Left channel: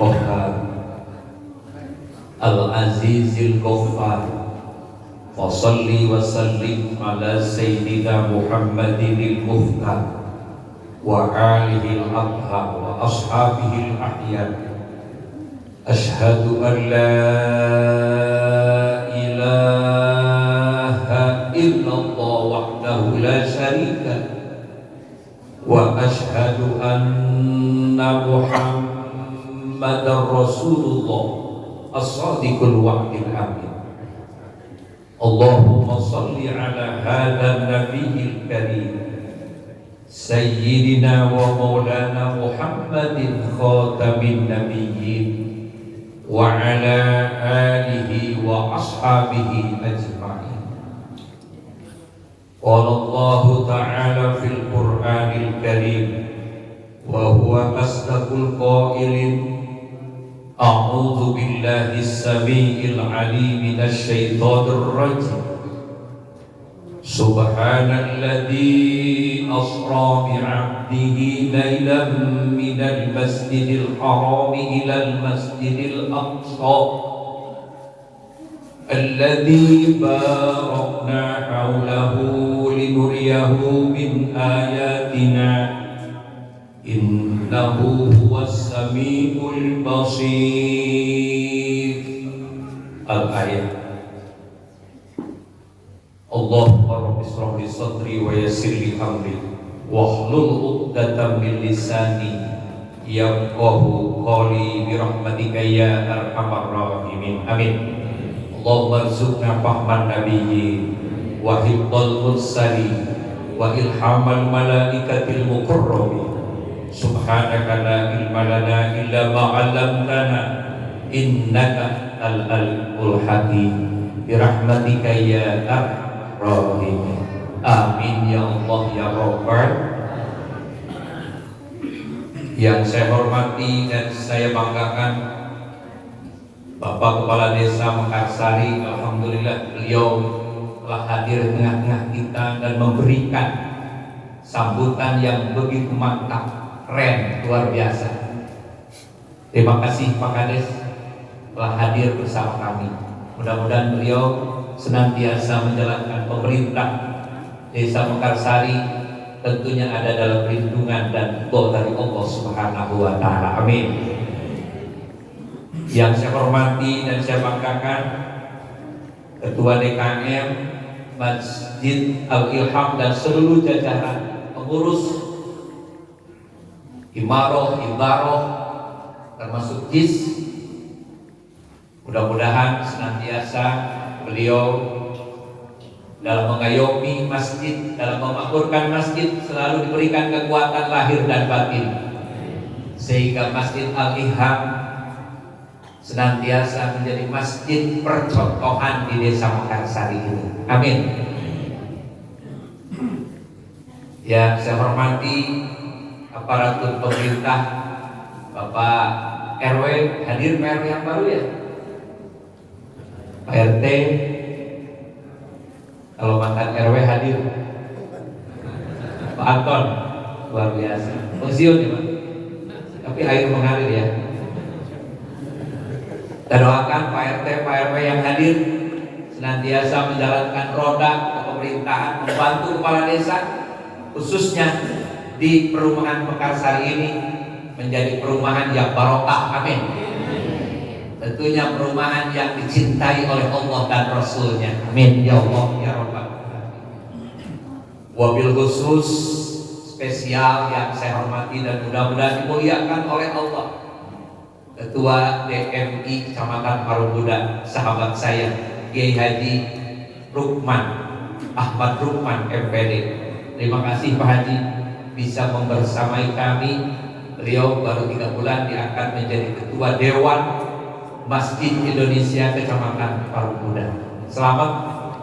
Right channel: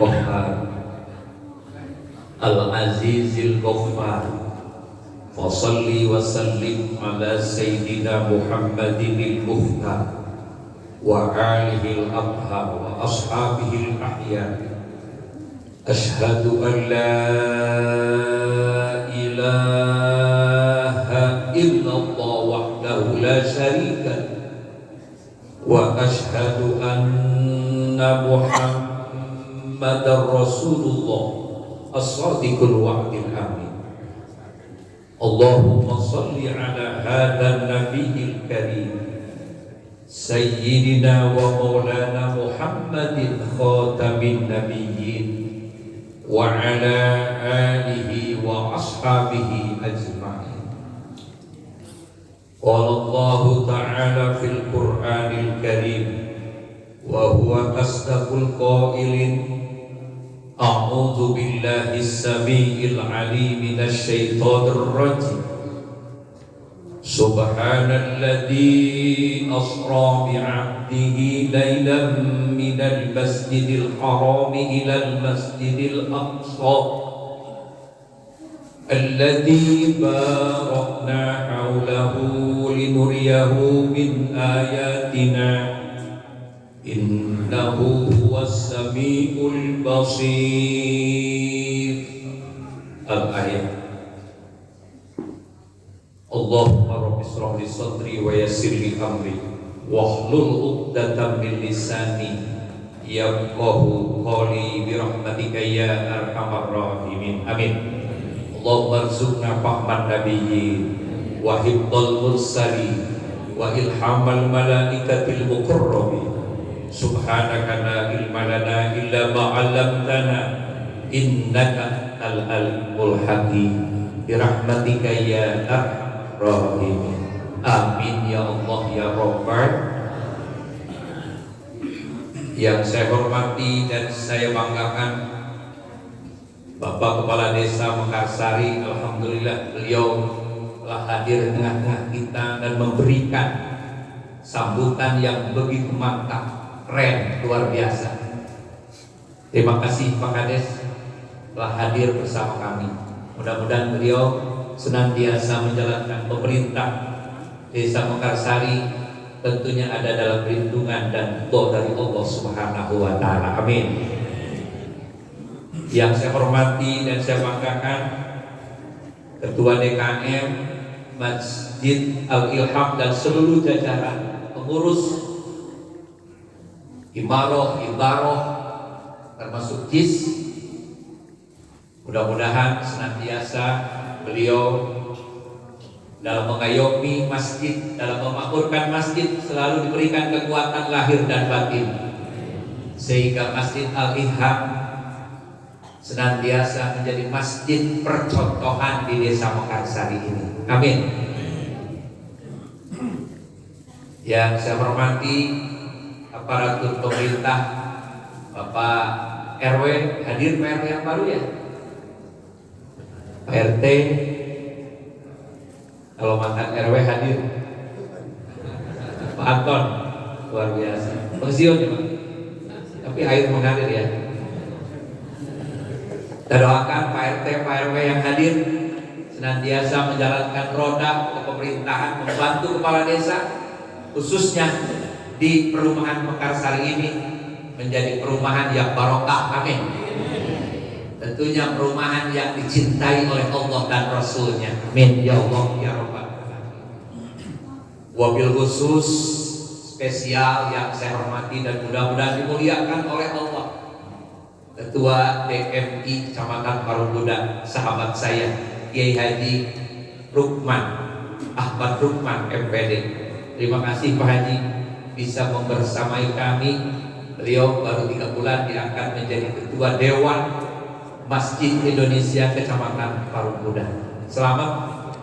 Qahhar Al-Azizil Ghaffar wa salli wa sallim ala Sayyidina Muhammadinil Muhtar wa alihi al-abhar wa ashabihi al-ahya. Ashhadu an la ilaha illallah wahdahu la syarika wa ashhadu anna Muhammadar Rasulullah as-sadiqul wa'dil amin. Allahumma salli ala hadha nabiyil karim Sayyidina wa maulana Muhammadin khatamin nabiyyin wa ala alihi wa ashabihi ajma'in. Qala Allah ta'ala fil Qur'anil Karim wa huwa asdaqul qailin A'udzu billahi as-sami'il 'alim minasy syaithanir rajim. Subhanalladzi asra bi'abdihi lailan minal masjidil haram ilal masjidil aqsa alladzi barakna hawlahu linuriyahu min ayatina innahu huwas samiul basir. Al-ayat. Allahumma rabbi shrah li sadri wa yassir li amri wahlul 'uqdatam min lisani yafqahu qawli bi rahmatika ya arhamar rahimin. Amin. Allahumma arzuqna fahman nabiyyin wa hifdzal mursalin wa ilhamal malaikatil mukarramin. Subhanaka la ilma lana illa ma 'allamtana innaka al-alimul hakim bi rahmatika ya arhamar rahimin. Amin ya Allah ya Rabbal. Yang saya hormati dan saya banggakan Bapak Kepala Desa Mekarsari, alhamdulillah beliau telah hadir di tengah-tengah kita dan memberikan sambutan yang begitu mantap, keren, luar biasa. Terima kasih Pak Kades telah hadir bersama kami. Mudah-mudahan beliau senantiasa menjalankan pemerintah Desa Mekarsari tentunya ada dalam perlindungan dan doa dari Allah Subhanahu wa taala. Amin. Yang saya hormati dan saya banggakan Ketua DKM Masjid Al-Ilham dan seluruh jajaran pengurus Imaroh, termasuk JIS. Mudah-mudahan senantiasa beliau dalam mengayomi masjid, dalam memakmurkan masjid selalu diberikan kekuatan lahir dan batin, sehingga Masjid Al-Ilham senantiasa menjadi masjid percontohan di Desa Mekarsari ini. Amin. Yang saya hormati aparatur pemerintah, Bapak RW, hadir Pak RW yang baru ya, Pak RT, kalau makan RW hadir, Pak Anton, luar biasa, pensiun ya Pak, tapi air mengalir ya. Kita doakan Pak RT, Pak RW yang hadir senantiasa menjalankan roda kepemerintahan, membantu kepala desa, khususnya di perumahan Mekarsari ini menjadi perumahan yang barokah. Amin. Tentunya perumahan yang dicintai oleh Allah dan Rasulnya. Amin ya Allah ya Rabbal alamin. Wabil khusus spesial yang saya hormati dan mudah-mudahan dimuliakan oleh Allah, Ketua DMI Kecamatan Parungkuda, sahabat saya Kiai Haji Rukman Ahmad Rukman MPD. Terima kasih Pak Haji bisa membersamai kami. Beliau baru 3 bulan diangkat menjadi Ketua Dewan Masjid Indonesia Kecamatan Parungkuda. Selamat,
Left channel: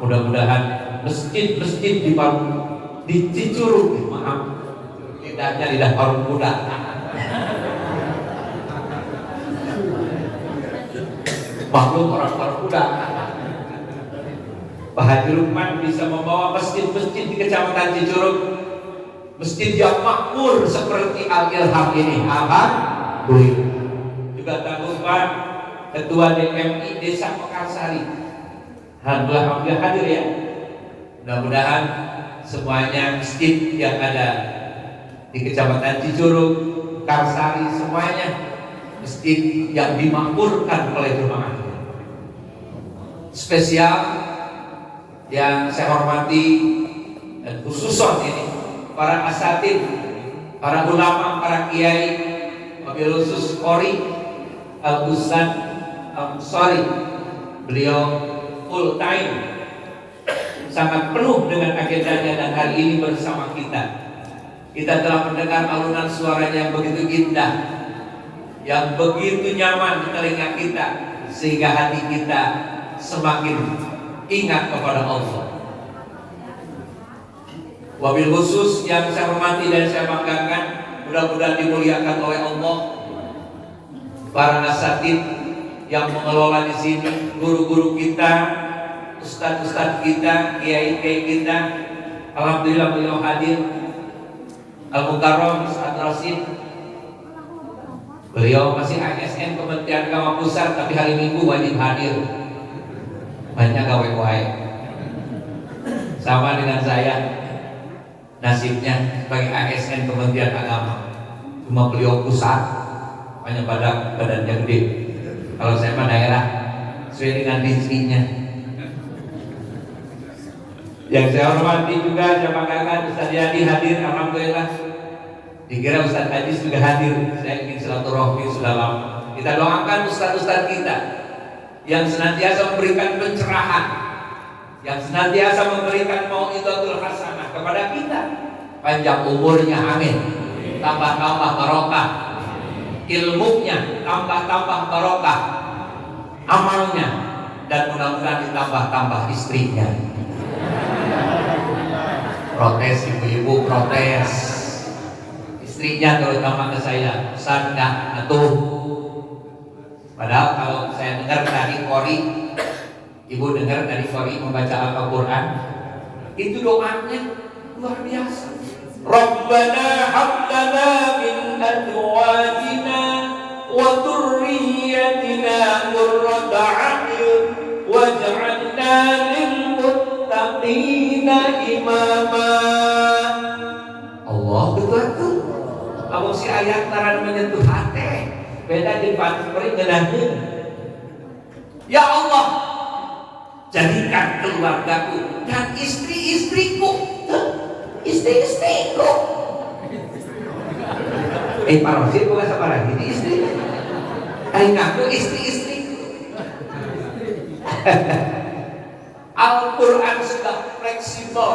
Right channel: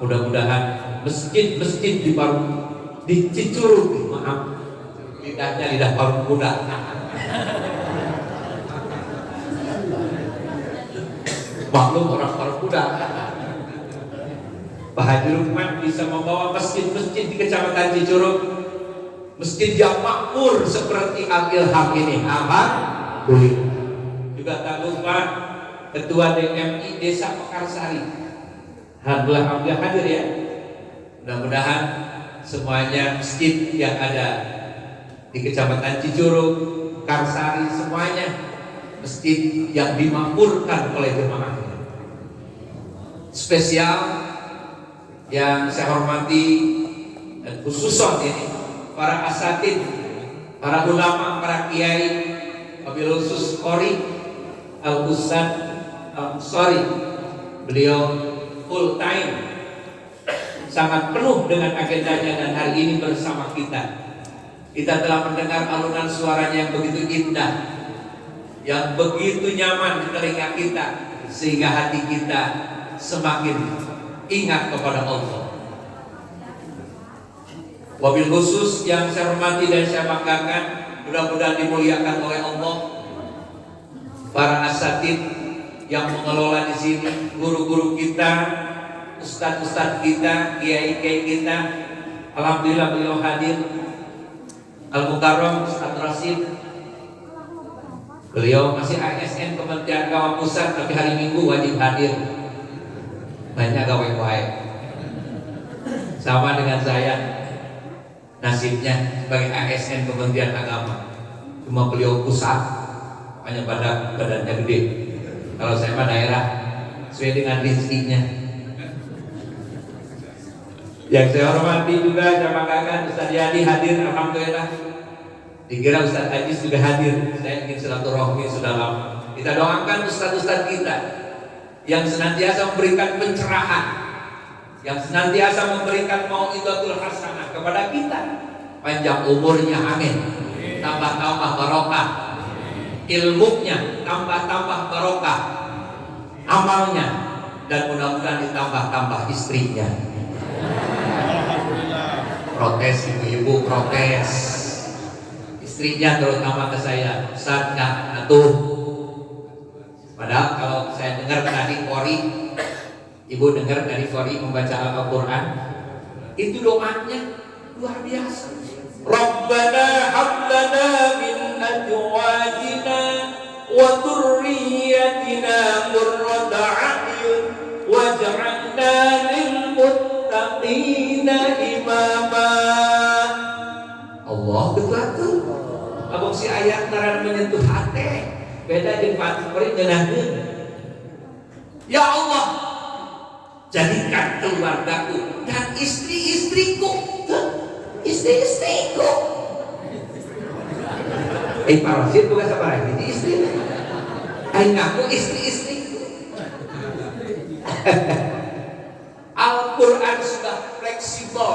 mudah-mudahan masjid-masjid di Cicurug, maaf, lidahnya lidah Parungkuda, maklum orang Parungkuda. Pak Haji Rukman bisa membawa masjid-masjid di Kecamatan Cicurug, masjid yang makmur seperti Al-Ilham ini. Alhamdulillah. juga tak lupa Ketua DMI Desa Mekarsari. Alhamdulillah hadir ya. Mudah-mudahan semuanya masjid yang ada di Kecamatan Cijuruk, Karsari, semuanya masjid yang dimakmurkan oleh jemaah. Spesial yang saya hormati dan khususon ini para asatid, para ulama, para kiai, wabil khusus Qori Al-Ustaz Al-Ansari. Beliau full time, sangat penuh dengan agendanya, dan hari ini bersama kita. Kita telah mendengar alunan suaranya yang begitu indah, yang begitu nyaman di telinga kita, sehingga hati kita semakin ingat kepada Allah. Wabil khusus yang saya hormati dan saya banggakan, mudah-mudahan dimuliakan oleh Allah, para asatid yang mengelola di sini, guru-guru kita, ustadz-ustadz kita, kiai-kiai kita. Alhamdulillah beliau hadir. Al-Mukarram Ustadz Rasid, beliau masih ASN Kementerian Agama Pusat, tapi hari Minggu wajib hadir. Banyak gawe-gawe. Sama dengan saya, nasibnya sebagai ASN Kementerian Agama, cuma beliau pusat, hanya badannya gede. Kalau saya mah daerah, sesuai dengan rezekinya. Yang saya hormati juga, saya banggakan Ustaz Yadi hadir, alhamdulillah. Dikira Ustaz Ajis juga hadir. Saya ingin silaturahmi sudah lama. Kita doakan ustaz-ustaz kita yang senantiasa memberikan pencerahan, yang senantiasa memberikan mau'izatul hasanah kepada kita. Panjang umurnya, amin. Tambah-tambah barokah ilmunya, tambah-tambah barokah amalnya, dan mudah-mudahan ditambah-tambah istrinya. Protes ibu-ibu, protes istrinya terutama ke saya, Ustaz nggak atuh. Padahal kalau saya dengar tadi Qori, ibu dengar dari Qori membaca Al-Quran, itu doanya luar biasa. Rabbana hablana min azwajina wa dzurriyyatina qurrata a'yun waj'alna lil muttaqina imama. Allah betul. Abang si ayat naran menyentuh hati. Beda jeung Pak Peri ngeunahkeun. Ya Allah, jadikan keluargaku dan istri-istriku, istri-istriku. Parasit bukan sama lagi di istri. Ngaku istri-istriku. Al-Quran sudah fleksibel,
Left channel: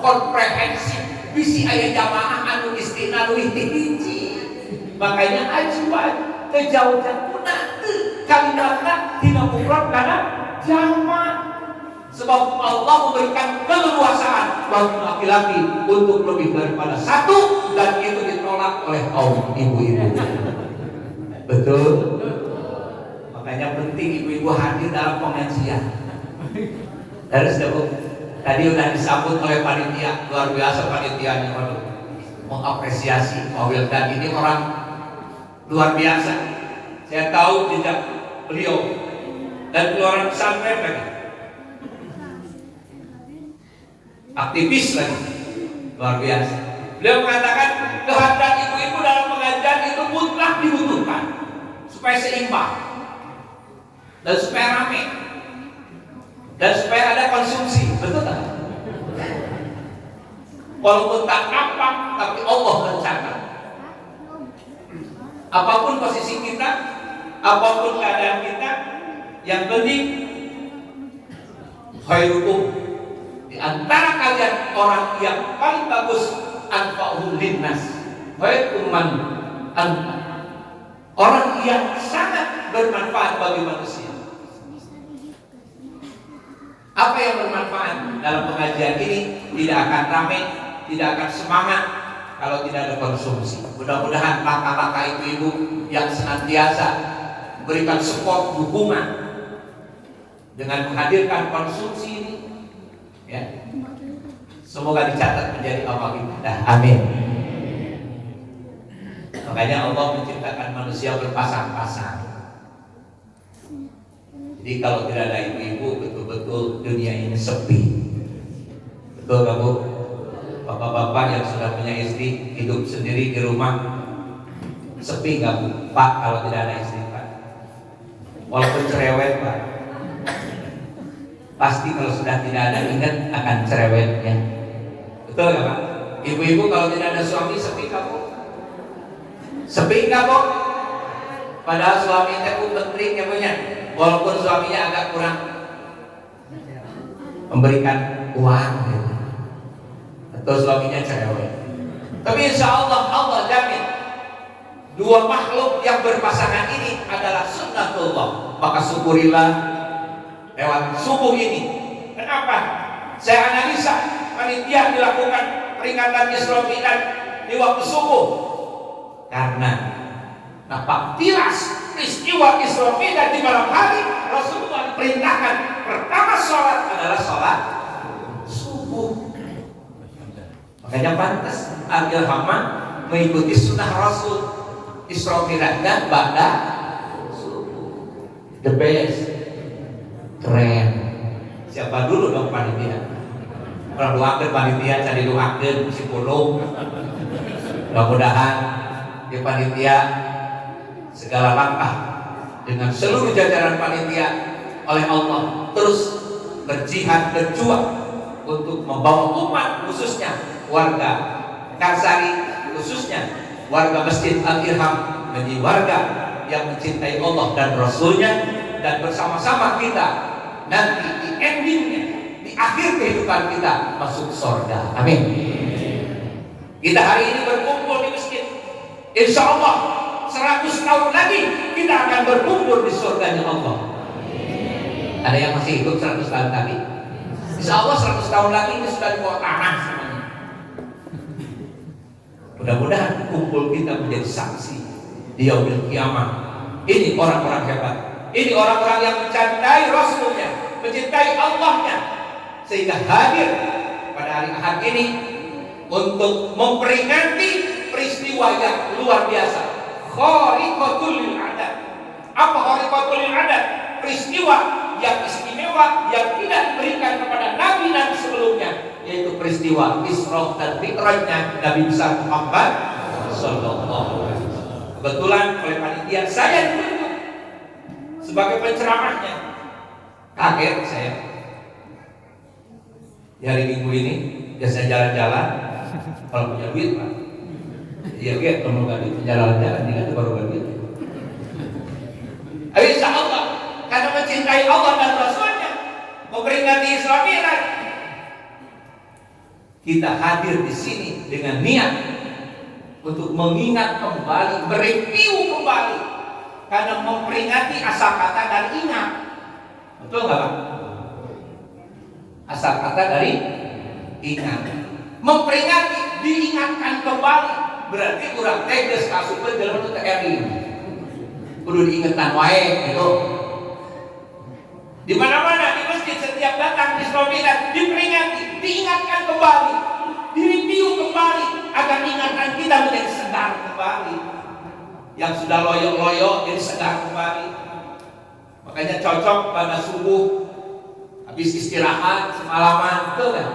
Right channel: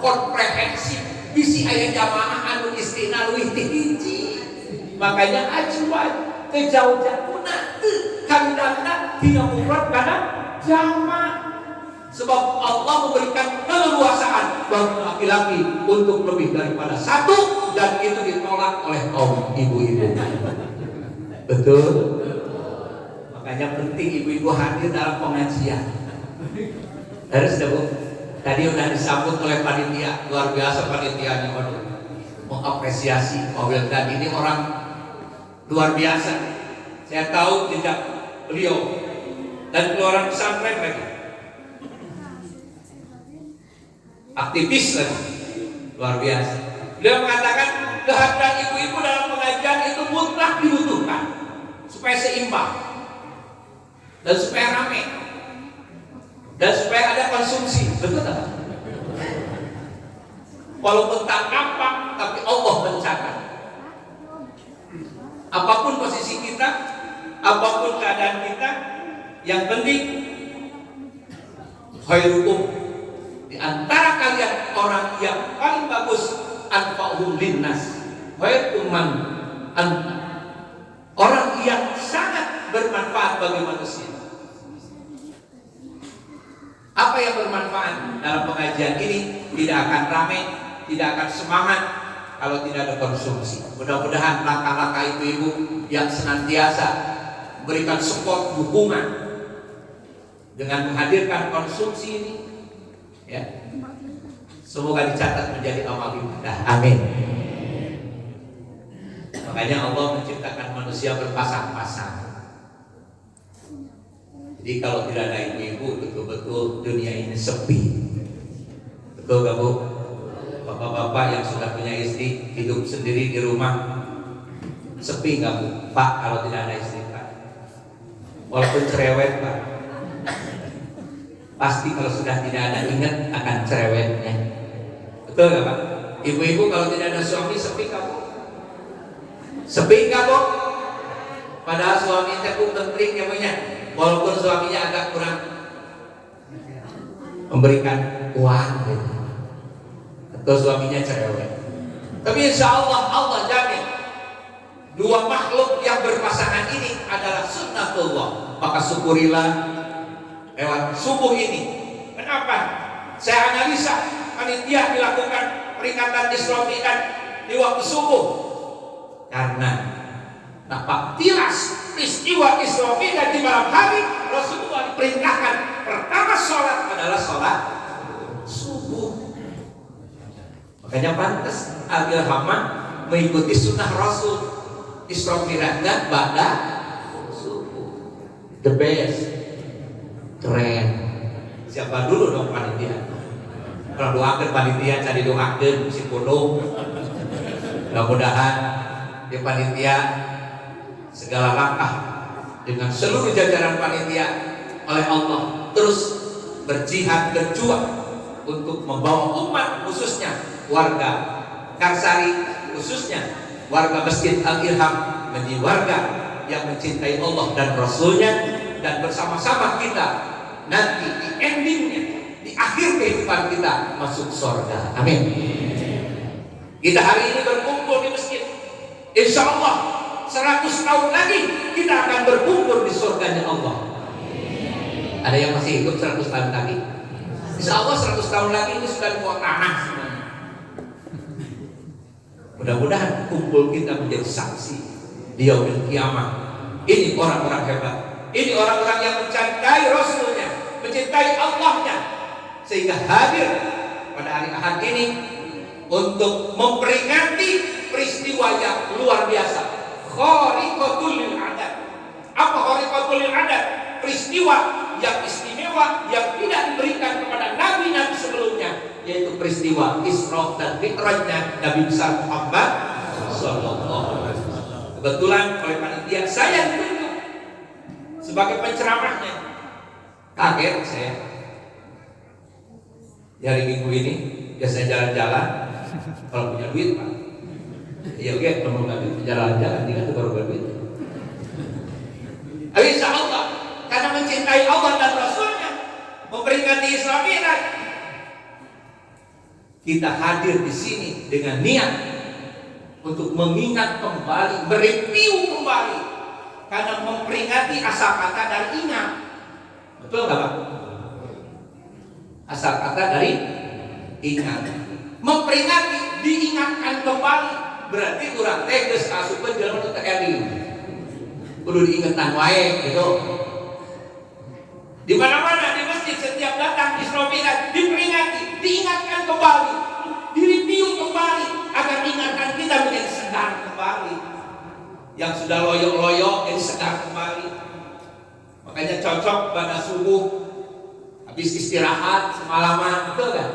komprehensif. Bisi aya jamaah anu istrina leuwih ti hiji. Makanya ajuan ke jauh-jauhna teu kalimatna tina mufrad kana jama'. Sebab Allah memberikan keleluasaan bagi laki-laki untuk lebih daripada satu, dan itu ditolak oleh kaum ibu-ibu. Betul? Makanya penting ibu-ibu hadir dalam pengajian. Harus dong. Tadi udah disambut oleh panitia, luar biasa panitianya, mengapresiasi Pak dan ini orang luar biasa. Saya tahu jejak beliau dan orang pesantren lagi, aktivis lagi, luar biasa. Beliau mengatakan kehadiran ibu-ibu dalam pengajian itu mutlak dibutuhkan supaya seimbang dan supaya ramai dan supaya ada konsumsi. Betul tak? Walaupun tak nampak, tapi Allah mencatat. Apapun posisi kita, apapun keadaan kita, yang penting khairukum, di antara kalian orang yang paling bagus, anfa'uhum linnas, khairukum man, orang yang sangat bermanfaat bagi manusia. Apa yang bermanfaat dalam pengajian ini tidak akan ramai, tidak akan semangat kalau tidak ada konsumsi. Mudah-mudahan langkah-langkah ibu-ibu yang senantiasa memberikan support, dukungan dengan menghadirkan konsumsi ini, ya, semoga dicatat menjadi amal ibadah. Amin. Makanya Allah menciptakan manusia berpasang-pasang. Jadi kalau tidak ada ibu-ibu, betul-betul dunia ini sepi. Betul gak Bu? Bapak-bapak yang sudah punya istri, hidup sendiri di rumah, sepi gak Bu? Pak, kalau tidak ada istri Pak, walaupun cerewet Pak, pasti kalau sudah tidak ada ingat akan cerewetnya. Betul gak Pak? Ibu-ibu kalau tidak ada suami, sepi gak Bu? Sepi gak Bu? Padahal suaminya Bu penting ya punya, walaupun suaminya agak kurang memberikan uang gitu, atau suaminya cerewet, tapi insya Allah Allah jamin dua makhluk yang berpasangan ini adalah sunnatullah. Maka syukurilah lewat subuh ini. Kenapa? Saya analisa panitia dilakukan peringatan Isra Mi'raj di waktu subuh, karena nampak tilas peristiwa Isra Mi'raj di malam hari. Rasulullah diperintahkan pertama sholat adalah sholat subuh. Makanya pantas Al-Ilhamah mengikuti sunnah Rasul. Isra Mi'rajnya ba'da subuh. The best. Keren. Siapa dulu dong panitia? Orang doakan panitia, cari doakan si pulung. Mudah-mudahan di panitia segala langkah dengan seluruh jajaran panitia oleh Allah terus berjihad, berjuang untuk membawa umat, khususnya warga Karsari, khususnya warga Masjid Al-Ilham, menjadi warga yang mencintai Allah dan Rasulnya, dan bersama-sama kita nanti di endingnya, di akhir kehidupan kita masuk surga. Amin. Kita hari ini berkumpul di masjid, insya Allah 100 tahun lagi kita akan berkumpul di surganya Allah. Ada yang masih hidup 100 tahun lagi? Insya Allah 100 tahun lagi ini sudah di bawah tanah semuanya. Mudah-mudahan kumpul kita menjadi saksi di yaumil kiamah. Ini orang-orang hebat. Ini orang-orang yang mencintai Rasulnya, mencintai Allahnya, sehingga hadir pada hari Ahad ini untuk memperingati peristiwa yang luar biasa. Khariqatul lil adat. Apa khariqatul lil adat? Peristiwa yang istimewa yang tidak diberikan kepada nabi-nabi sebelumnya, yaitu peristiwa Isra dan Mi'rajnya Nabi besar Muhammad sallallahu alaihi wasallam. Kebetulan oleh panitia saya ditunjuk sebagai penceramahnya. Kaget saya. Di hari Minggu ini biasanya jalan-jalan kalau punya duit Pak. Ya oke, kalau nggak duit jalan-jalan tidak baru duit. Insya Allah karena mencintai Allah dan Rasulnya, memperingati Isra Mi'raj, kita hadir di sini dengan niat untuk mengingat kembali, mereview kembali, karena memperingati asal kata dari ingat. Betul nggak Pak? Asal kata dari ingat, memperingati, diingatkan kembali. Berarti kurang tegas kasupin dalam bentuk TRI. Kudu diingatkan wae gitu. Di mana-mana di masjid setiap datang Isra Mi'raj diperingati, diingatkan kembali, direview kembali agar ingatan kita menjadi segar kembali. Yang sudah loyo-loyo jadi segar kembali. Makanya cocok pada subuh habis istirahat semalaman, betul kan?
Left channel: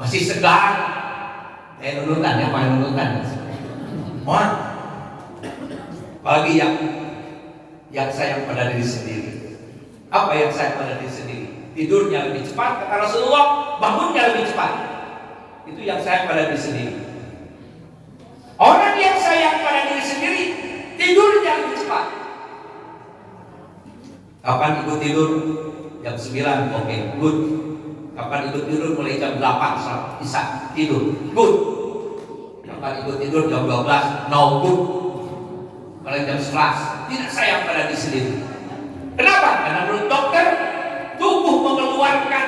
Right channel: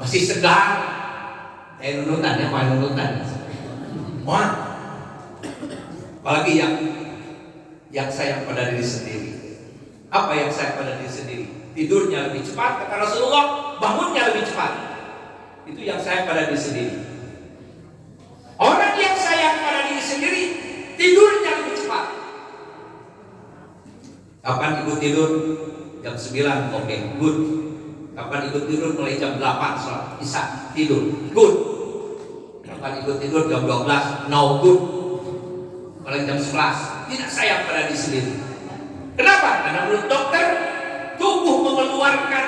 Masih segar. Nunutan ya, main nunutan. Mohon. Apalagi yang sayang pada diri sendiri. Apa yang sayang pada diri sendiri? Tidurnya lebih cepat, kata Rasulullah, bangunnya lebih cepat. Itu yang sayang pada diri sendiri. Orang yang sayang pada diri sendiri, tidurnya lebih cepat. Kapan ibu tidur? Jam 9, oke, good. Kapan ibu tidur? Mulai jam 8, bisa tidur, good. Kapan ibu tidur? Jam 12, no good. Mulai jam 11, tidak sayang pada diri sendiri. Kenapa? Karena menurut dokter, tubuh mengeluarkan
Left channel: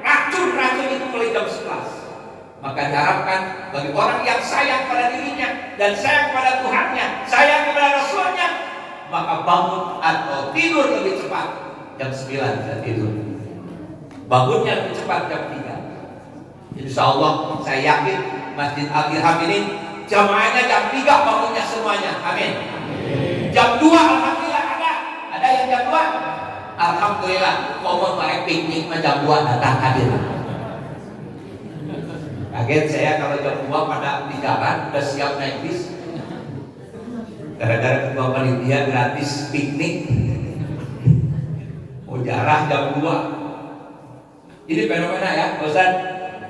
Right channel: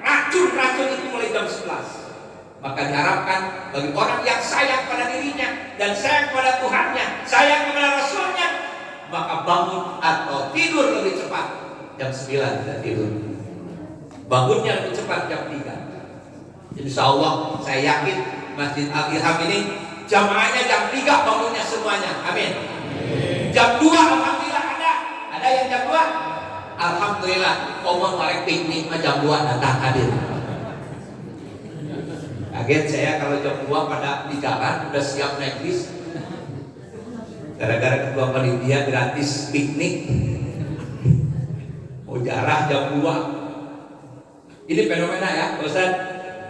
racun-racun itu mulai jam 11. Maka diharapkan bagi orang yang sayang pada dirinya dan sayang pada Tuhannya, sayang kepada Rasulnya, maka bangun atau tidur lebih cepat. Jam 9 kita tidur, bangunnya lebih cepat jam 3. Insya Allah saya yakin Masjid Al-Ilham ini jamaahnya jam 3 bangunnya semuanya. Amin. Jam 2 alhamdulillah ada yang jam piknik mah jam 2 datang hadir. Kaget saya kalau jam 2 pada di jalan udah siap naik bis. Gara-gara ketua panitia gratis piknik. Oh jarah jam 2. Ini fenomena ya, Ustaz.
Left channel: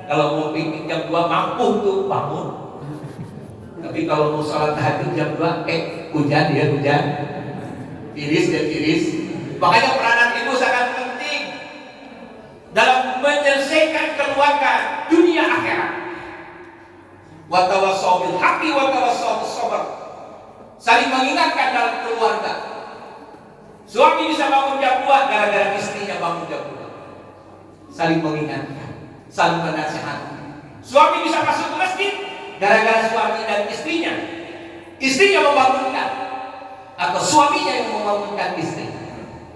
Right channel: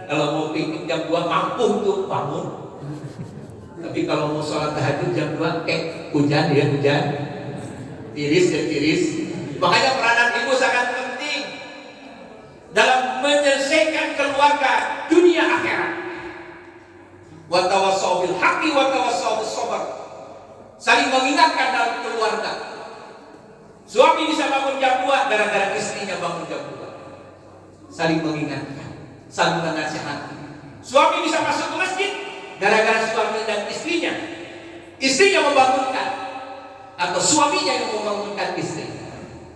Kalau mau piknik jam 2 mampu tuh bangun. Tapi kalau mau sholat tahajud jam 2, hujan ya hujan. Tiris ya tiris. Makanya peranan ibu sangat penting dalam menyelesaikan keluarga dunia akhirat. Wa tawassau bil haqqi wa tawassau bis sabr. Saling mengingatkan dalam keluarga. Suami bisa bangun jam 2 gara-gara istrinya bangun jam 2. Saling mengingatkan, saling menasihati. Suami bisa masuk ke masjid gara-gara suami dan istrinya. Istrinya membangunkan atau suaminya yang membangunkan istri.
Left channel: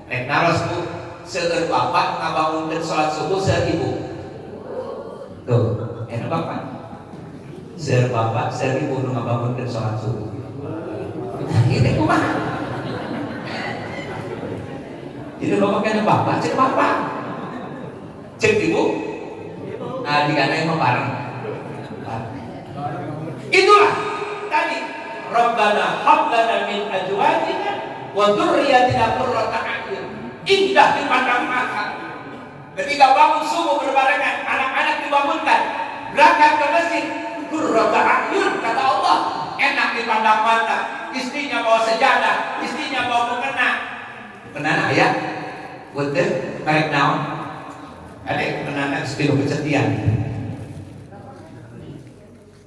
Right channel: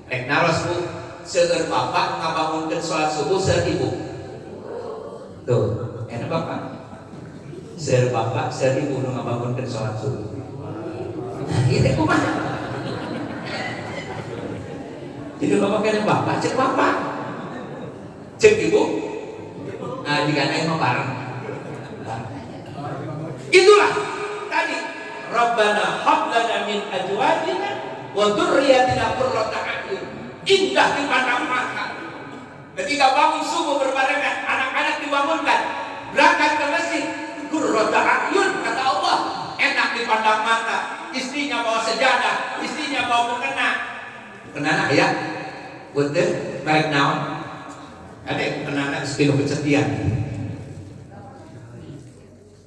Rek naros bu, seueur bapak ngabangunkeun salat subuh seueur ibu. Tuh, enak bapak. Seueur bapak, seueur ibu nu ngabangunkeun salat subuh. Ieu teh kumaha? Jadi bapak kana bapak, cek bapak. Cek ibu. Nah, jika naik mah bareng. Itulah tadi Rabbana hab lana min azwajina wa dzurriyyatina qurrata a'yun. Indah dipandang mata. Ketika bangun subuh berbarengan, anak-anak dibangunkan, berangkat ke masjid, qurrata a'yun kata Allah, enak dipandang mata. Istrinya bawa sejadah, istrinya bawa mukena. Mukena aya? Betul, merek naon? Ada mukena istri kesetiaan.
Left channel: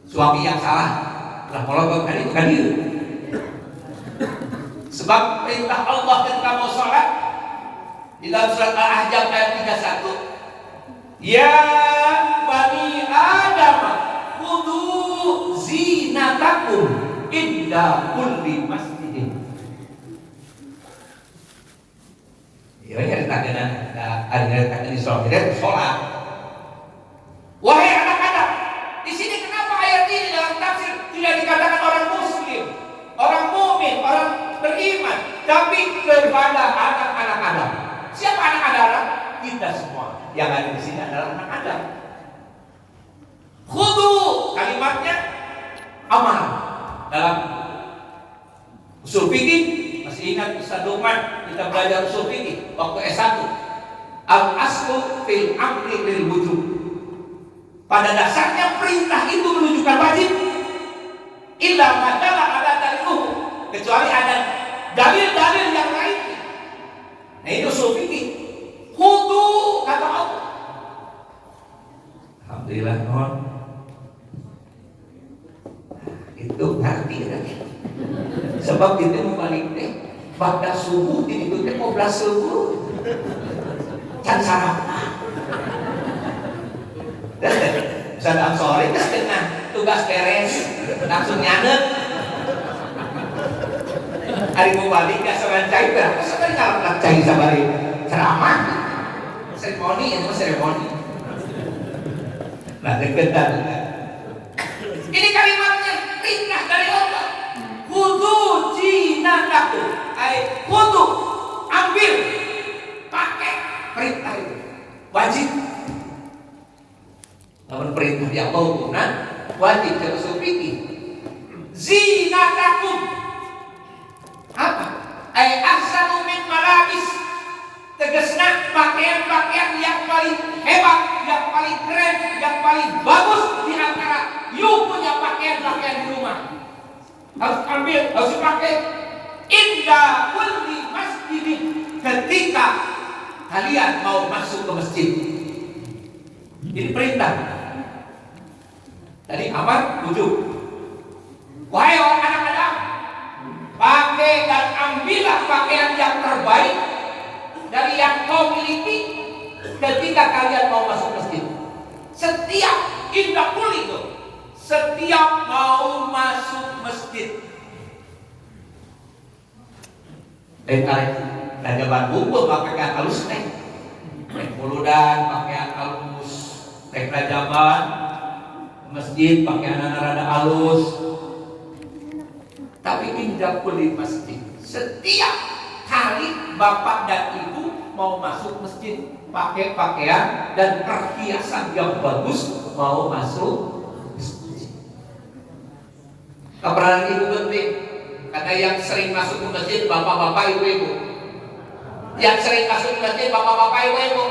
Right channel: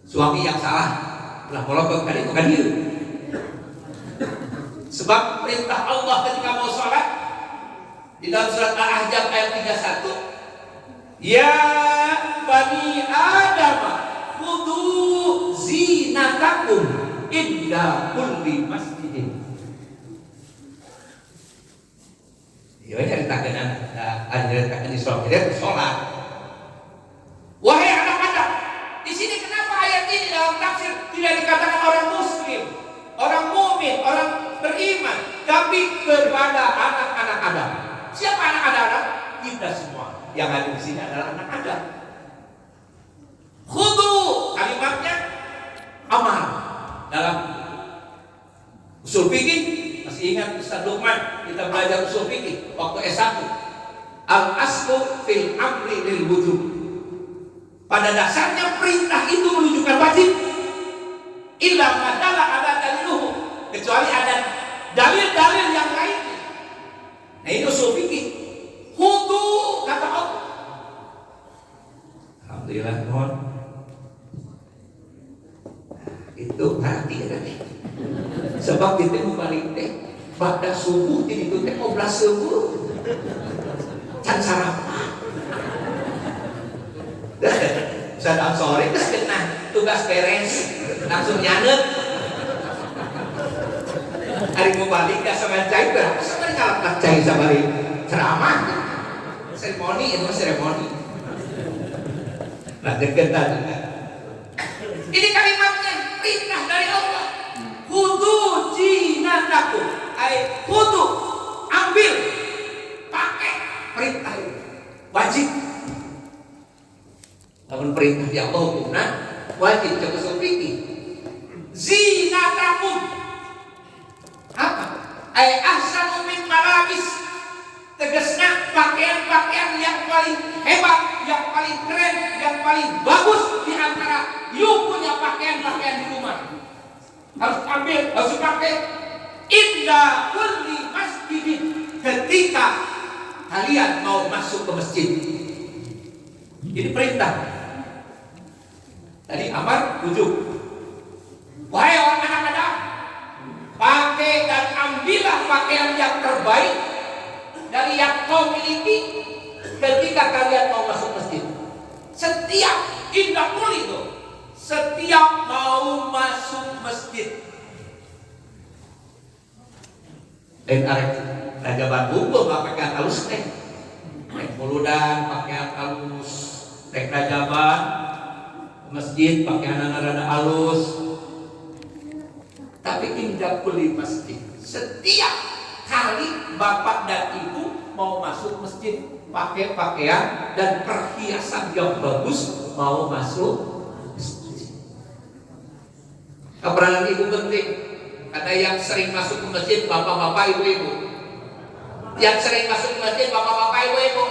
Suami yang salah telah melakukan itu kan itu. Sebab perintah Allah ketika mau sholat di dalam surat Al-Ahzab ayat 31, ya bani Adam khudhu zinatakum inda kulli masjidin. Ya cerita dengan ada di sholat, jadi sholat. Wahai anak-anak, di sini kenapa ayat ini dalam tafsir tidak dikatakan orang muslim, orang mukmin, orang beriman, tapi kepada anak-anak Adam. Siapa anak Adam? Kita semua. Yang ada di sini adalah anak Adam. Khudu kalimatnya amal dalam usul fikih. Masih ingat Ustaz Luqman kita belajar usul fikih waktu S1. Al-aslu fil amri lil wujub. Pada dasarnya perintah itu menunjukkan wajib. Illa madalla ada daliluhu, kecuali ada dalil-dalil yang lain. Nah itu usul fikih. Khudu kata Allah. Alhamdulillah kawan. Itu ngerti ya. Sebab kita membalik teh pada subuh di itu teh 12 subuh. Can sarapan. Saat sore terus kena tugas beres langsung nyanet. Hari mau balik gak sama cai berapa sekali ngalap cai sabari ceramah seremoni itu seremoni. Nah deketan. Ini kalimatnya perintah dari Allah. Khudu jinatakum, ay khudu ambil pakai perintah itu wajib. Namun perintah yang Allah guna wajib jadi usul fikih. Zinatakum apa? Ay ahsanu min malabis. Tegasna pakaian-pakaian yang paling hebat, yang paling keren, yang paling bagus di antara you punya pakaian-pakaian di rumah. Harus ambil, harus dipakai. Inda kulli masjidin, ketika kalian mau masuk ke masjid. Ini perintah. Tadi amar wujud. Wahai orang anak Adam, pakai dan ambillah pakaian yang terbaik dari yang kau miliki ketika kalian mau masuk masjid. Setiap indah kulli itu, setiap mau masuk masjid. Arek raja Bandung pakaian halus teh. Rek buludan pakaian halus. Rek rajaban masjid pakaian rada halus. Tapi indah kulli masjid. Setiap kali bapak dan ibu mau masuk masjid, pakai pakaian dan perhiasan yang bagus mau masuk. Keberadaan ibu penting, karena yang sering masuk ke masjid bapak-bapak, ibu-ibu. Yang sering masuk ke masjid bapak-bapak, ibu-ibu.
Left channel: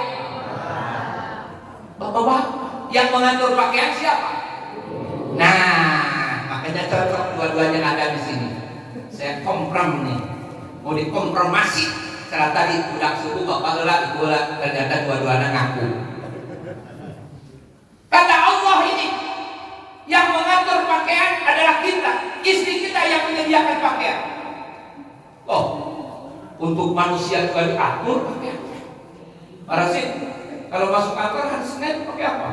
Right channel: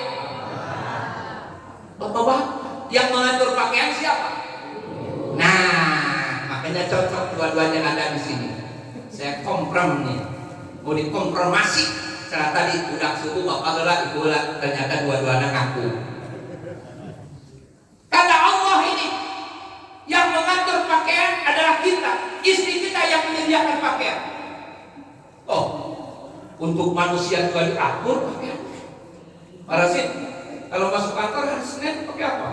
Bapak-bapak yang mengatur pakaian siapa? Nah, makanya cocok dua-duanya ada di sini. Saya komprom nih, mau dikompromasi. Setelah tadi budak suku bapak gelak, ibu gelak, ternyata dua-duanya ngaku. Kata Allah ini, yang mengatur pakaian adalah kita, istri kita yang menyediakan pakaian. Oh, untuk manusia juga diatur pakaian. Para sih, kalau masuk kantor hari Senin pakai apa?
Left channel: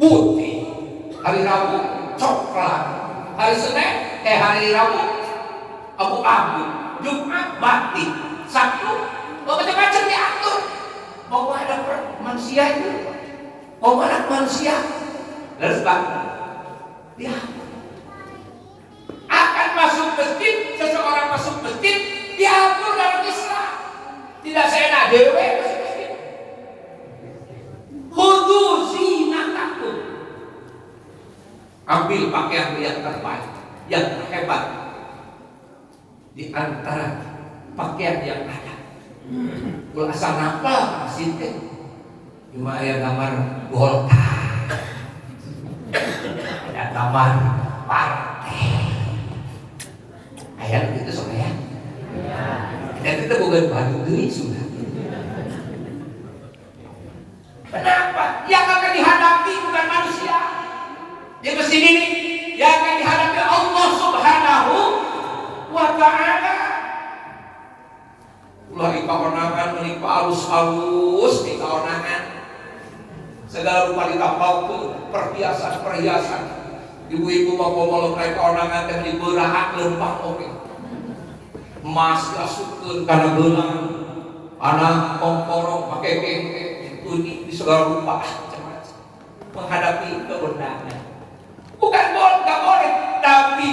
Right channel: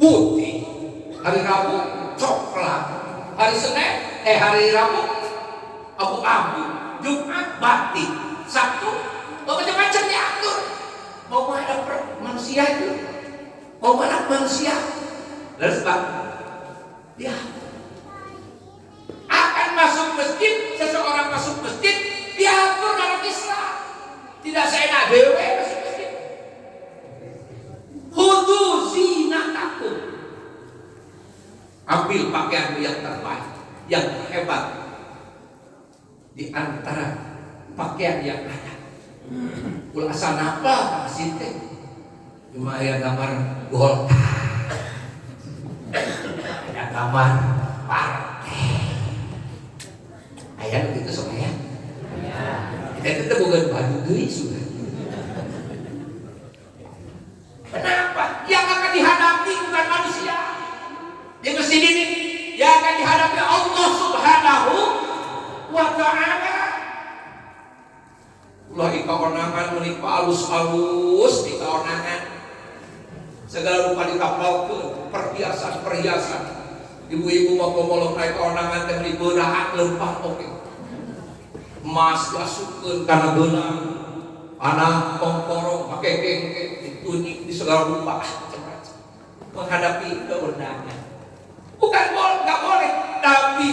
Putih. Hari Rabu coklat. Hari Rabu abu-abu. Jumat batik. Sabtu macam-macam diatur. Mau menghadap manusia itu, mau menghadap manusia. Lalu sebab dia akan masuk masjid, seseorang masuk masjid diatur dalam Islam. Tidak seenak dewe masuk masjid. Khudu zinatakum. Ambil pakaian yang terbaik, yang terhebat di antara pakaian yang ada. Kalau asal apa masjid teh? Cuma ada gambar Golkar, ada gambar partai. Ayah begitu soalnya. Dan itu bukan baju diri sudah. Kenapa? Yang akan dihadapi bukan manusia. Di masjid ini yang akan dihadapi Allah Subhanahu wa Ta'ala. Ulah ikaonangan menikah alus-alus ikaonangan. Segala rupa ditapalkeun perhiasan-perhiasan. Ibu-ibu mau ngomong mereka onangan teh di beurahan lempang oke. Emas diasupkeun kana gelang, anak kongkoro pakai kengke ditunik di segala rupa macam-macam. Menghadapi keundangan. Bukan enggak boleh, tapi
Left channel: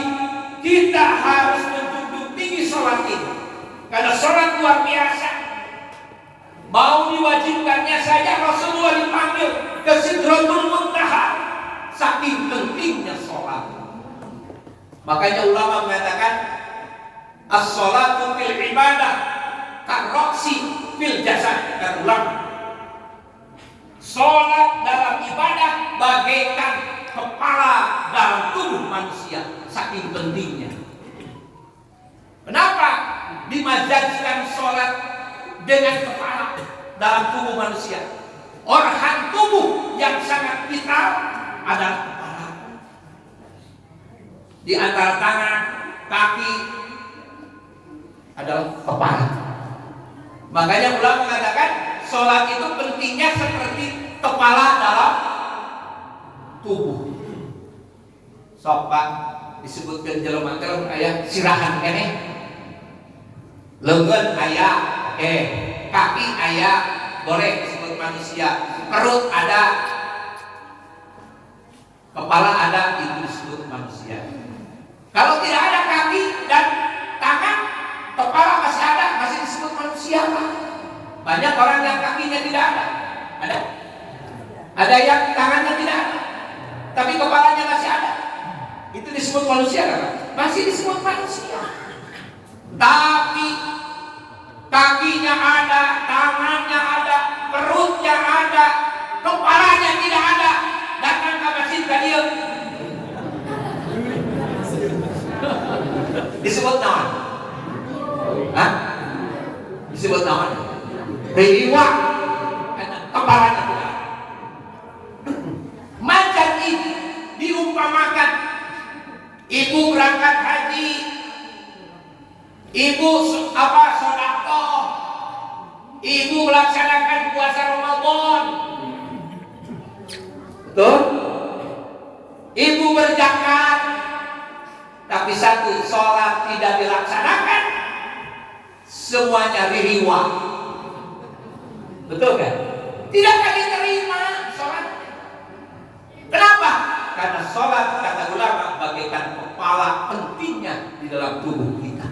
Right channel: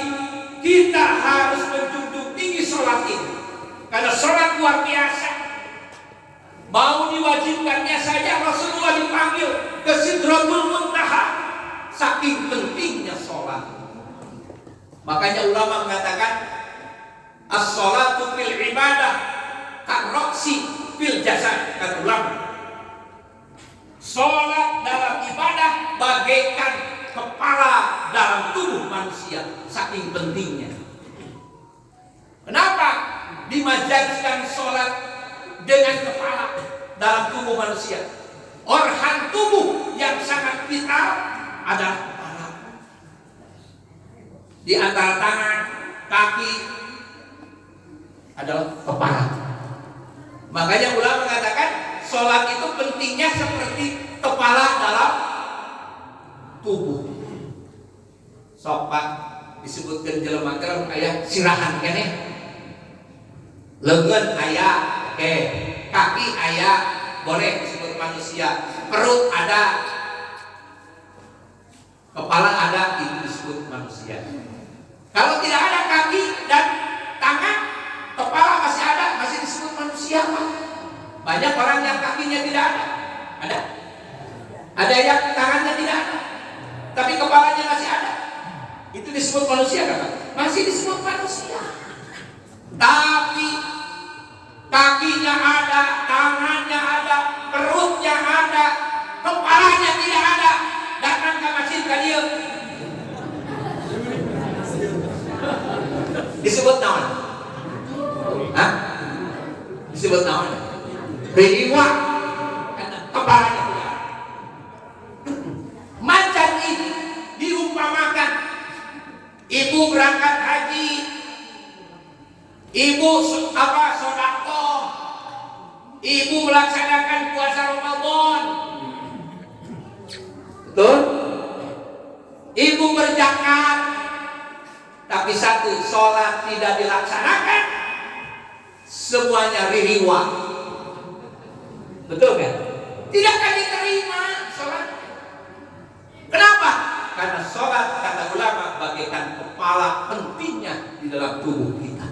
kita harus menjunjung tinggi sholat ini. Karena sholat luar biasa. Mau diwajibkannya saja Rasulullah dipanggil ke Sidratul Muntaha. Saking pentingnya sholat. Makanya ulama mengatakan as-sholatu fil ibadah karroksi fil jasad. Kata ulama, sholat dalam ibadah bagaikan kepala dalam tubuh manusia. Saking pentingnya. Kenapa dimajaskan sholat dengan kepala dalam tubuh manusia? Organ tubuh yang sangat vital adalah kepala. Di antara tangan, kaki adalah kepala. Makanya ulama mengatakan sholat itu pentingnya seperti kepala dalam tubuh. Sopak disebutkan jelema teh aya sirahan keneh. Lengan aya, oke. Kaki aya, boleh disebut manusia. Perut ada, kepala ada, itu disebut manusia. Kalau tidak ada kaki dan tangan, kepala masih ada, masih disebut manusia, Pak. Banyak orang yang kakinya tidak ada. Ada? Ada yang tangannya tidak ada, tapi kepalanya masih ada. Itu disebut manusia, Pak. Masih disebut manusia. Tapi kakinya ada, tangannya ada, perutnya ada, kepalanya tidak ada. Datang ke masjid tadi disebut naon? Hah? Disebut naon? Riwa. Karena kepalanya tidak ada. Macam ini diumpamakan ibu berangkat haji, ibu sedekah, ibu melaksanakan puasa Ramadan, betul? Ibu berzakat, tapi satu sholat tidak dilaksanakan, semuanya ririwa, betul kan? Tidak akan diterima sholatnya. Kenapa? Karena sholat kata ulama bagaikan kepala pentingnya di dalam tubuh kita.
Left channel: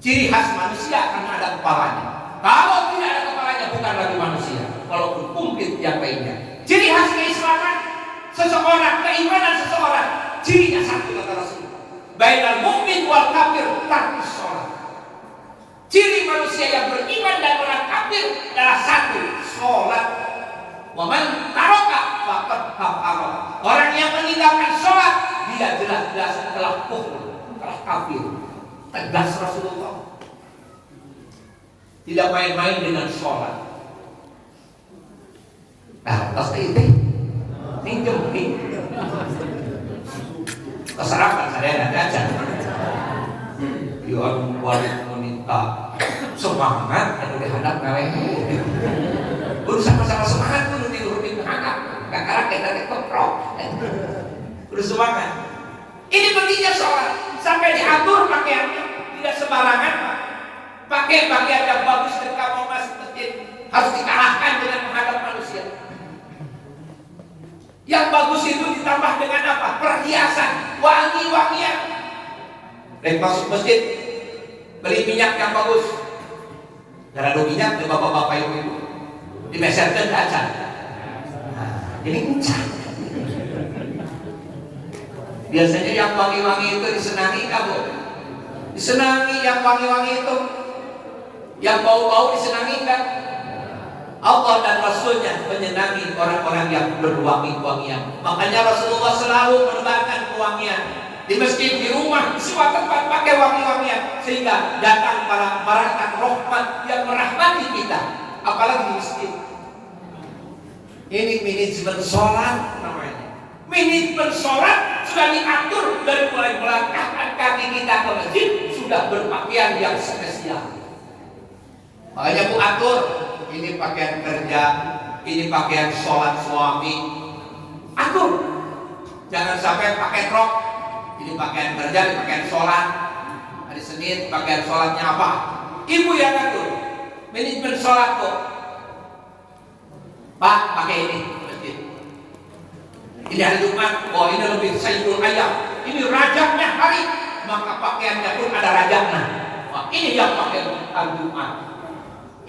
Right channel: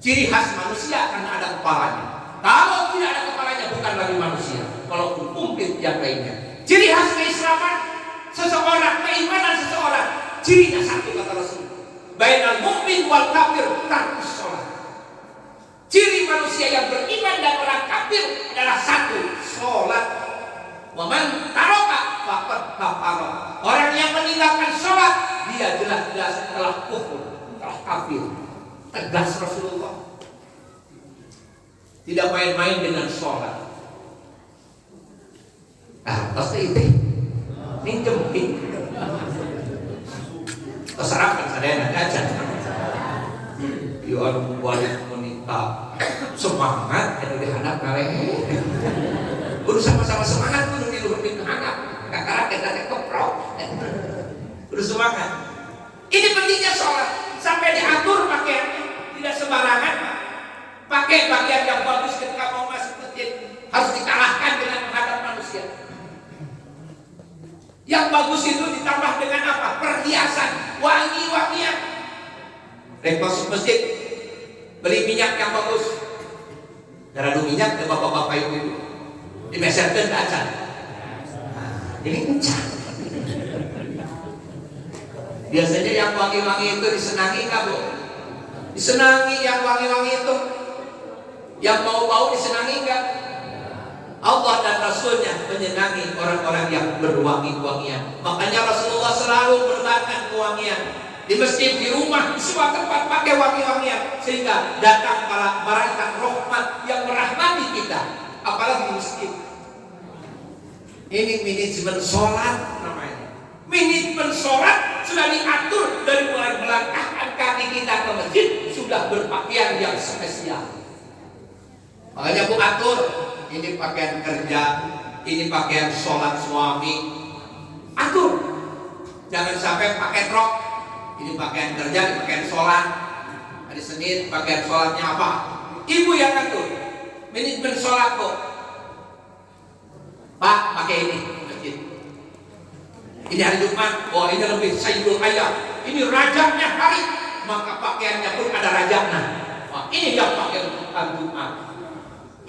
Ciri khas manusia karena ada kepalanya. Kalau tidak ada kepalanya bukan walaupun komplit yang lainnya. Ciri khas keislaman seseorang, keimanan seseorang, cirinya satu kata Rasul. Bainal mu'min wal kafir tarkus sholat. Ciri manusia yang beriman dan orang kafir adalah satu, sholat. Wa man taraka faqad kafara. Orang yang meninggalkan sholat, dia jelas-jelas telah kufur, telah kafir. Tegas Rasulullah. Tidak main-main dengan sholat. Pasti itu pinjem keserapan saya aja. Ya wali wanita semangat ada di hadap kalian. Kudu sama-sama semangat, kudu diurutin ke hadap. Gak kalah kita tekoprok. Kudu semangat. Ini pentingnya sholat. Sampai diatur pakaiannya, tidak sembarangan Pak. Pakai pakaian yang bagus ketika mau masuk masjid, harus dikalahkan dengan menghadap manusia. Yang bagus itu ditambah dengan apa? Perhiasan, wangi-wangian. Masuk masjid, beli minyak yang bagus. Darah minyak ke bapak-bapak ibu-ibu. Dimeserkan ke acan. Jadi kencang. Biasanya yang wangi-wangi itu disenangi kamu. Disenangi yang wangi-wangi itu. Yang bau-bau disenangi enggak? Allah dan Rasulnya menyenangi orang-orang yang berwangi-wangian. Makanya Rasulullah selalu menebarkan kewangian di masjid, di rumah, di semua tempat pakai wangi-wangian, sehingga datang para malaikat rahmat yang merahmati kita, apalagi di masjid. Ini manajemen sholat namanya. Manajemen sholat sudah diatur dari mulai melangkahkan kaki kita ke masjid, sudah berpakaian yang spesial. Makanya Bu atur, ini pakaian kerja, ini pakaian sholat suami. Atur, jangan sampai pakai rok. Ini pakaian kerja, ini pakaian sholat. Hari Senin pakaian sholatnya apa? Ibu yang atur. Manajemen sholat kok. Pak, pakai ini masjid. Ini hari Jumat, oh ini lebih Sayyidul Ayam. Ini rajanya hari, maka pakaiannya pun ada rajanya. Wah, ini yang pakai hari Jumat.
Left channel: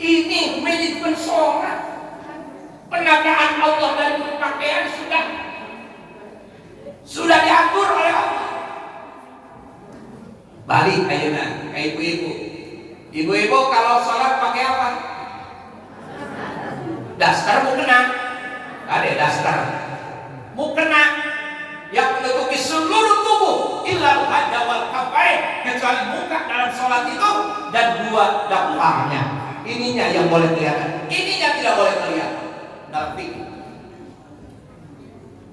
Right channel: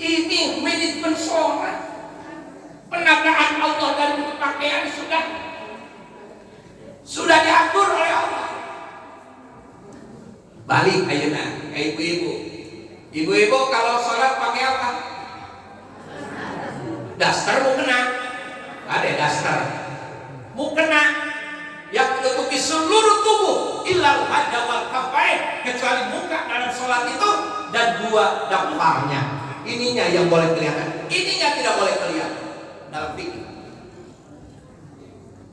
Ini manajemen sholat. Penataan Allah dari berpakaian sudah diatur oleh Allah. Balik ayeuna ke ibu-ibu. Ibu-ibu kalau sholat pakai apa? Daster mau kena? Ada daster. Mau kena yang menutupi seluruh tubuh illal wajha wal kafain, kecuali muka dalam sholat itu dan dua dapurnya. Ininya yang boleh kelihatan, ininya tidak boleh kelihatan dalam fikih.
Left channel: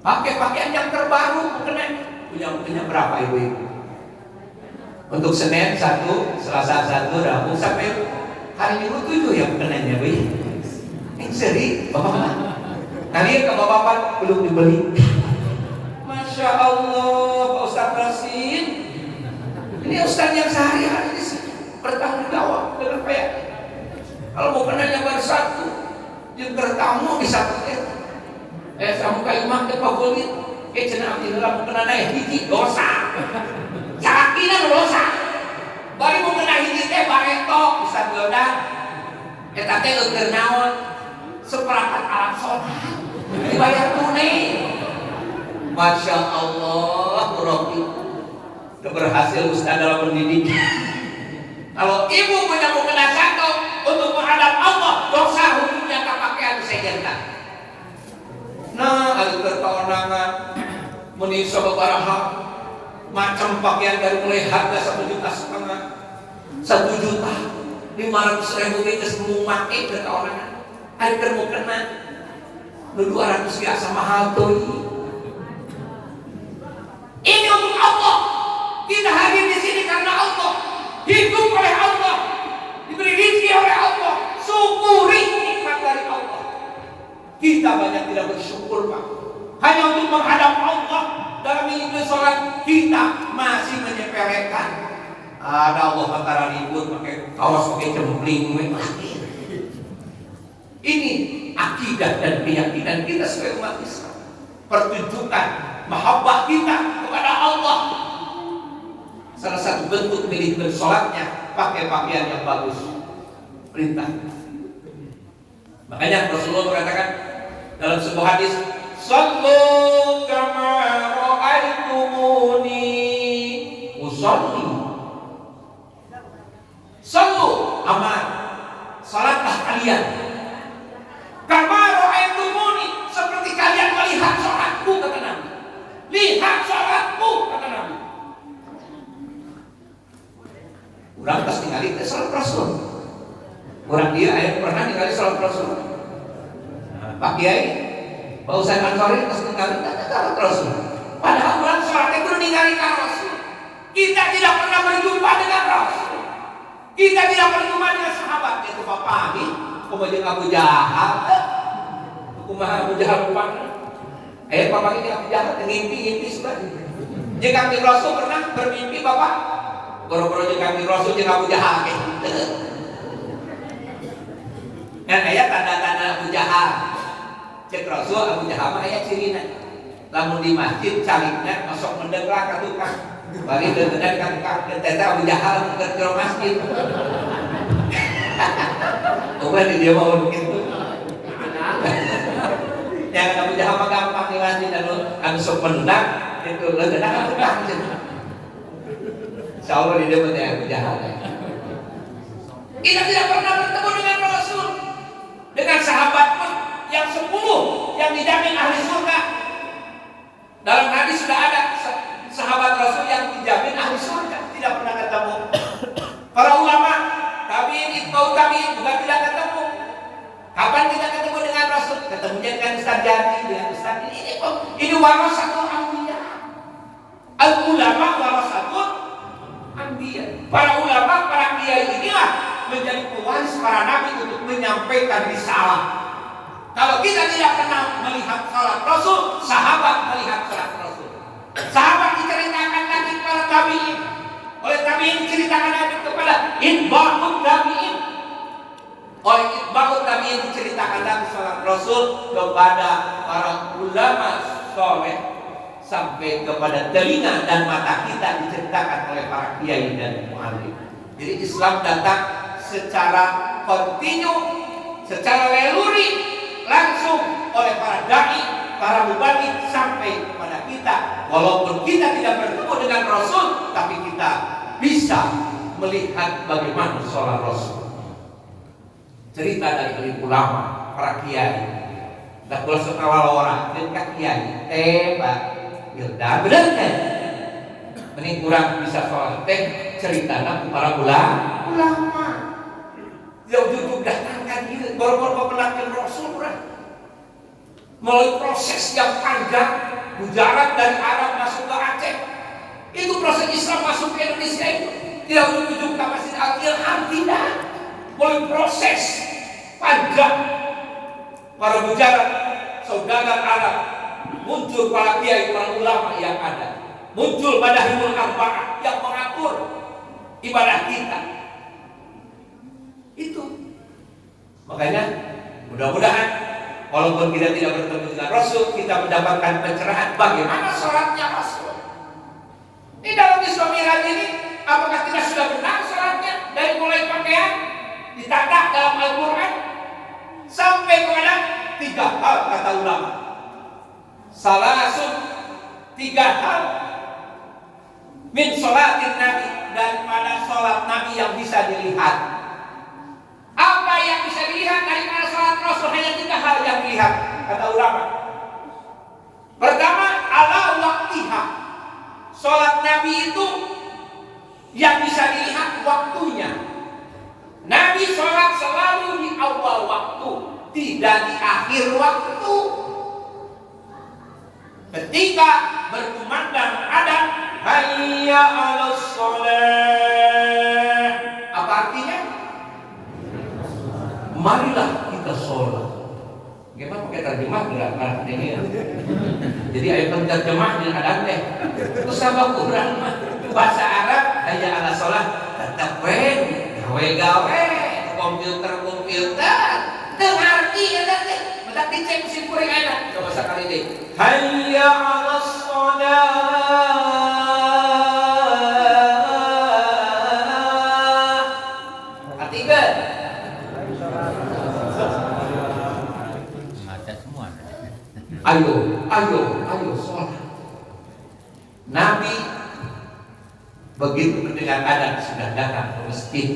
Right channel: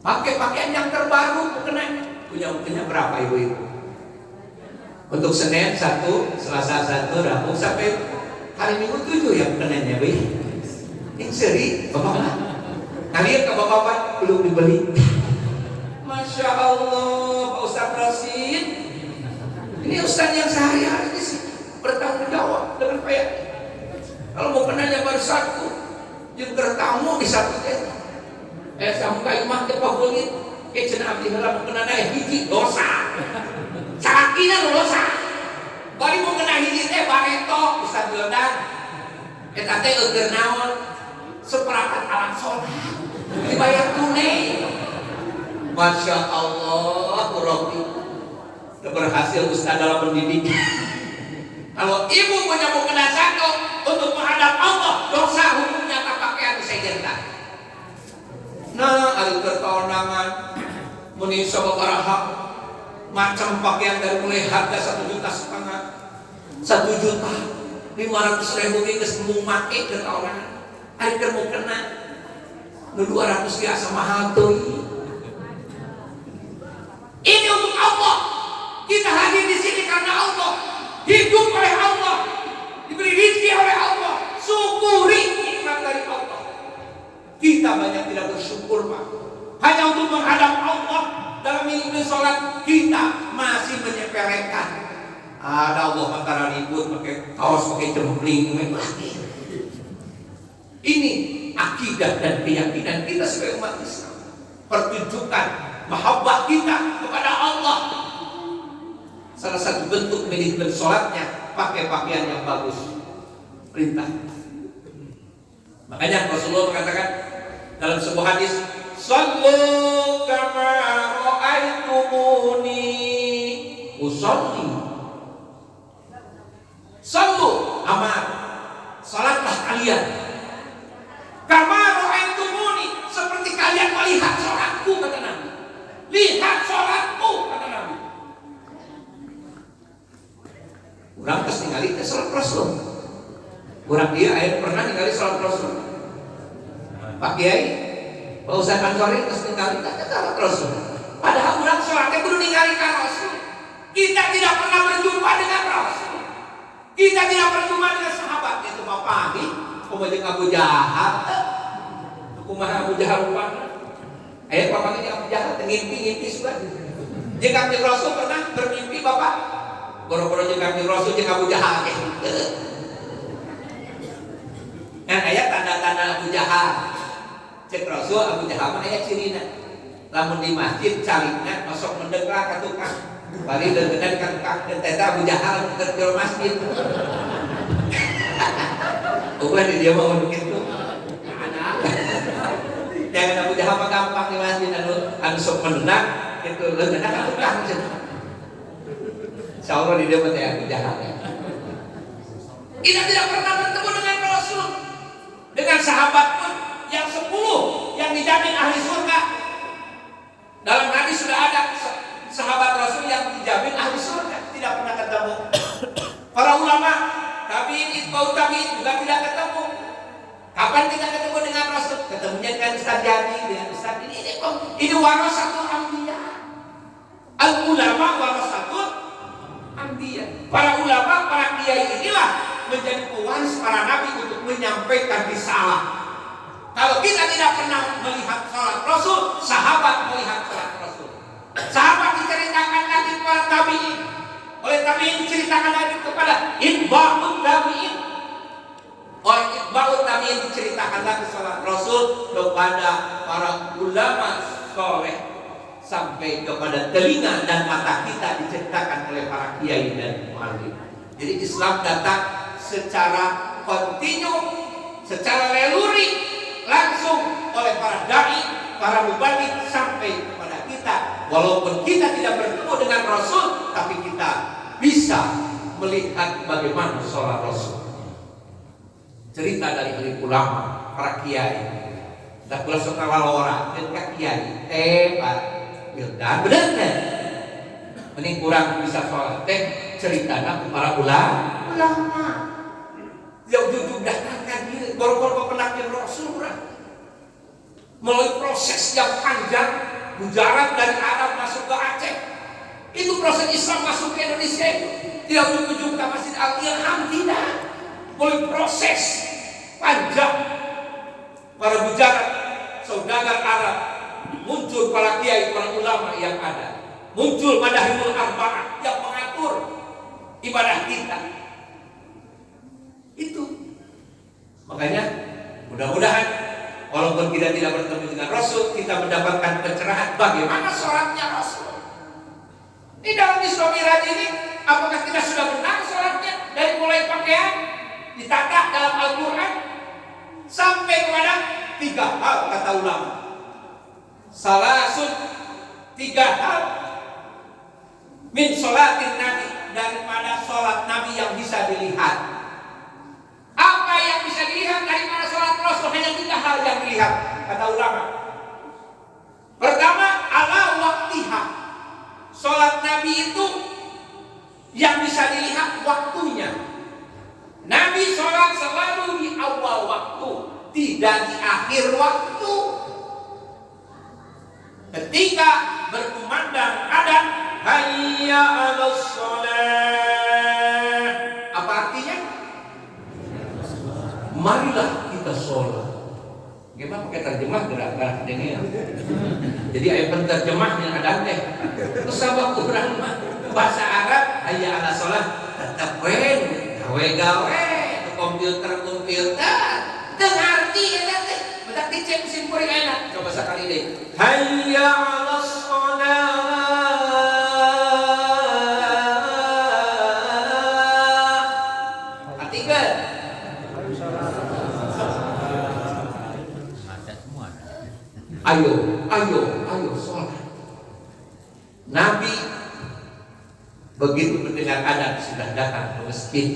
Pakai pakaian yang terbaru mukenanya. Punya berapa ibu-ibu? Untuk Senin 1, Selasa 1, Rabu sampai hari Minggu 7 yang mukenanya, Bu. Ini seri, bapak-bapak. Kalian ke bapak-bapak belum dibeli. Masya Allah, Pak Ustaz Rosin. Ini Ustaz yang sehari-hari di sini bertanggung jawab dengan kayak. Kalau mau kenal yang baru satu, yang bertamu di satu teh. Sampai imam ke pakulit, cenah abdi heula mau kenal aya hiji dosa. Sakina dosa. Bari mau kenal hiji teh bareto bisa geudan. Eta teh keur naon? Seperangkat alat sholat. Dibayar tunai. Masya Allah, Rabbi. Berhasil Ustaz dalam pendidikan. Kalau ibu punya mukena satu untuk menghadap Allah, dosa hukumnya tak pakaian sejentak. Nah, ada tertawanangan menisa babaraha macam pakaian dari mulai harga 1,5 juta, 1.500.000 geus mau make tertawanangan. Ari keur mau kena 200 biasa mahal tuh. Ini untuk Allah. Kita hadir di sini karena Allah. Hidup oleh Allah, diberi rezeki oleh Allah, syukuri nikmat dari Allah. Kita banyak tidak bersyukur Pak. Hanya untuk menghadap Allah dalam mimpi sholat kita masih menyepelekan. Ada Allah antara ribut pakai kaos pakai cempling. Ini akidah dan keyakinan kita sebagai umat Islam. Pertunjukan mahabbah kita kepada Allah. Salah satu bentuk milik bersolatnya pakai pakaian yang bagus. Perintah. Makanya Rasulullah mengatakan dalam sebuah hadis, "Shallu kama ra'aitumuni usolli." Shallu amal, salatlah kalian kama ra'aitumuni, seperti kalian melihat salatku, kata Nabi. Lihat salatku, kata Nabi. Orang pasti ngali salat Rasul. Orang dia ayat pernah ningali salat Rasul. Pak Kiai, Pak Ustaz Ansori pasti ngali salat Rasul. Padahal orang salatnya kudu ningali ka Rasul. Kita tidak pernah berjumpa dengan Rasul. Kita tidak berjumpa dengan sahabat. Itu Bapak ini kumajeng Abu Jahal. Kumaha Abu Jahal rupana. Ayat Bapak ini Abu Jahal ngimpi sudah. Jeung Kanjeng Rasul pernah bermimpi Bapak. Goro-goro jeung Kanjeng Rasul jeung Abu Jahal ge. Kan aya tanda-tanda Abu Jahal. Cek Rasul Abu Jahal mah aya cirina. Lamun di masjid calikna masuk mendeng lah ka tukang. Bari deungeun ka tukang teh Abu Jahal keur di masjid. Bukan dia mau begitu. Yang Abu Jahal mah gampang di masjid anu sok mendeng itu leungeun ka tukang cenah. Insyaallah di dia teh Abu Jahal. Kita tidak pernah bertemu dengan Rasul. Dengan sahabat pun yang 10 yang dijamin ahli surga. Dalam hadis sudah ada sahabat Rasul yang dijamin ahli surga, tidak pernah ketemu. Para ulama tabi'in, itba'ut tabi'in juga tidak ketemu. Kapan kita ketemu dengan Rasul? Ketemunya dengan Ustaz Jadi, dengan Ustaz ini warasatul anbiya. Al ulama warasatul anbiya. Para ulama, para kiai inilah menjadi pewaris para nabi untuk menyampaikan risalah. Kalau kita tidak pernah melihat salat Rasul, sahabat melihat salat Rasul. Sahabat diceritakan lagi kepada tabi'in, oleh tabi'in diceritakan lagi kepada itba'ut tabi'in, oleh itba'ut tabi'in diceritakan lagi salat Rasul kepada para ulama soleh, sampai kepada telinga dan mata kita diceritakan oleh para kiai dan muallim. Jadi Islam datang secara kontinu, secara leluri, langsung oleh para dai, para mubalik sampai kepada kita. Walaupun kita tidak bertemu dengan Rasul, tapi kita bisa melihat bagaimana sholat Rasul. Cerita dari ahli ulama, para kiai. Tak boleh suka orang dan kiai. Pak Wildan, benar kan? Ini kurang bisa sholat. Cerita para ulama. Jauh-jauh datangkan diri baru-baru penakin Rasul melalui proses yang panjang, mujarab dari Arab masuk ke Aceh. Itu proses Islam masuk ke Indonesia itu tidak berujung ke Masjid Al-Ilham, tidak. Melalui proses panjang para mujarab, saudara Arab, muncul para kiai, para ulama yang ada, muncul Madahimul Arba'ah yang mengatur ibadah kita. Itu makanya mudah-mudahan walaupun kita tidak bertemu dengan Rasul, kita mendapatkan pencerahan bagaimana sholatnya Rasul. Di dalam Isra Mi'raj ini, apakah kita sudah benar sholatnya dari mulai pakaian ditata dalam Al-Quran sampai kepada 3 hal kata ulama. Salasun, 3 hal min sholatin Nabi, daripada sholat Nabi yang bisa dilihat. Apa yang bisa dilihat daripada sholat Rasul? Hanya 3 hal yang dilihat kata ulama. Pertama, ala waktiha. Sholat Nabi itu yang bisa dilihat waktunya. Nabi sholat selalu di awal waktu, tidak di akhir waktu. Ketika berkumandang adzan, hayya 'alas shalah. Apa artinya? Marilah kita sholat. Gimana pakai terjemah gerak dengar. Jadi ayat penterjemah yang ada teh. Terus sabab urang mah bahasa Arab hayya 'alas shalah tetep gawe komputer teu ngarti eta teh. Mendak dicek mesin kuring ayeuna. Coba sakali deui. Hayya 'alas shalah. ayo sholat. Nabi begitu mendengar adzan sudah datang ke masjid.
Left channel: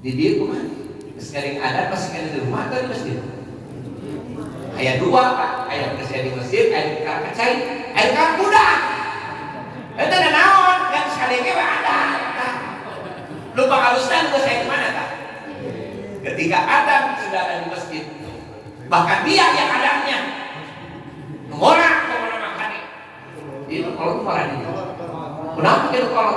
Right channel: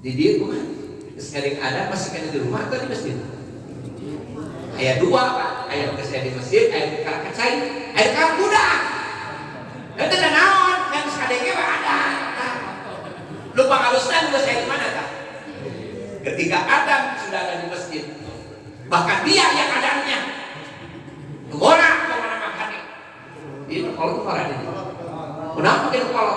Di dia rumah, sering adzan masih kena di rumah atau di masjid? Ayat 2 Pak, ayat kesini di masjid, ayat karakat saya, ayat karakat kuda. Itu ada naon yang sekali ini ada. Lupa halusnya udah saya di mana Kak? Ketika Adam sudah ada di masjid, bahkan dia yang adanya ngora kemana makan ini kalau ngora ini kenapa kita kalau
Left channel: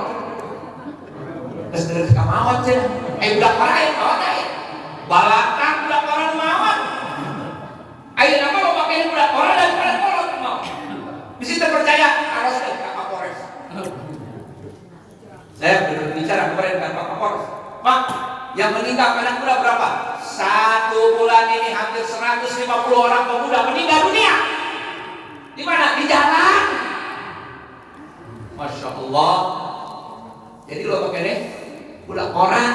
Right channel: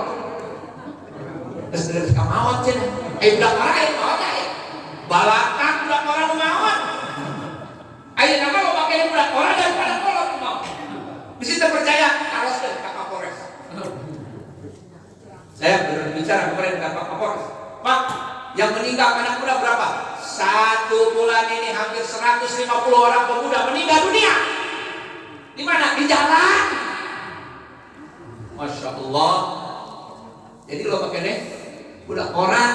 terus terus kamawat cina budak para yang mawat aja balatan budak para mawat ayo nama lo pakai budak para daripada kolot mau bisa terpercaya harus dan Pak Kapolres. Saya berbicara kemarin dengan Pak Kapolres, Pak, yang meninggal anak muda berapa? 1 bulan ini hampir 150 orang pemuda meninggal dunia. Di mana? Di jalan. Masya Allah. Jadi lo pakai nih, budak orang.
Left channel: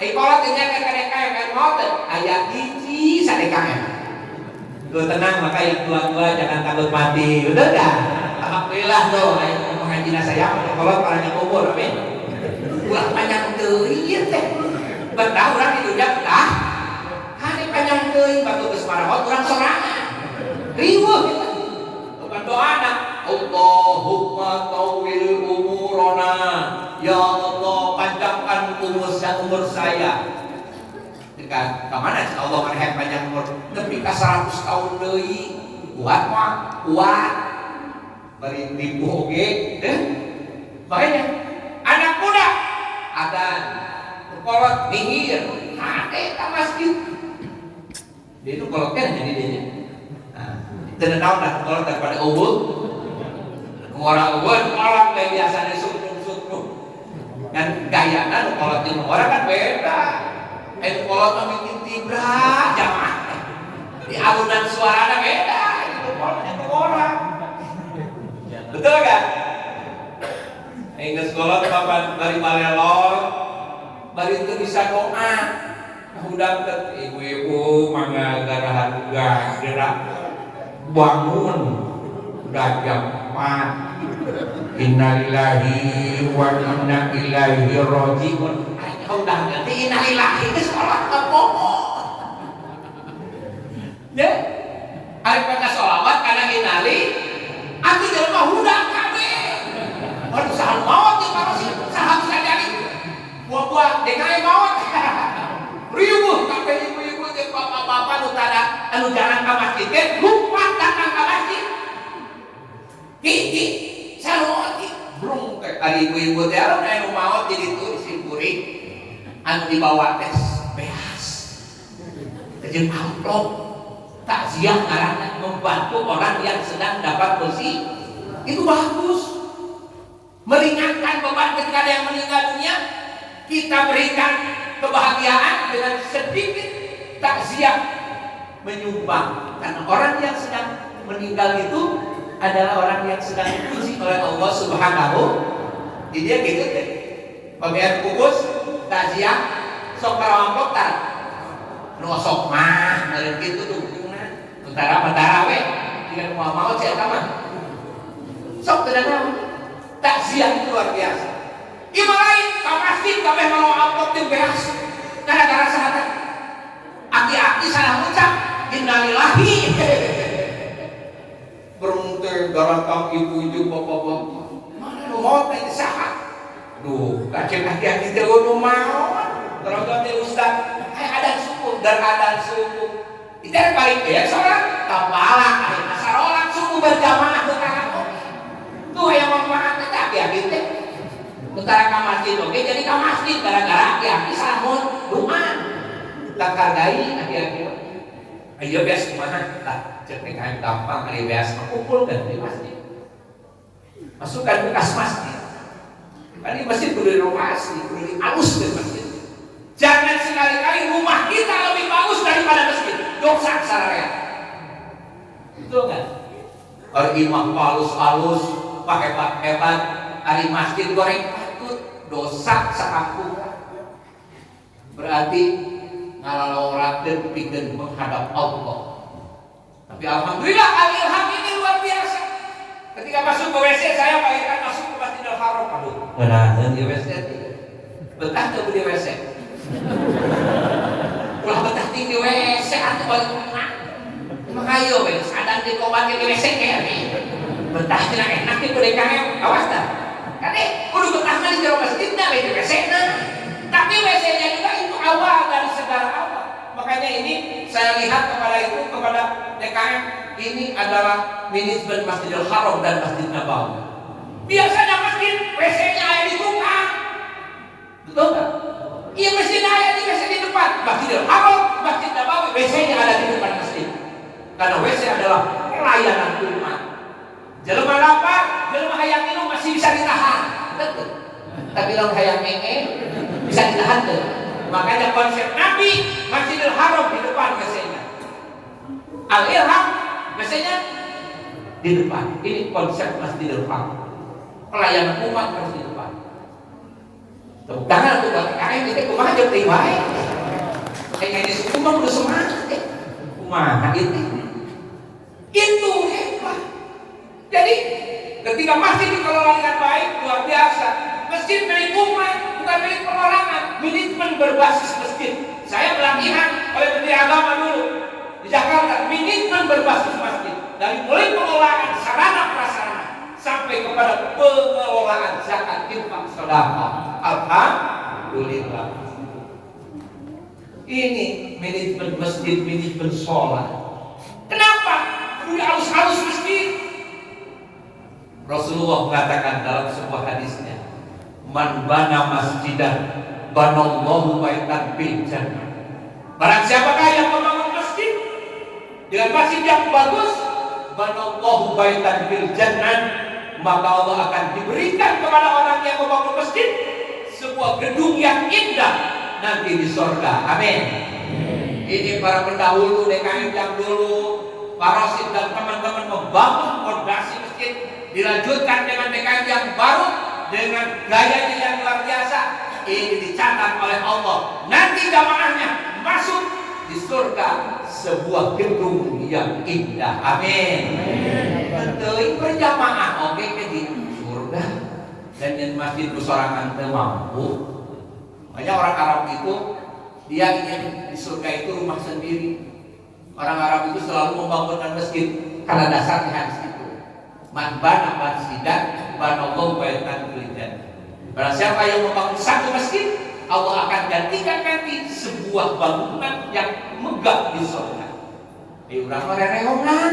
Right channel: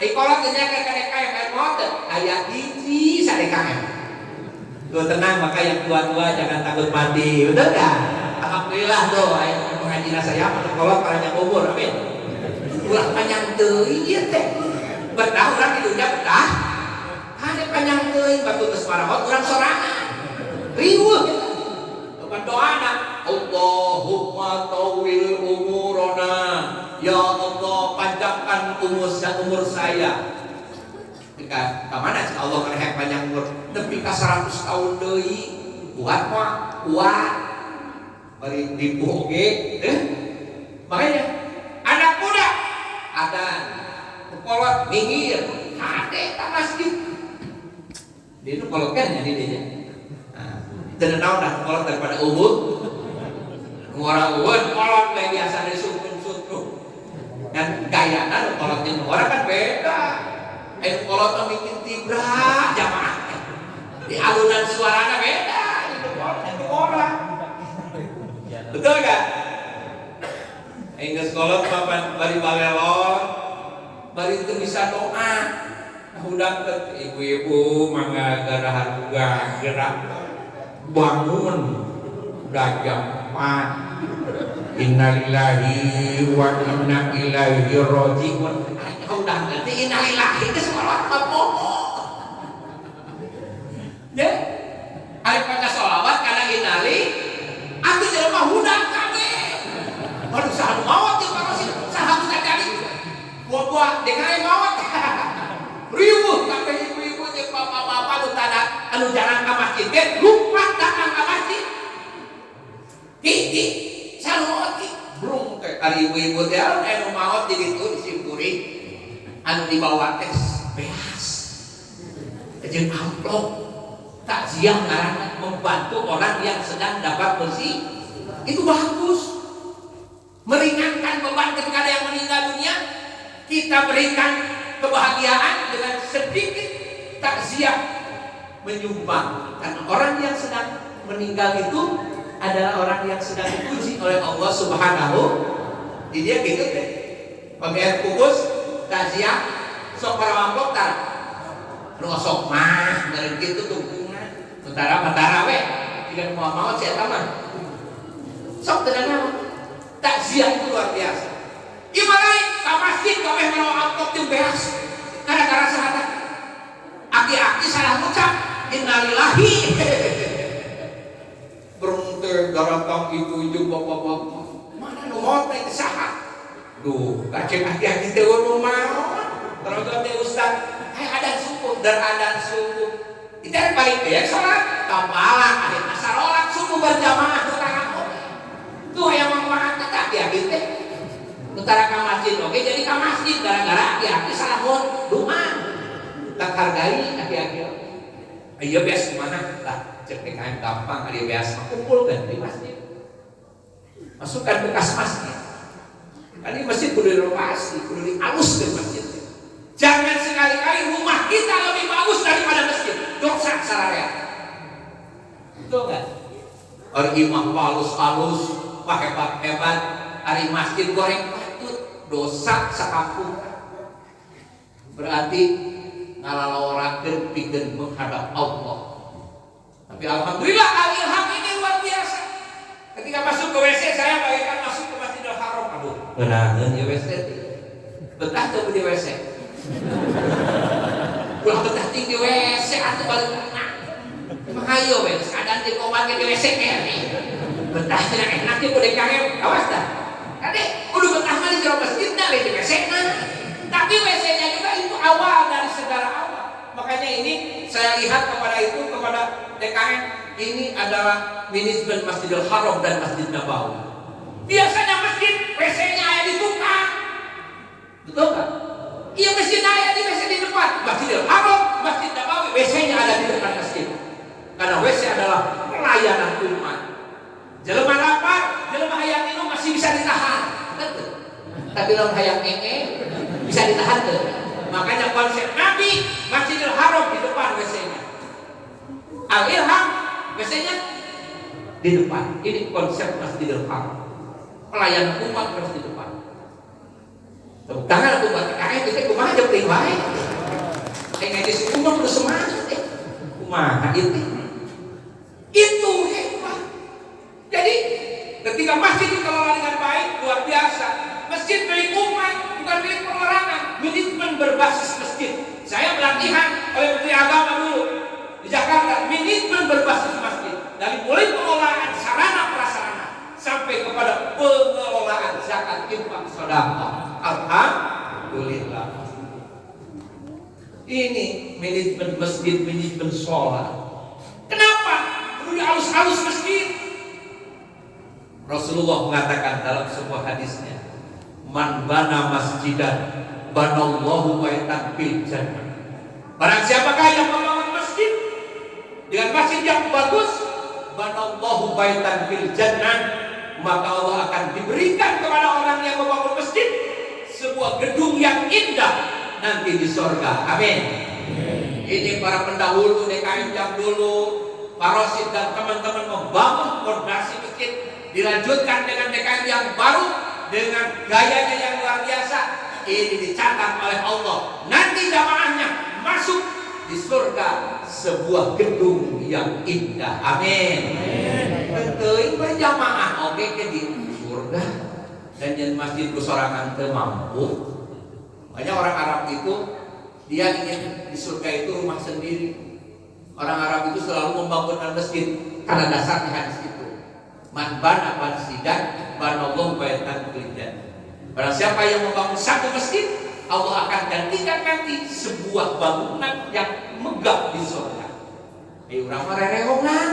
Kolot ternyata KDKM motor. Ayat hiji sadekam. Lo tenang, maka yang tua-tua jangan takut mati. Betul gak? Alhamdulillah tuh. Pengajian saya kolot panjang umur. Amin. Ulah panjang tuh, iya teh. Betah orang di dunia betah. Hanya panjang teuing batu geus marahot urang sorangan. Riweuh kita. Bukan doana. Allahumma tawil umurona. Ya Allah panjangkan umur saya. Dekat ka mana cik Allah maneh panjang umur nepi ka 100 tahun deui. Kuat mah, kuat. Bari ribu oge, makanya anak muda adzan kolot minggir hati ke masjid dia itu kolot kan jadi dia tidak tahu dah kolot daripada ubud ngora ubud kolot kayak biasa di sutrum kan gayana kolot di ngora kan beda kolot memikir tibra jamaah di alunan suaranya beda itu kolot itu orang betul gak? Ingat kolot papan bari malelor bari itu bisa doa. Udah ke ibu-ibu mangga gerahan gerak bangun udah jam 4. Innalillahi wa inna ilaihi rajiun. Udah ngerti innalillahi ke sholat apa? Ya, ari baca sholawat karena innali, atuh jelema hudak kabeh. Waduh saha mawat jeung parasit saha bisa jadi. Buah-buah DKI mawat. Riweuh kabeh ibu-ibu jeung bapak-bapak nu tada anu jarang ka masjid ge lupa datang ka masjid. Ki sarua ki brung ke ari ibu-ibu teh anu mawat di ditu disimpuri anu dibawa teh beas. Jeung amplop takziah ngaranna membantu orang yang sedang dapat kursi. Itu bagus. Meringankan beban ketika ada yang meninggal dunia, kita berikan kebahagiaan dengan sedikit takziah menyumbang. Karena orang yang sedang meninggal itu adalah orang yang sedang dipuji oleh Allah Subhanahu. Jadi dia gitu deh. Pembayar kubus, takziah, sok para amplop tar. Nu sok mah, meureun kitu tuh. Mentara we, jika mau saya taman. Sok tenangnya. Takziah itu luar biasa. Imalain ka masjid kabeh mau amplop jeung beas. Gara-gara saha? Aki-aki salah ucap innalillahi. Beruntung garantang ibu-ibu bapak-bapak. Mana nu maot teh saha? Duh, kacen aki-aki teh nu maot. Terus teh ustaz, adan suku dan adan suku. Itu yang paling beas sholat. Kapalah akhirnya sarolat suku berjamaah sekarang. Tuh yang manfaat kita aki-aki teh. Bentar ke masjid oke jadi ke masjid gara-gara aki-aki salamun doa. Tak hargai aki-aki. Ayo bias kemana? Lah cek PKM tampang hari bias kumpulkan di masjid. Masukkan bekas masjid. Kali masjid kudu direnovasi, kudu dialuskan masjid. Jangan sekali-kali rumah kita lebih bagus daripada masjid. Dosa saraya. Betul enggak? Ari imah halus-halus, pakai hebat, ari masjid goreng patut, dosa sakampung. Berarti ngalalorakeun pikeun menghadap Allah. Tapi alhamdulillah Al-Ilham ini luar biasa. Ketika masuk ke WC saya bagaikan masuk ke Masjidil Haram. Aduh, benar di WC. Betah tuh di WC. Ulah betah di WC atau balik rumah. Emang ayo wes, kadang di komat di WC kayak ini. Betah tidak enak di PDKM, awas dah. Adek, udah betah mah di jero masjid dah di WC nah. Tapi WC-nya juga itu awal dari segala awal. Makanya ini saya lihat kepada DKM ini adalah manajemen Masjidil Haram dan Masjid Nabawi. Biasanya masjid WC-nya ada di tukang, betul nggak? Iya, masjidnya ada di WC di depan. Masjidil Haram, Masjid Nabawi, WC-nya ada di depan masjid. Karena WC adalah pelayanan umat. Jelema lapar, jelema hayang minum masih bisa ditahan, betul. Tapi lawan hayang bisa ditahan tuh. Makanya konsep Nabi Masjidil Haram di depan WC-nya. Al-Ilham WC-nya di depan. Ini konsep Masjidil Haram. Pelayanan umat harus di depan. Tepuk tangan untuk DKM itu kumaha jeung teuing wae. Kayak disebut kudu semangat teh. Kumaha itu? Itu hebat. Jadi ketika masjid dikelola dengan baik, luar biasa. Masjid milik umat, bukan milik perorangan. Manajemen berbasis masjid. Saya pelatihan oleh Menteri Agama dulu di Jakarta. Manajemen berbasis masjid. Dari mulai pengelolaan sarana prasarana sampai kepada pengelolaan zakat, infak, sedekah. Alhamdulillah. Ini manajemen masjid, manajemen sholat. Kenapa? Perlu halus-halus masjid. Rasulullah mengatakan dalam sebuah hadisnya, man bana masjidan banallahu baitan fil jannah. Barang siapakah yang membangun masjid dengan masjid yang bagus, banallahu baitan fil jannah, maka Allah akan diberikan kepada orang yang membangun masjid sebuah gedung yang indah nanti di surga. Amin. Ini para pendahulu DKM yang dulu, Pak Rosid dan teman-teman membangun fondasi masjid, dilanjutkan dengan DKM yang baru dengan gayanya yang luar biasa. Ini dicatat oleh Allah. Nanti jamaahnya masuk di surga sebuah gedung yang indah. Amin. Tentu ini berjamaah oke ke di surga. Dan yang masjid bersorangan mampu. Makanya orang Arab itu dia ingin di surga itu rumah sendiri. Orang Arab itu selalu membangunkan masjid karena dasarnya hadis itu. Man bana masjidan banallahu baitan fil jannah. Barang siapa yang membangun satu masjid, Allah akan gantikan nanti sebuah bangunan yang megah di surga. Urang mah rereongan.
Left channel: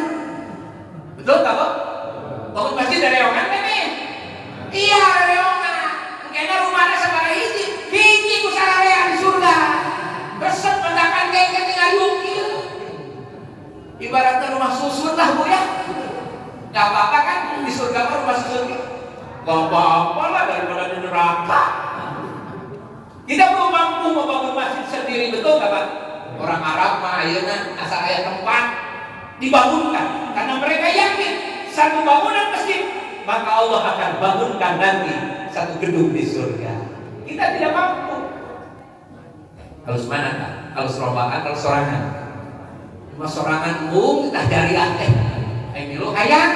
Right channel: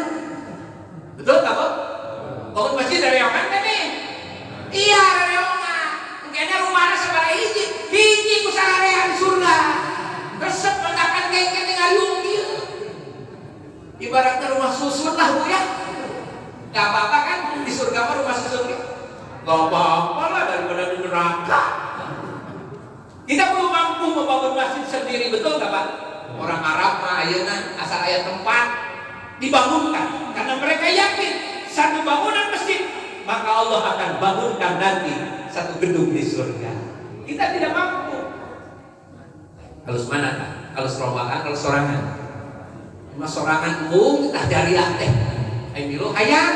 Betul tak, Pak? Bangun masjid rereongan kan nih? Iya, rereongan. Kayaknya rumahnya sabaraha hiji ku sararea di surga. Resep mendakan gengket tinggal yungkil. Ibaratnya rumah susun lah, Bu ya. Gak apa-apa kan di surga mah rumah susun gitu. Gak apa-apa lah daripada di neraka. Kita belum mampu membangun masjid sendiri, betul gak Pak? Orang Arab mah ayeuna asal aya tempat dibangunkan karena mereka yakin satu bangunan masjid maka Allah akan bangunkan nanti satu gedung di surga. Kita tidak mampu. Harus mana kan? Harus rombongan, harus sorangan. Cuma sorangan kita dari teh. Ayo milu hayang.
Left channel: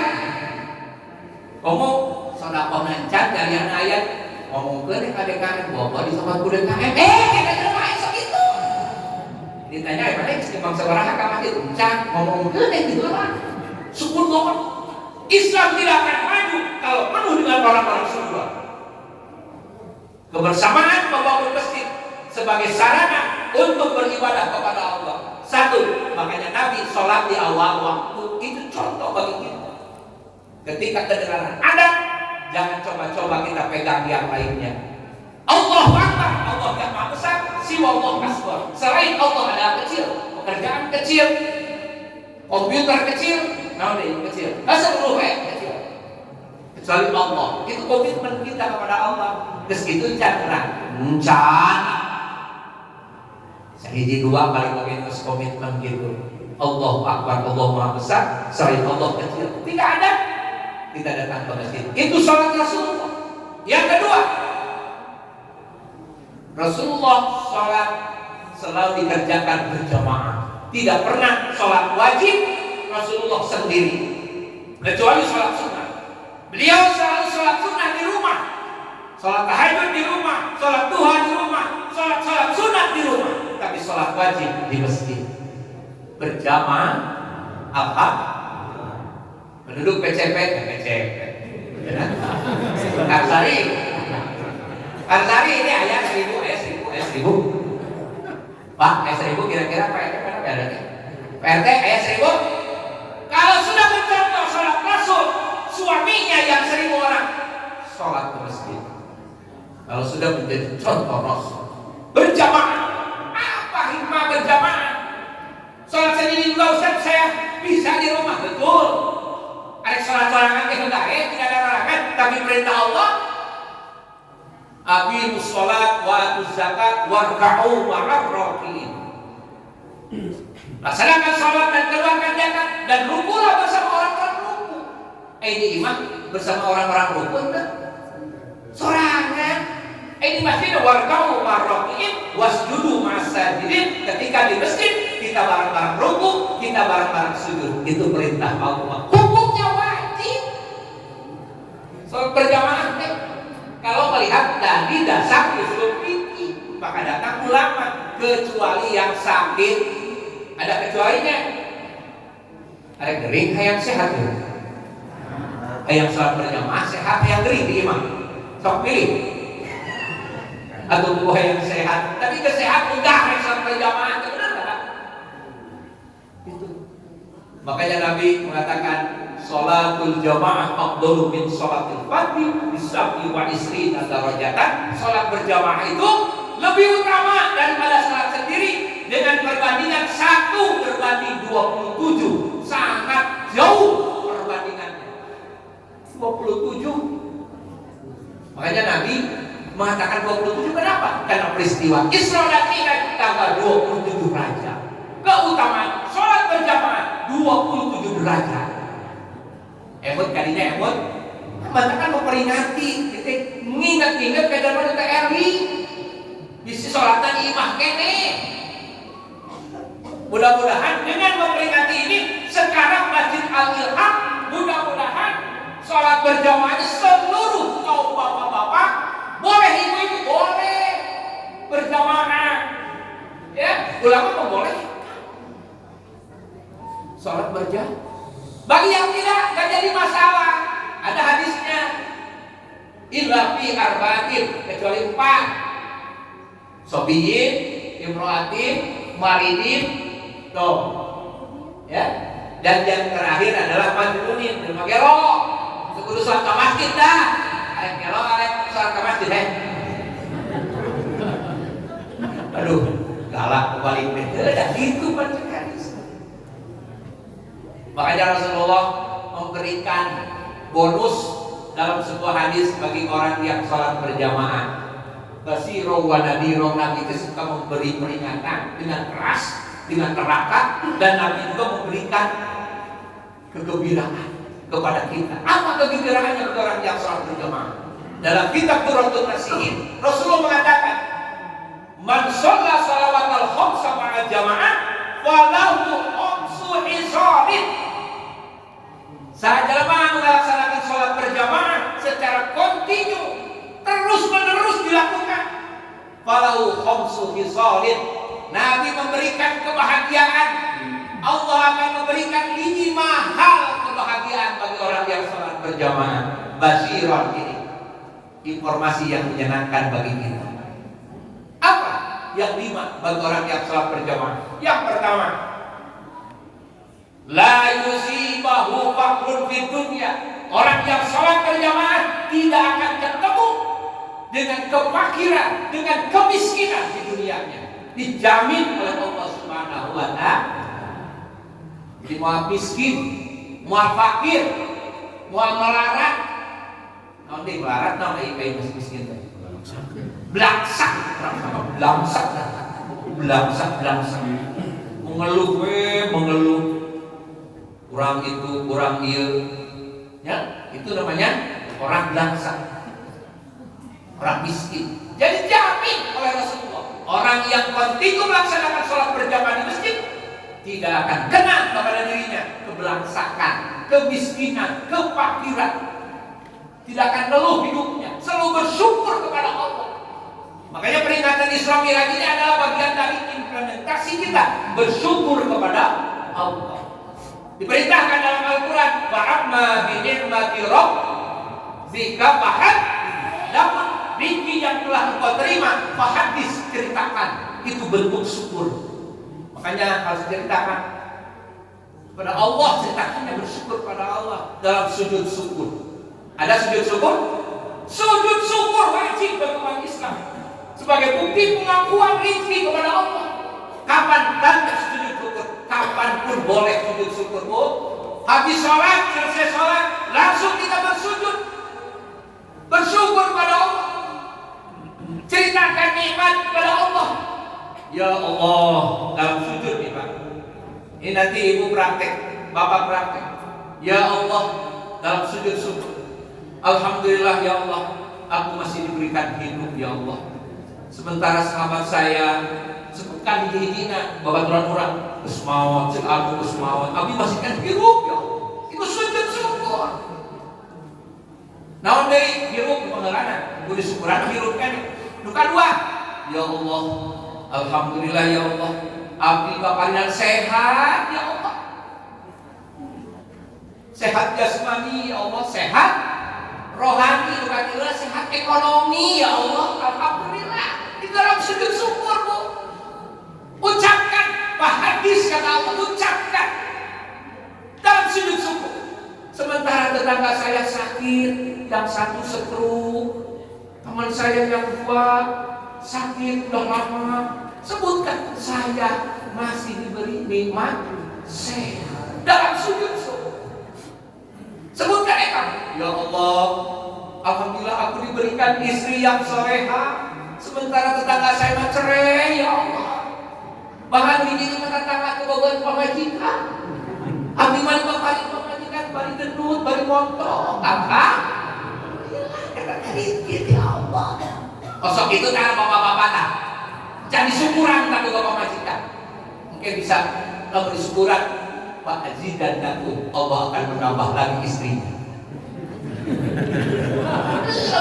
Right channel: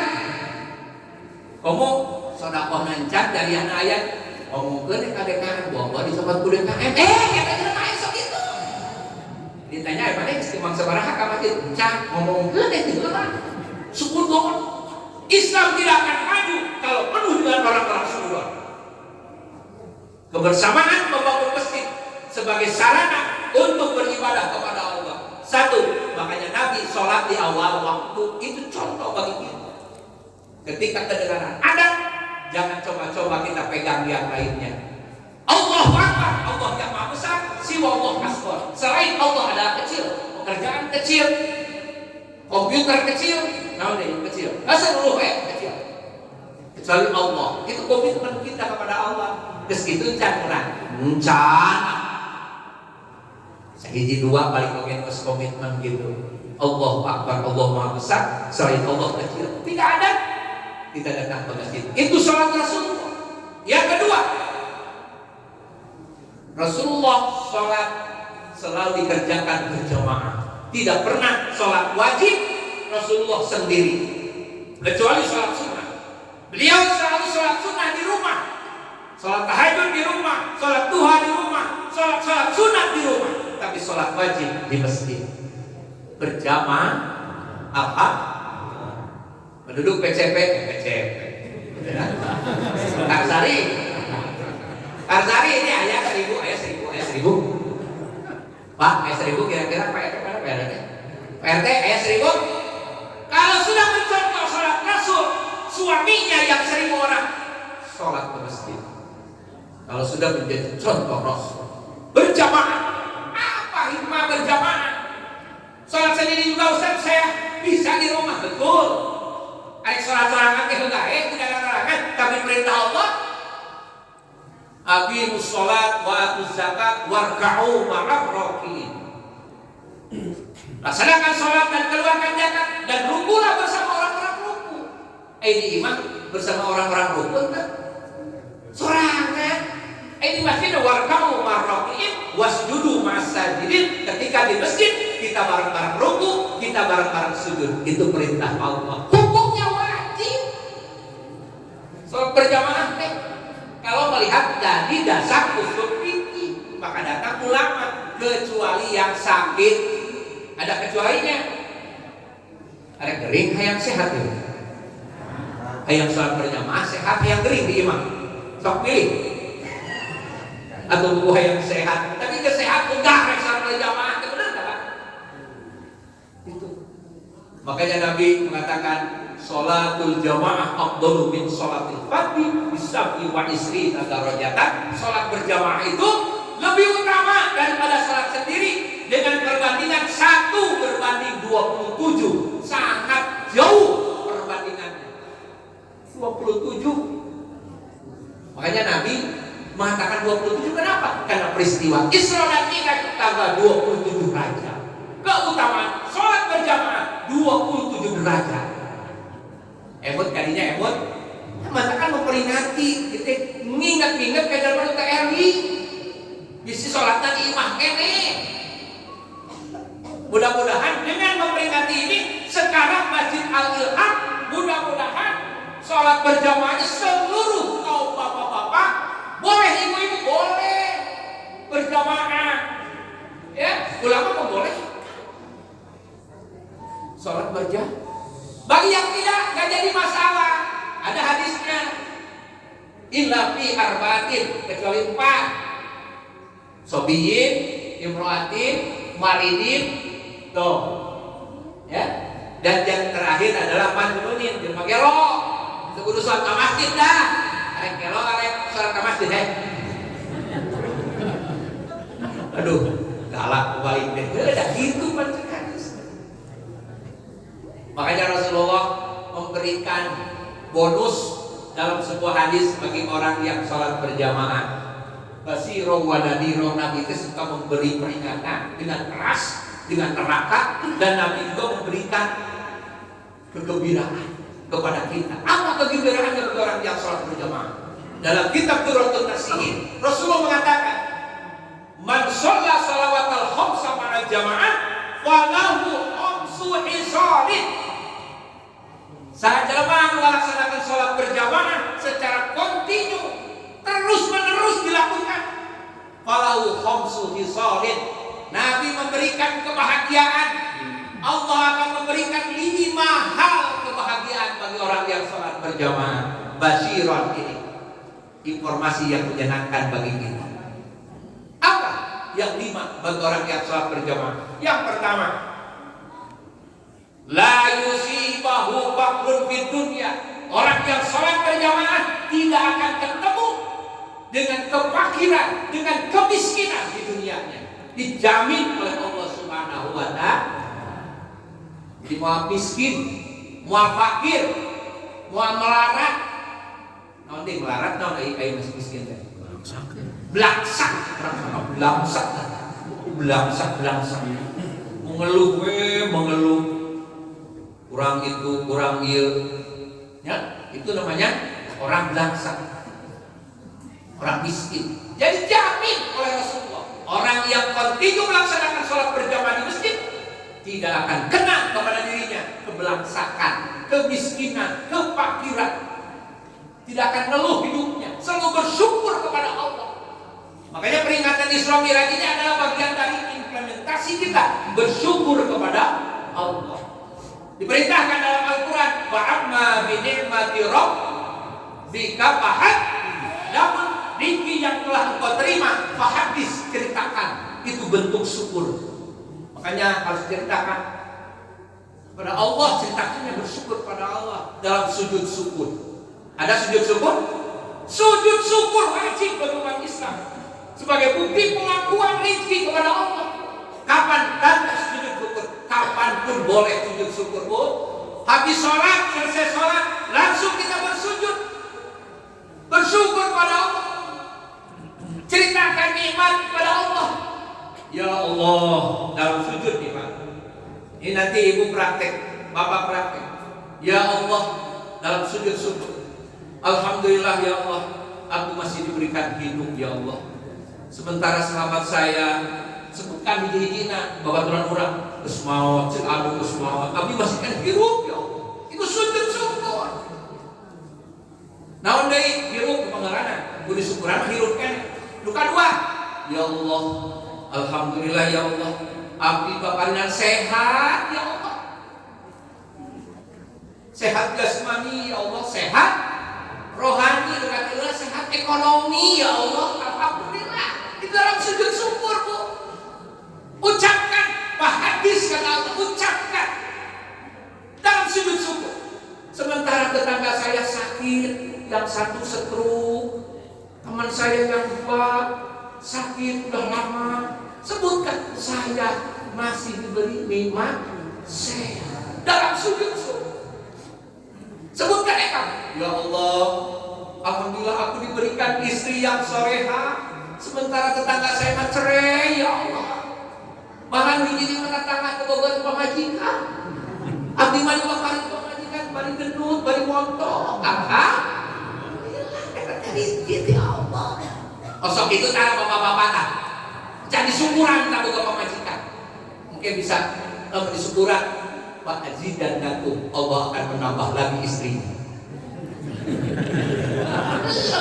Komo sodakoh nancat dari anak ayat. Ngomongkeun ka DKM bawa di tempat ku DKM. Kita jelema esok itu. Ditanya mana istimewa sabaraha ka masjid? Cak ngomongkeun gitu lah. Sukudon. Islam tidak akan maju kalau penuh dengan orang-orang sukudon. Kebersamaan membangun masjid sebagai sarana untuk beribadah kepada Allah. Satu, makanya Nabi sholat di awal waktu itu contoh bagi kita. Ketika kedengaran ada, jangan coba-coba kita pegang yang lainnya. Allahu Akbar, Allah yang maha besar, siwa Allah asbar. Selain Allah adalah kecil, pekerjaan kecil, komputer kecil, namun yang kecil, seluruh kecil. Kecuali Allah, itu komitmen kita kepada Allah. Meskitu canggara, sehiji dua paling mungkin komitmen gitu. Allahu Akbar, Allah maha besar, selain Allah kecil. Tidak ada, kita datang ke masjid. Itu salat Rasulullah. Yang kedua, Rasulullah sholat selalu dikerjakan berjamaah. Tidak pernah sholat wajib Rasulullah sendiri, kecuali sholat sunnah. Beliau selalu sholat sunnah di rumah, sholat tahajud di rumah, sholat duha di rumah, sholat sunnah di rumah. Tapi sholat wajib di masjid berjamaah. Apa? Penduduk PCP, Karsari ini ayat 1000. Pak, ayat 1000 kira-kira PRT ayat 1000. Kalau sudah mencontoh sholat Rasul, suaminya yang 1000 orang sholat ke masjid. Kalau sudah menjadi contoh Rasul, berjamaah. Apa hikmah berjamaah? Sholat sendiri juga Ustaz, saya bisa di rumah, betul. Ada sholat sorangan tidak ada larangan, tapi perintah Allah, aqimus sholat wa atuz zakat warka'u ma'ar raki'in. Laksanakan sholat dan keluarkan zakat dan rukulah bersama orang-orang ruku. Ini imam bersama orang-orang ruku enggak? Sorangan. Ini masjid warka'u ma'ar raki'in wasjudu ma'as-sajidin. Ketika di masjid kita bareng-bareng ruku, kita bareng-bareng sujud. Itu perintah Allah. Hukumnya wajib. Sholat berjamaah kalau melihat dari dasar usul fikih, maka datang ulama, kecuali yang sakit. Ada kecualinya. Ada kering, yang sehat. Yang sholat berjamaah sehat, yang kering di imam. Sok pilih. Atau buah yang sehat, tapi kesehat enggak yang sholat berjamaah. Makanya Nabi mengatakan sholatul jamaah afdalu min sholatil fardhi bisab'i wa isrina darajatan. Sholat berjamaah itu lebih utama daripada sholat sendiri dengan perbandingan 1 berbanding 27. Sangat jauh perbandingannya. 27. Makanya Nabi mengatakan 27 kenapa? Karena peristiwa Isra dan Mi'raj tanggal 27 Rajab. Keutamaan sholat berjamaah 27 derajat. Emot kalinya emot. Matakan memperingati, kita mengingat-ingat ke dalam TRI. Bisi sholatan imah kene. Mudah-mudahan dengan memperingati ini sekarang Masjid Al-Ilham, mudah-mudahan sholat berjamaahnya seluruh kaum bapak-bapak, boleh ibu-ibu boleh berjamaah. Ya, ulama membolehkan sholat berjamaah. Bagi yang tidak jadi masalah. Ada hadisnya. Illa fi arba'atin, kecuali 4. Sobiyin, imro'atin, maridin, tuh. Ya. Dan yang terakhir adalah majnunin, jelma gelo. Itu kudu sholat ke masjid dah. Arek gelo, arek sholat ke masjid Aduh, galak kembali. Udah gitu baca hadis. Makanya Rasulullah memberikan bonus dalam sebuah hadis bagi orang yang sholat berjamaah. Basiro wa nadiro, Nabi itu suka memberi peringatan dengan keras, dengan neraka, dan Nabi juga memberikan kegembiraan kepada kita. Apa kegembiraannya bagi orang yang sholat berjamaah? Dalam kitab Qurratun Nasihin, Rasulullah mengatakan, man shalla salawatal khamsa ma'a jamaah falahu khamsu hisalin. Saat jelema melaksanakan sholat berjamaah secara kontinu, terus menerus dilakukan, falahu khamsu hisalin. Nabi memberikan kebahagiaan. Allah akan memberikan 5 hal kebahagiaan bagi orang yang sholat berjamaah. Basyiron, ini informasi yang menyenangkan bagi kita. Apa yang 5 bagi orang yang sholat berjamaah? Yang pertama, la yusibahu faqrun fid dunya. Orang yang sholat berjamaah tidak akan ketemu dengan kefakiran, dengan kemiskinan di dunianya. Dijamin oleh Allah Subhanahu wa ta'ala. Jadi mau miskin, mau fakir, mau melarat. Nanti melarat, nanti kayak miskin teh. Belangsak, belangsak. Mengeluh. Kurang itu, kurang iya. Ya, itu namanya orang belangsak. Orang miskin. Jadi jamin oleh Rasulullah, orang yang kontinu melaksanakan sholat berjamaah di masjid tidak akan kena kepada dirinya kebelangsakan, kemiskinan, kefakiran. Tidak akan ngeluh hidupnya, selalu bersyukur kepada Allah. Makanya peringatan Isra Miraj ini adalah bagian dari implementasi kita bersyukur kepada Allah. Diperintahkan dalam Al-Quran, fa'amma bi'ni'mati rabbika fahaddits. Namun rezeki yang telah engkau terima, fahaddits, ceritakan. Itu bentuk syukur. Makanya harus ceritakan kepada Allah, ceritakannya bersyukur kepada Allah dalam sujud syukur. Ada sujud syukur? Sujud syukur wajib bagi umat Islam sebagai bukti pengakuan rezeki kepada Allah. Kapan tanda sujud syukur? Kapanpun boleh sujud syukur, Bu. Habis sholat, selesai sholat, langsung kita bersujud, bersyukur kepada Allah, ceritakan nikmat kepada Allah. Ya Allah, dalam sujud nih Pak. Ini nanti ibu praktek, bapak praktek. Ya Allah, dalam sujud syukur, alhamdulillah ya Allah, aku masih diberikan hidup ya Allah. Sementara sahabat saya sebutkan hiji-hijina babaturan orang geus maot, cek anu geus maot, abi masih kan hirup ya Allah. Itu sujud syukur. Naon deui hirup pangaranna, kudu syukuran hirup kan. Nu kadua, ya Allah, alhamdulillah ya Allah, abdi paparingan sehat ya Allah. Sehat jasmani ya Allah, sehat rohani, nu katieulah sehat ekonomi ya Allah, alhamdulillah. Di dalam sujud syukur, Bu. Ucapkan, fahaddits kata Allah, ucapkan dalam sujud syukur. Sementara tetangga saya sakit, yang satu stroke, teman saya yang dua sakit udah lama, sebutkan saya masih diberi nikmat sehat dalam sujud syukur. Sebutkan kamu, ya Allah, alhamdulillah aku diberikan istri yang soleha, sementara tetangga saya mah cerai ya Allah. Bahkan hiji mah tetangga kebogan pamajikan, abdi mah paling pamajikan, bari gendut, bari montong, gitu ya Allah. Osok itu tak bapak-bapak tak jadi syukuran tak boga pamajikan. Mungkin bisa lamun disyukuran, Pak Haji dan Daku, Allah akan menambah lagi istrinya.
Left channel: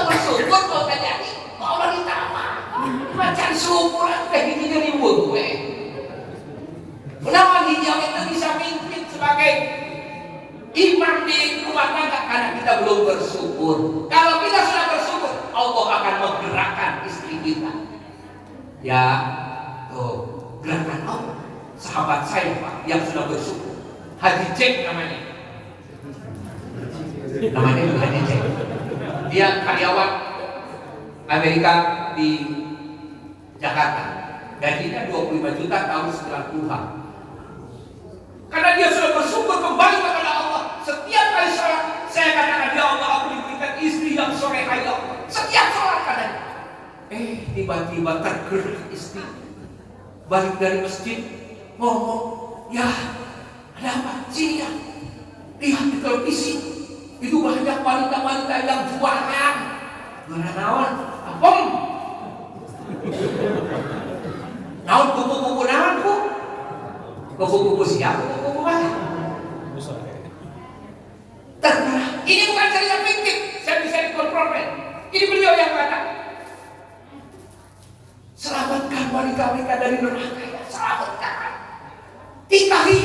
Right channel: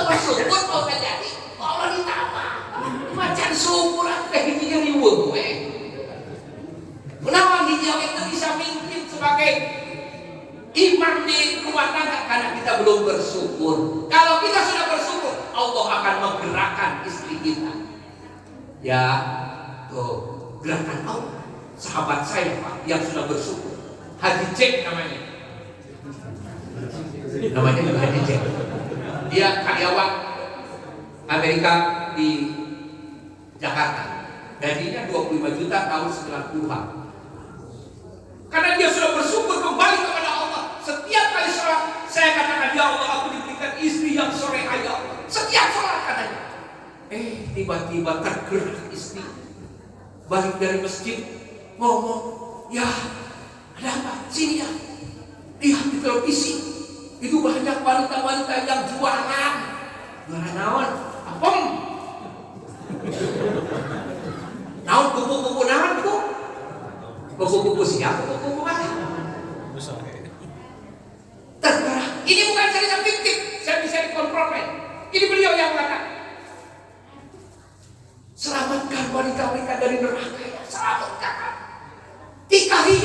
Bersyukur kalau terjadi, Allah ditambah. Macam syukuran teh hijinya riweuh we. Kenapa hiji awet bisa mimpin sebagai imam di rumah tangga? Karena kita belum bersyukur. Kalau kita sudah bersyukur, Allah akan menggerakkan istri kita. Ya, tuh gerakan Allah. Sahabat saya Pak yang sudah bersyukur, Haji Cek namanya. Namanya Haji Cek. Dia karyawan Amerika di Jakarta. Gajinya 25 juta tahun setelah Tuhan. Karena dia sudah bersyukur kembali kepada Allah. Setiap kali sholat, saya katakan, ya Allah, aku diberikan istri yang soleha ya Allah. Setiap sholat katanya. Tiba-tiba tergerak istri. Balik dari masjid, ngomong, ya ada apa? Sini ya. Lihat di televisi. Itu banyak wanita-wanita yang jualan. Jualan naon? Apem. Naon kupu-kupu naon bu? Kupu-kupu siapa? Kupu-kupu mana? Tergerak. Ini bukan cerita fiktif. Saya bisa dikonfirmasi. Ini beliau yang mengatakan. Selamatkan wanita-wanita dari neraka ya. Selamatkan. Tikahi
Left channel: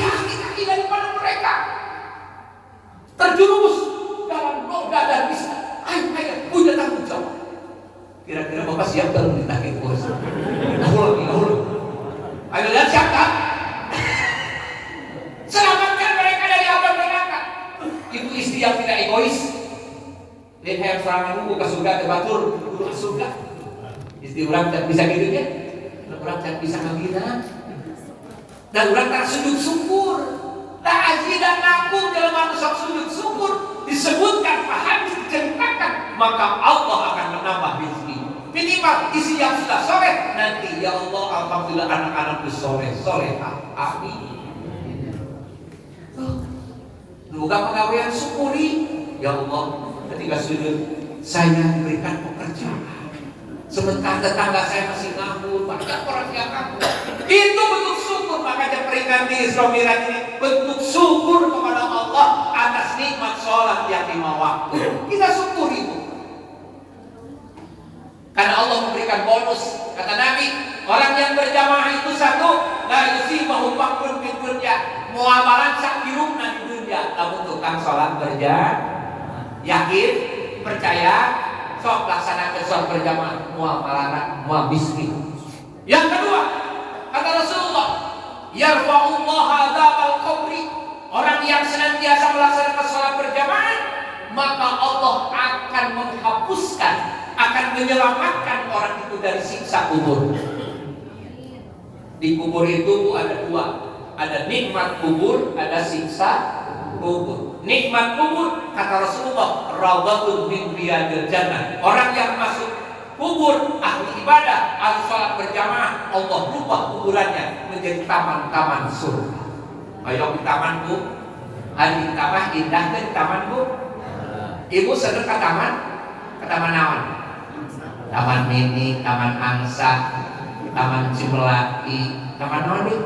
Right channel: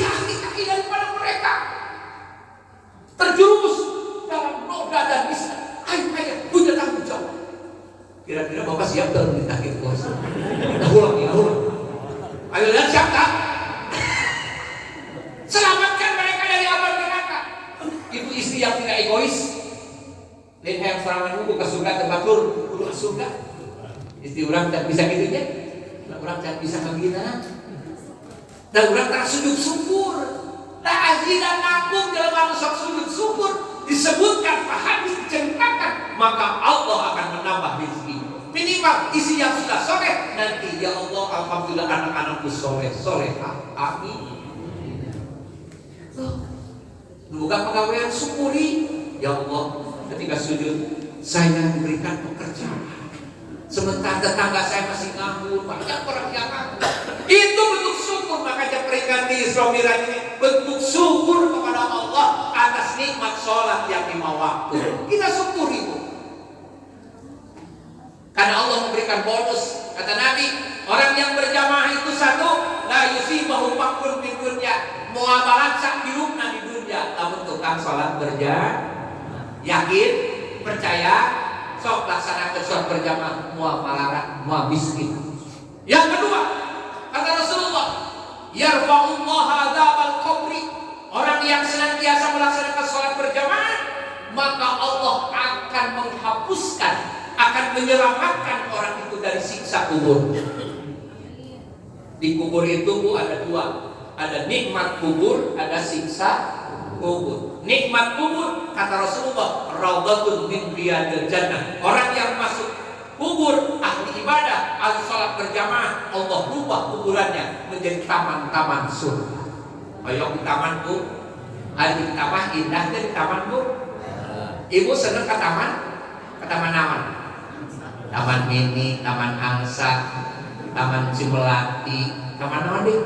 daripada mereka. Terjerumus dalam noda dan bisa. Ayo punya tanggung jawab. Kira-kira Bapak siap dan ditagih bos? Dahulu. Ayo lihat siapa? Selamatkan mereka dari api neraka. Ibu istri yang tidak egois. Lain hayang serangan ke surga tebatur, kudu ke surga. Istri orang tidak bisa gitu ya. Orang tidak bisa ngagina. Dan orang tak sujud syukur. Tak haji dan nakut dalam manusia sujud syukur disebutkan, paham, diceritakan, maka Allah akan menambah rezeki. Minimal isi yang sudah soleh nanti, ya Allah, alhamdulillah anak-anakku solehah. Amin. Bukan pegawaian syukuri, ya Allah, ketika sujud saya diberikan pekerjaan. Sementara tetangga saya masih nganggur, banyak orang yang nganggur. Itu bentuk syukur. Makanya peringatan di Isra Miraj ini bentuk syukur kepada nikmat sholat yang 5 waktu. Kita syukuri itu. Karena Allah memberikan bonus. Kata Nabi, orang yang berjamaah itu satu, la yusibahu fakrun fid dunya, muamalah sakirumna di dunya. Namun tukang sholat berjamaah, yakin, percaya, sok laksanakan sholat berjamaah, muamalah miskin. Yang kedua, kata Rasulullah, yarfa'ullah adzabal qabri, orang yang senantiasa melaksanakan sholat berjamaah, maka Allah akan menghapuskan, akan menyelamatkan orang itu dari siksa kubur. Di kubur itu ada 2, ada nikmat kubur, ada siksa kubur. Nikmat kubur, kata Rasulullah, raudhatun min riyadil jannah. Orang yang masuk kubur, ahli ibadah, ahli sholat berjamaah, Allah rubah kuburannya menjadi taman-taman surga. Ayo di taman Bu, ayo di taman indah di taman Bu. Ibu seneng ke taman? Ke taman naon? Taman mini, taman angsa, taman Cimelati, taman naon deh?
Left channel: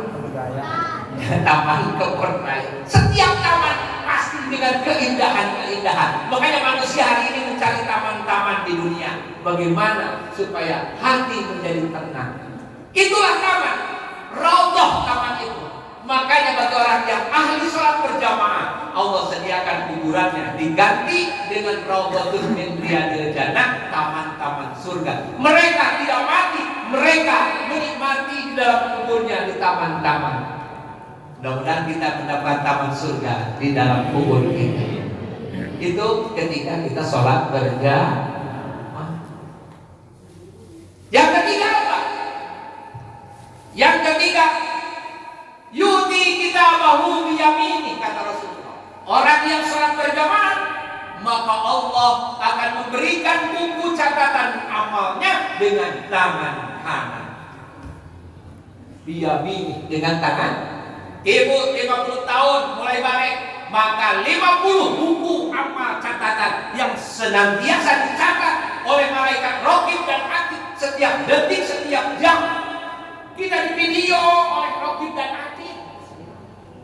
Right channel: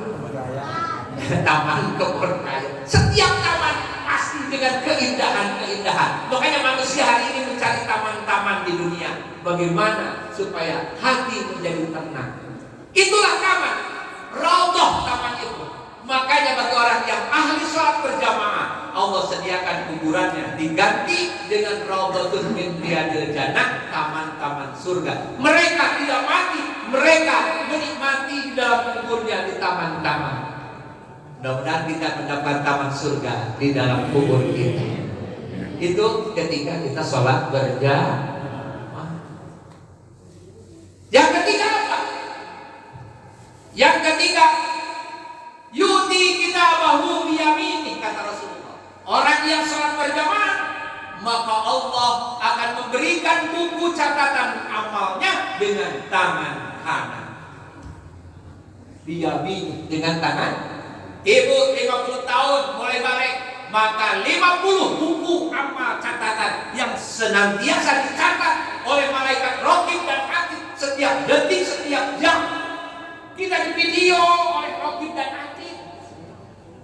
Taman Kepercayaan. Setiap taman pasti dengan keindahan-keindahan. Makanya manusia hari ini mencari taman-taman di dunia. Bagaimana supaya hati menjadi tenang? Itulah taman, raudhah taman itu. Makanya bagi orang yang ahli sholat berjamaah, Allah sediakan kuburannya diganti dengan raudhatun min riyadil jannah, taman-taman surga. Mereka tidak mati, mereka menikmati di dalam kuburnya di taman-taman. Mudah-mudahan kita mendapat taman surga di dalam kubur kita. Itu ketika kita sholat berjamaah. Yang ketiga apa? Yang ketiga, yuti kita bahu biyamini, kata Rasulullah. Orang yang sholat berjamaah, maka Allah akan memberikan buku catatan amalnya dengan tangan kanan. Biyamini, dengan tangan. Ibu 50 tahun mulai balik, maka 50 buku amal catatan yang senantiasa dicatat oleh malaikat raqib dan atid setiap detik, setiap jam. Kita di video oleh raqib dan atid.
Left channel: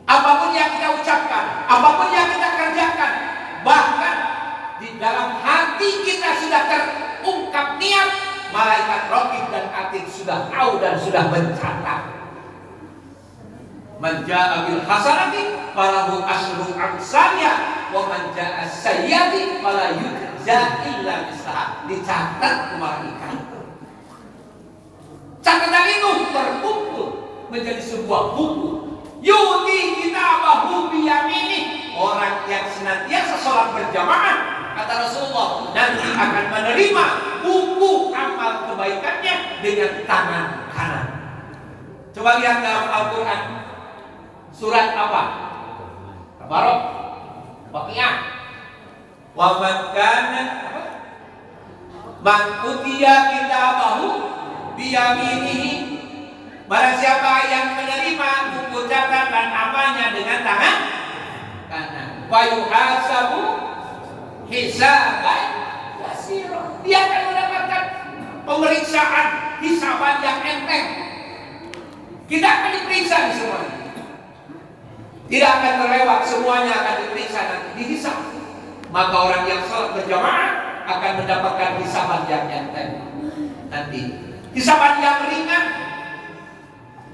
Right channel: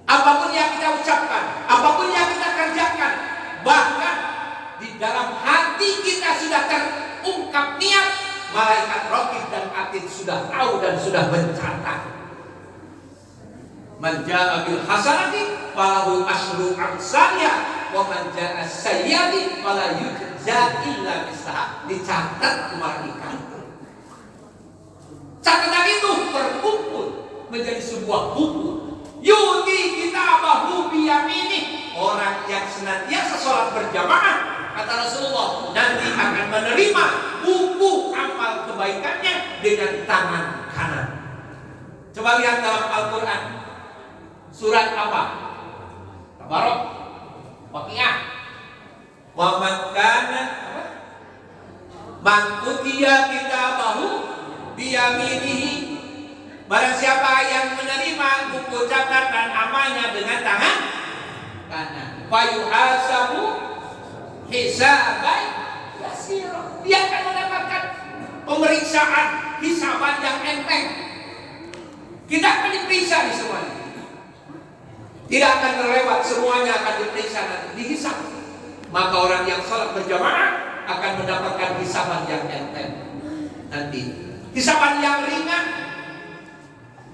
Apapun yang kita ucapkan, apapun yang kita kerjakan, bahkan di dalam hati kita sudah terungkap niat, malaikat raqib dan atid sudah tahu dan sudah mencatat. Man jaa bil hasanati falahu asyru amsalha wa man jaa sayyi'ati fala yujza illa bisaha. Dicatat malaikat. Catatan itu terkumpul menjadi sebuah buku. Yuti kitabahu biyamini, orang yang senantiasa sholat berjamaah, kata Rasulullah, nanti akan menerima buku amal kebaikannya dengan tangan kanan. Coba lihat dalam Al-Quran. Surat apa? Tabarok, Waqiah. Wa man kana apa? Man utiya kitabahu biyaminihi. Barang siapa yang menerima buku catatan amalnya dengan tangan kanan, fayuhasabu hisaban yasira. Dia akan mendapatkan pemeriksaan hisaban yang enteng. Kita akan diperiksa di semuanya. Tidak akan terlewat, semuanya akan diperiksa nanti, dihisab. Maka orang yang sholat berjamaah akan mendapatkan hisaban yang enteng nanti. Hisaban yang ringan.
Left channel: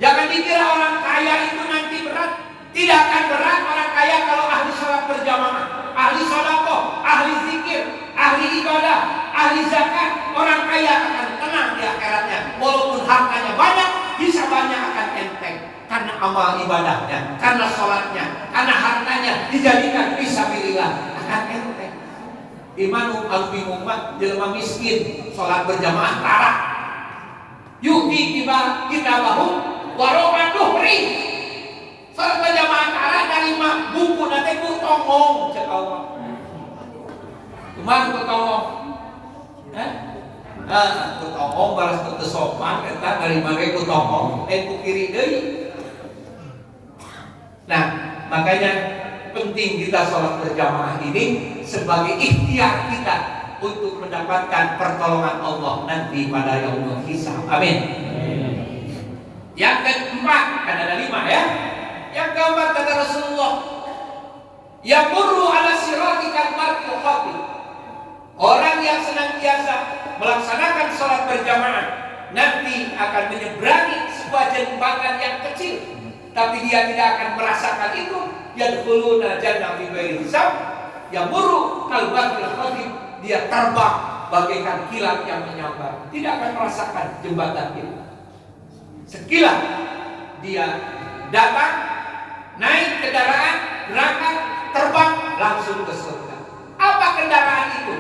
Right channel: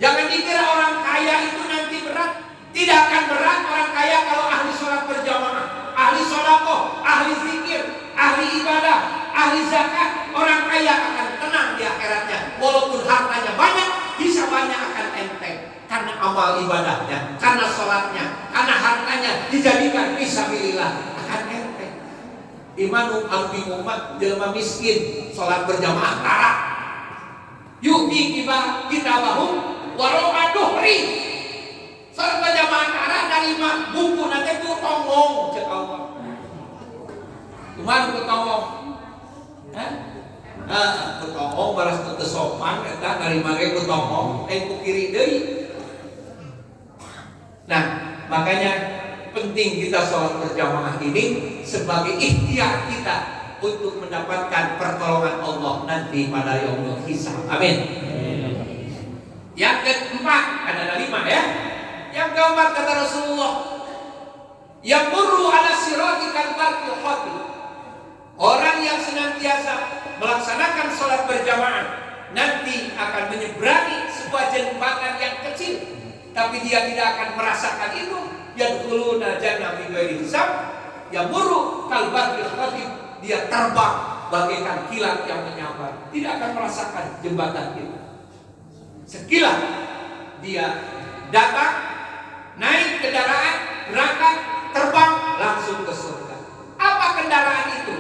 Jangan dikira orang kaya itu nanti berat. Tidak akan berat orang kaya kalau ahli sholat berjamaah, ahli sholako, ahli zikir, ahli ibadah, ahli zakat. Orang kaya akan tenang di akhiratnya. Walaupun hartanya banyak, hisabannya akan enteng. Karena amal ibadahnya, karena sholatnya, karena hartanya dijadikan fisabilillah, akan enteng. Imanu albi umat jelema miskin sholat berjamaah tara. Yuti kita bahu waroha duhri. Sholat berjamaah tara dari buku nanti ku tongong cek Allah. Cuman ku tongong, ku tongong balas ku sopan kita dari mana ku tongong, ku kiri deui. Nah, makanya penting kita sholat berjamaah ini sebagai ikhtiar kita untuk mendapatkan pertolongan Allah nanti pada yaumul hisab. Amin. Yang keempat, kan ada 5 ya. Yang keempat kata Rasulullah, Yamurru ala siratikal markil khatib. Orang yang senantiasa melaksanakan sholat berjamaah nanti akan menyeberangi sebuah jembatan yang kecil, tapi dia tidak akan merasakan itu. Yadkhuluna jannah bighairi hisab. Yamurru kal markil khatib. Dia terbang bagaikan kilat yang menyambar, tidak akan merasakan jembatan itu. Sekilas dia datang, naik kendaraan, berangkat, terbang langsung ke surga. Apa kendaraan itu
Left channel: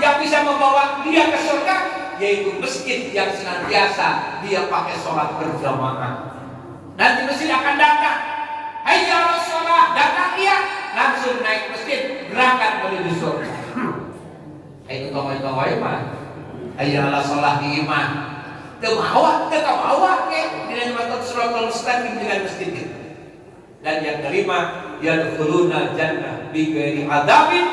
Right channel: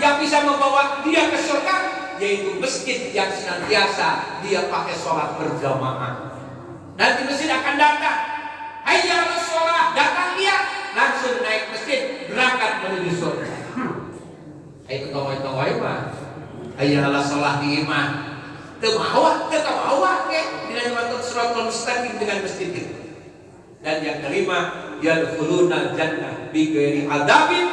yang bisa membawa dia ke surga? Yaitu masjid yang senantiasa dia pakai sholat berjamaah. Nanti masjid akan datang, hayya 'alas sholat, datang dia langsung naik masjid, berangkat menuju surga. Itu kawai-kawai mah hayya 'alas sholat di iman Tebawa ke dengan masuk suratul mustaqim dengan masjid itu. Dan yang kelima, yadkhuluna jannah bighairi adzabin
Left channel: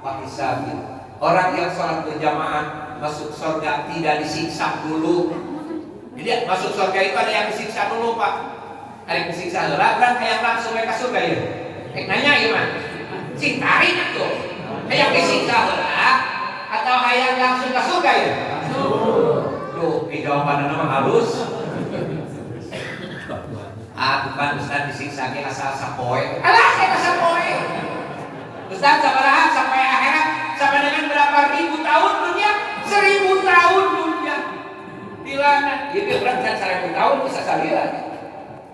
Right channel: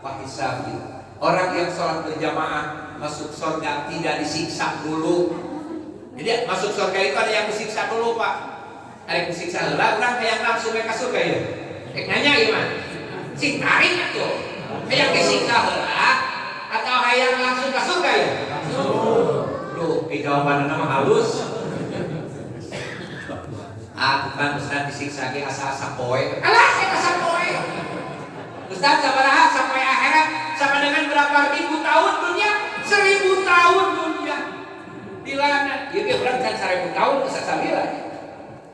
wa hisabin. Orang yang sholat berjamaah masuk surga tidak disiksa dulu. Jadi masuk surga itu ada yang disiksa dulu, Pak. Ada yang disiksa lah, orang yang langsung ke surga ya. Nanya gimana? Sing tarik tuh. Yang disiksa lah atau yang langsung ke surga ya? Tuh, jawabannya nama halus. Bukan Ustaz disiksa ke asa-asa poe. Alah, asa poe. Ustaz sabaraha sampai akhirat sama dengan berapa ribu tahun dunia? 1000 tahun dunia. Dilana, ieu ge berarti 1000 tahun bisa salira.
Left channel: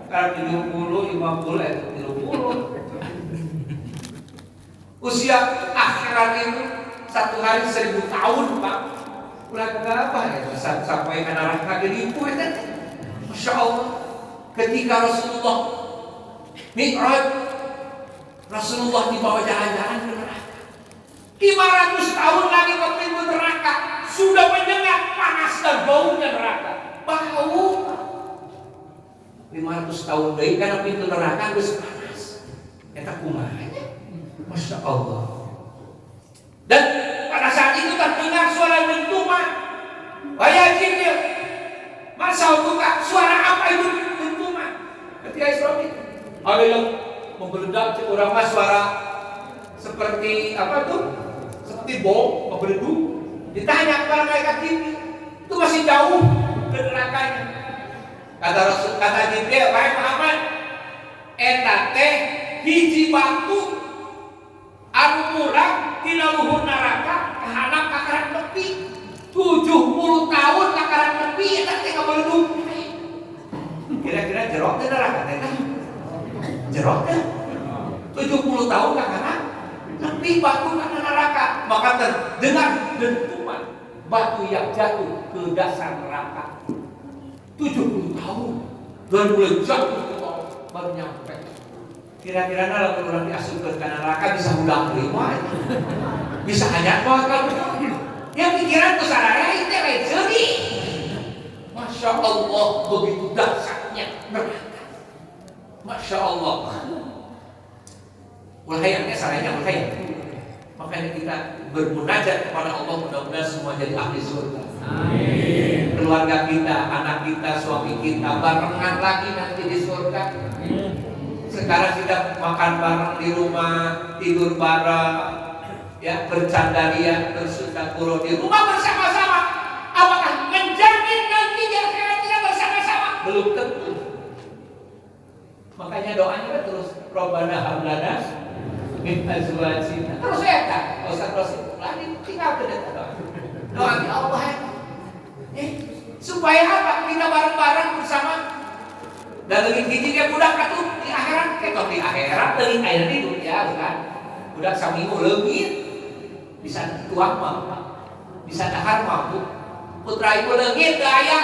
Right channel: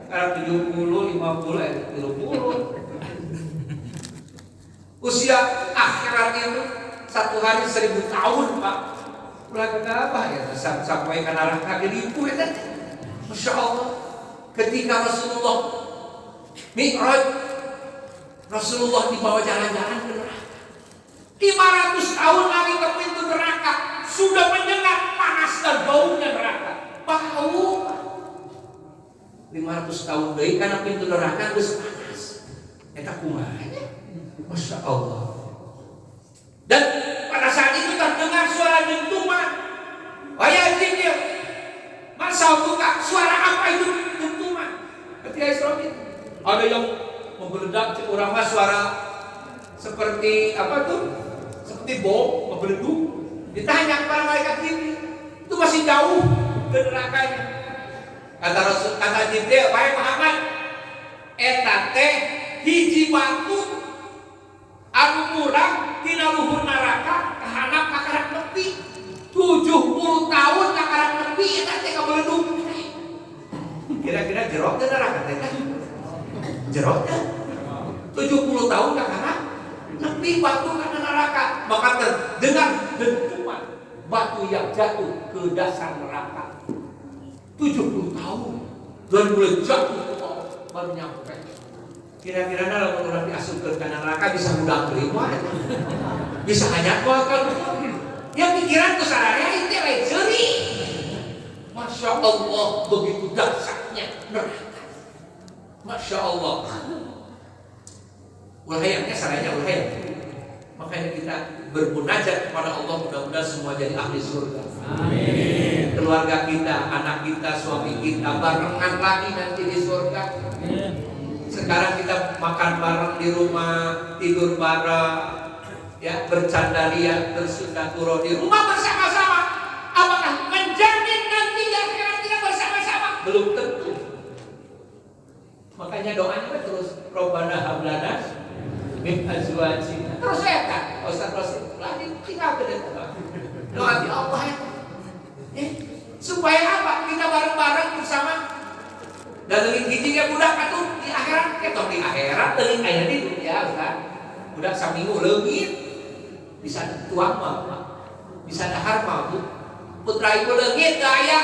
Sekarang 70, 50, 30. Usia akhirat itu satu hari 1000 tahun, Pak. Ulah kenapa ya sampai ke neraka ribu itu. Masya Allah. Ketika Rasulullah Mi'raj, Rasulullah dibawa jalan-jalan ke neraka. 500 tahun lagi ke pintu neraka sudah menyengat panas dan baunya neraka. Bau. 500 tahun deui karena pintu neraka geus panas. Eta kumanya? Masya Allah. Dan pada saat itu terdengar suara dentuman. Wahai Jibril, masa buka suara apa itu dentuman? Ketika Israfil ada yang membeledak, orang mas suara seperti apa tuh? Seperti bom membeleduk. Ditanya kepada malaikat Jibril, itu masih jauh ke nerakanya. Kata Jibril, wahai Muhammad, eta teh hiji batu anu murah tina luhur neraka kahanap kakarak nepi 70 tahun kakarak nepi eta teh kabeleduk. Kira-kira jerok teh neraka teh kan? Jerok teh 70 tahun kakarak nepi batu kana neraka, maka terdengar dentuman batu yang jatuh ke dasar neraka. 70 tahun dan mulai jatuh ke bawah baru nyampe. Kira-kira kalau orang diasupkan ke neraka bisa udah terima, bisa hanya bakal yang pikiran tuh saraya itu lain seri. Masya Allah, begitu dahsyatnya neraka. Masya Allah. Ulhayatnya sarayanya ulhayat. Makanya kita bermunajat kepada Allah, mudah-mudahan semua jadi ahli surga. Amin. Keluarga kita, anak kita, suami kita barengan lagi nanti di surga. Sekarang kita makan bareng di rumah, tidur bareng, ya bercandaria, bersundakuro di rumah bersama-sama. Apakah menjamin nanti di akhirat kita bersama-sama? Belum tentu. Makanya doanya terus Robbana hablana min azwajina. Terus ya kan, Ustaz Rosi lagi tinggal ke depan doa di Allah ya. Supaya apa? Kita bareng-bareng bersama. Dan lebih hiji ke budak atuh di akhirat, ketok di akhirat teuing aya di dunia bukan. Budak saminggu leungit bisa tuang mah, bisa dahar mah Bu. Putra ibu leungit gaya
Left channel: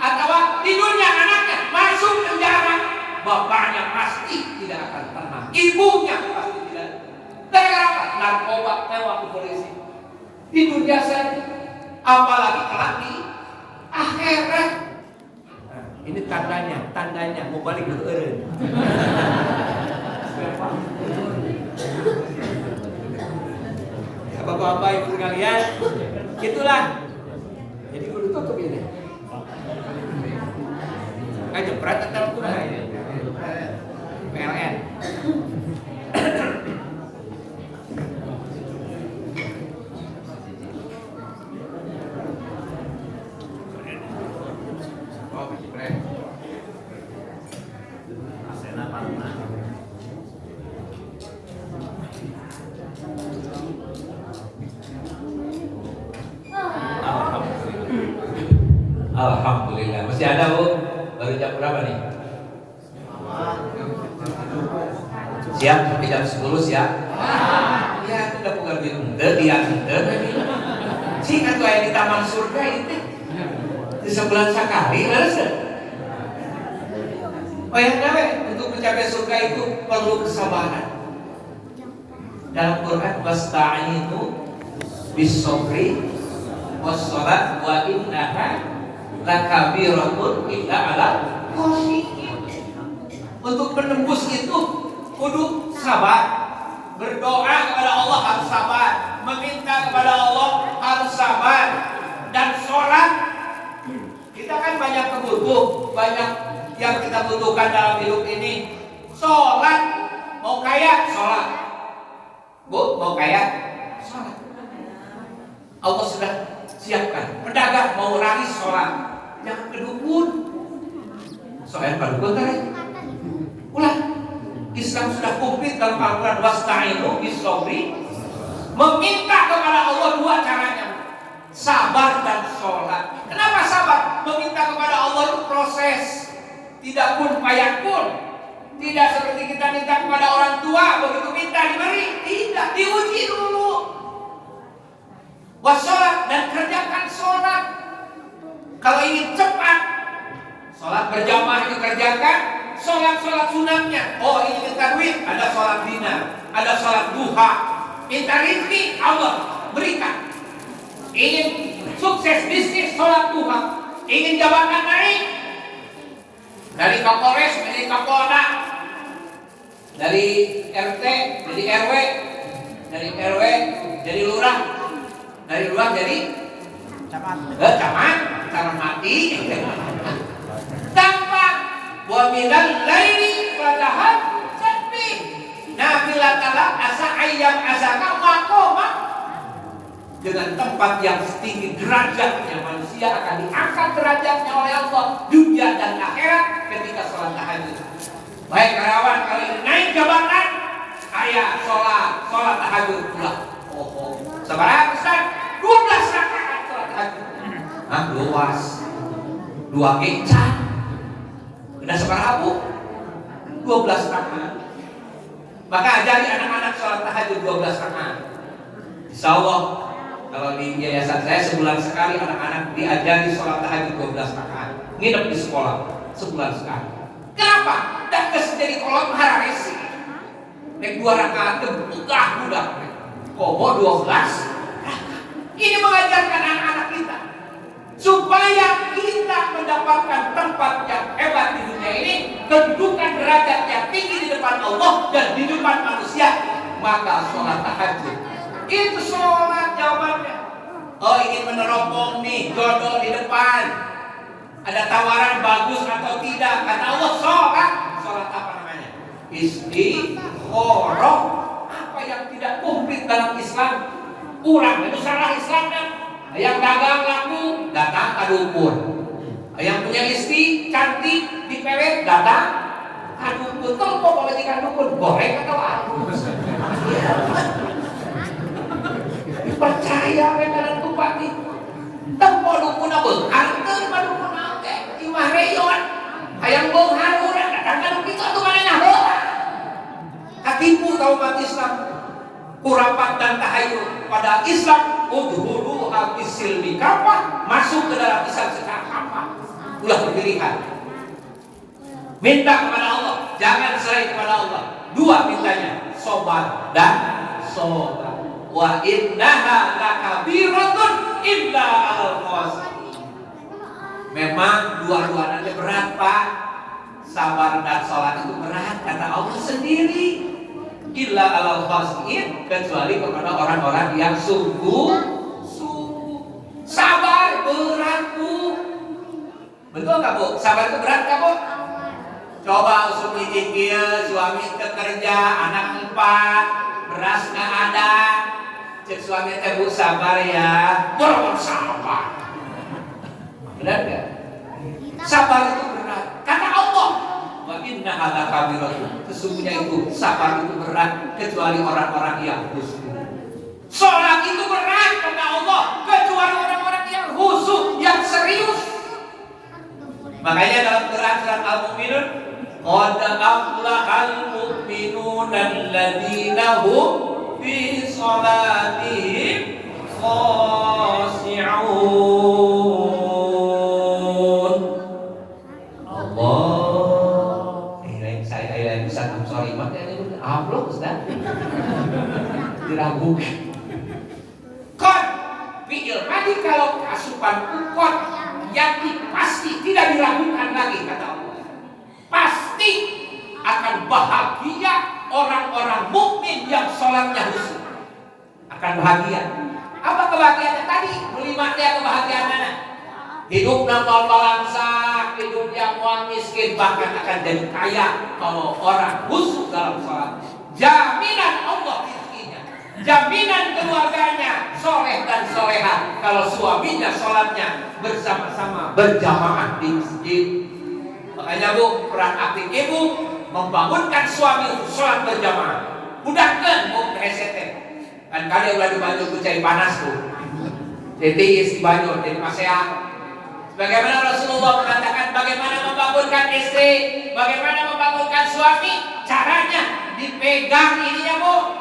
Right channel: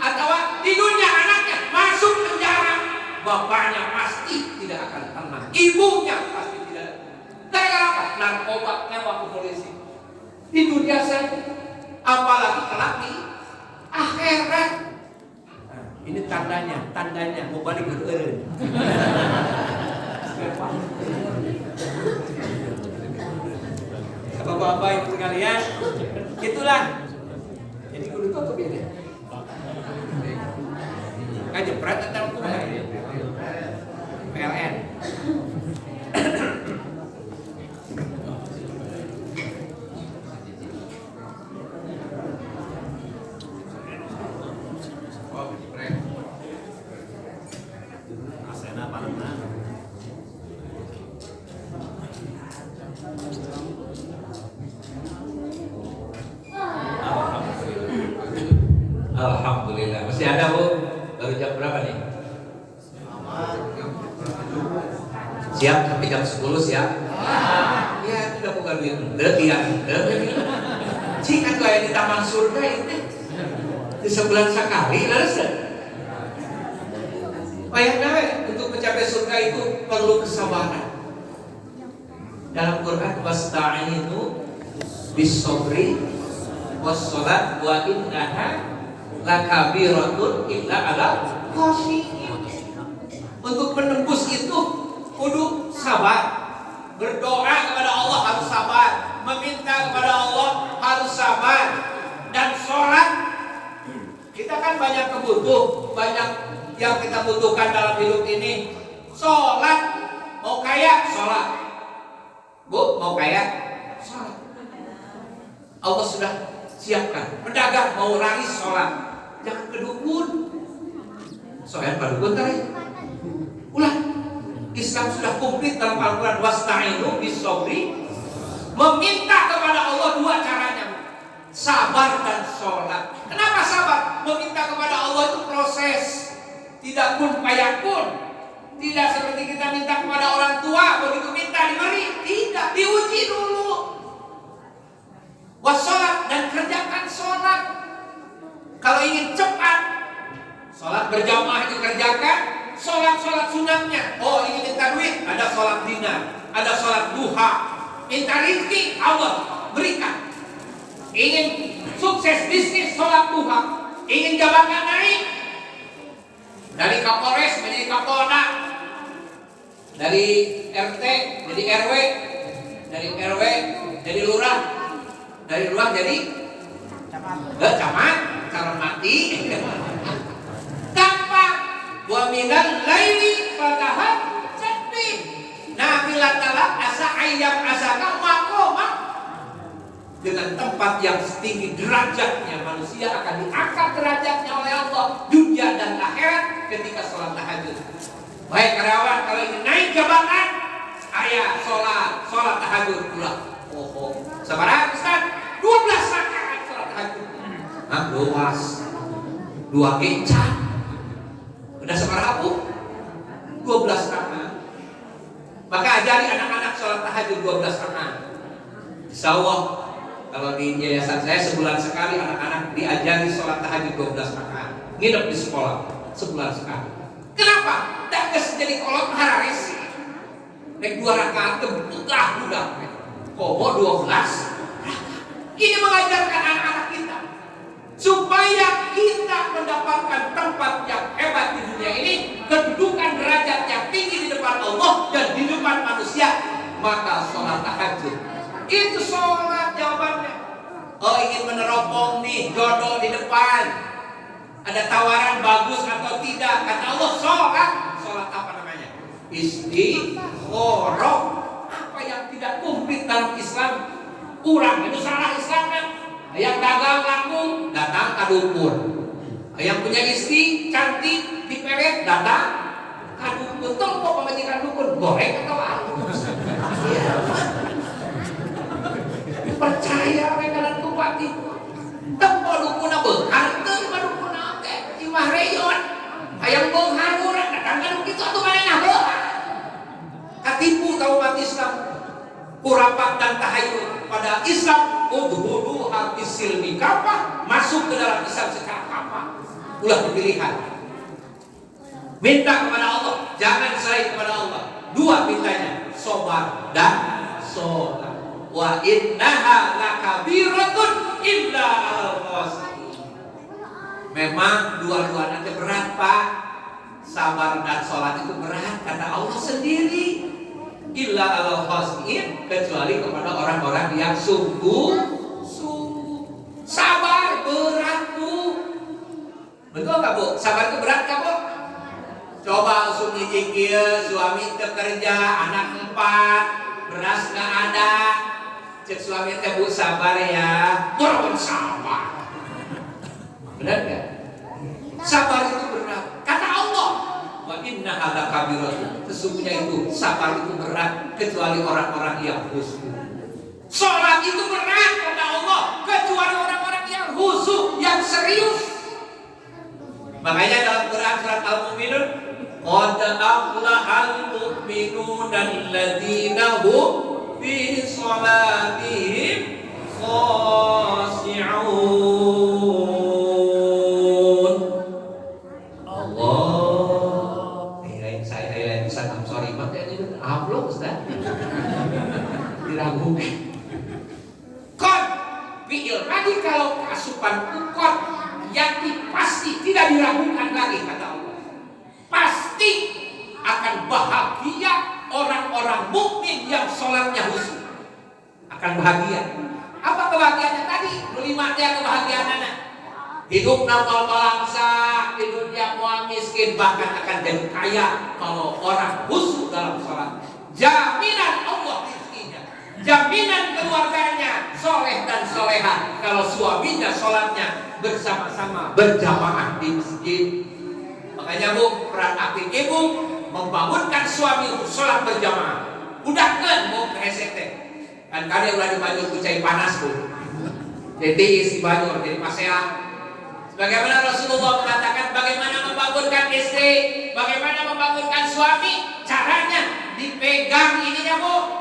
atawa di dunia anaknya masuk penjara, bapaknya pasti tidak akan tenang, ibunya pasti tidak. Gara-gara apa? Narkoba tewa ke polisi. Di dunia saja, apalagi kelak di akhirat. Ini tandanya mau balik ke eureun. Ya Bapak-bapak Ibu sekalian, itulah. Jadi kudu tutup ya deh. Jepret atau kumaha ini? PLN. Alhamdulillah. Masih ada Bu? Baru jam berapa nih? Siap sampai jam 10 siap? Ya sudah bukan duit ente, dia ente. Singkat tuh di taman surga itu di sebulan sekali lalu. Oh yang nawe untuk mencapai surga itu perlu kesabaran. Dalam Quran wasta'inu bis-sabri was-salat wa innaha lakabiratun illa 'alal khashiyin. Untuk menembus itu kudu sabar. Berdoa kepada Allah harus sabar, meminta kepada Allah harus sabar, dan sholat. Kita kan banyak banyak yang kita butuhkan dalam hidup ini. Sholat, mau kaya sholat, Bu, mau kaya sholat. Allah sudah siapkan. Pedagang mau laris sholat, jangan kedukun. Soalnya kedukun tadi. Ulang. Islam sudah komplit dalam Al-Quran. Wasta'inu bis-sabri. Meminta kepada Allah dua caranya, sabar dan sholat. Kenapa sabar? Meminta kepada Allah itu proses, tidak kun fayakun. Tidak seperti kita minta kepada orang tua, begitu minta diberi. Tidak, diuji dulu. Wassalat, dan kerjakan sholat. Kalau ingin cepat, sholat berjamaah dikerjakan. Sholat sunatnya. Oh ini minta duit, ada sholat dinar, ada sholat duha. Minta rezeki, Allah berikan. Ingin sukses bisnis, sholat duha. Ingin jabatan naik, dari Kapolres menjadi Kapolda, dari RT jadi RW, dari RW jadi lurah, dari lurah jadi camat, calon mati. Wa minal laili fatahajjat bi nafilatan asa ayyam asaka maqama. Dengan tempat yang tinggi derajatnya manusia akan diangkat derajatnya oleh Allah dunia dan akhirat ketika sholat tahajud. Baik karyawan kalau ingin naik jabatan, ayah sholat tahajud pula. Oh, sabar Ustaz, 12 rakaat sholat tahajud. Luas. 2 kecat. Udah seberapa Bu? 12 rakaat. Maka ajari anak-anak sholat tahajud 12 rakaat. Insya Allah kalau di yayasan saya sebulan sekali anak-anak diajari sholat tahajud 12 rakaat. Nginep di sekolah sebulan sekali. Kenapa? Dan jadi kolom hararesi. Naik 2 rakaat budak. Kobo 12 rakaat. Ini mengajarkan anak-anak kita supaya kita mendapatkan tempat yang hebat di dunia ini, kedudukan derajat yang tinggi di depan Allah dan di depan manusia. Maka sholat tahajud itu sholat jawabannya. Oh ingin meneropong nih jodoh di depan, ada tawaran bagus atau tidak, kata Allah sholat apa namanya? Istikharah. Apa yang tidak komplit dalam Islam, kurang itu salah Islamnya. Yang dagang laku datang ke dukun. Yang punya istri cantik dipelet datang ke dukun. Kalau mau pemajikan dukun goreng atau apa? Percaya mereka dan bupati. Tempo dukun apa? Harta lima dukun apa? Imah reyon. Ayang benghar orang datang ke dukun itu atau mana? Katipu tahu umat Islam. Kurapat dan tahayul pada Islam. Udhulu habis silmi kafah, masuk ke dalam Islam secara kafah. Ulah pilihan. Minta kepada Allah, jangan selain kepada Allah. 2 mintanya, sobat dan sholat. Wa innaha lakabiratun illa 'alal khashiyin. Memang dua-duanya berat Pak. Sabar dan sholat itu berat kata Allah sendiri. Illa 'alal khashiyin, kecuali kepada orang-orang yang sungguh sabar. Berat Bu, betul nggak Bu? Sabar itu berat nggak Bu? Coba usung ijikil, suami kerja, anak 4, beras nggak ada, cek suami teh Bu sabar ya, berapa sabar? Benar nggak? Sabar itu berat. Kata Allah, wa innaha lakabiratun. Sesungguhnya itu sabar itu berat kecuali orang-orang yang khusyuk. Sholat itu berat kata Allah kecuali orang-orang yang khusyuk, yang serius. Makanya dalam Quran surat Al-Mu'minun, qad aflahal mu'minun alladzina hum fi shalatihim khashi'un. Allah. Saya Ustaz, I'm sorry, upload Ustaz. Diragukan. Qad fi'il madi kalau keasupan qad yakin pasti tidak diragukan lagi kata Allah. Pasti akan bahagia orang-orang mukmin yang sholatnya khusyuk. Akan bahagia. Apa kebahagiaannya tadi? Melima dia kebahagiaannya. Hidup nama bangsa, hidup yang muang miskin, bahkan akan jadi kaya kalau orang khusyuk dalam sholat. Jaminan Allah rezekinya, jaminan keluarganya soleh dan soleha kalau suaminya sholatnya bersama-sama berjamaah di masjid. Makanya Bu, peran aktif ibu membangunkan suami untuk sholat berjamaah. Udahkan mau ke SCT. Kan kalian udah di Banjur kucai panas Bu. Titis di Banjur jadi paseang. Bagaimana Rasulullah mengatakan bagaimana membangunkan istri, bagaimana membangunkan suami? Caranya dipegang ininya Bu,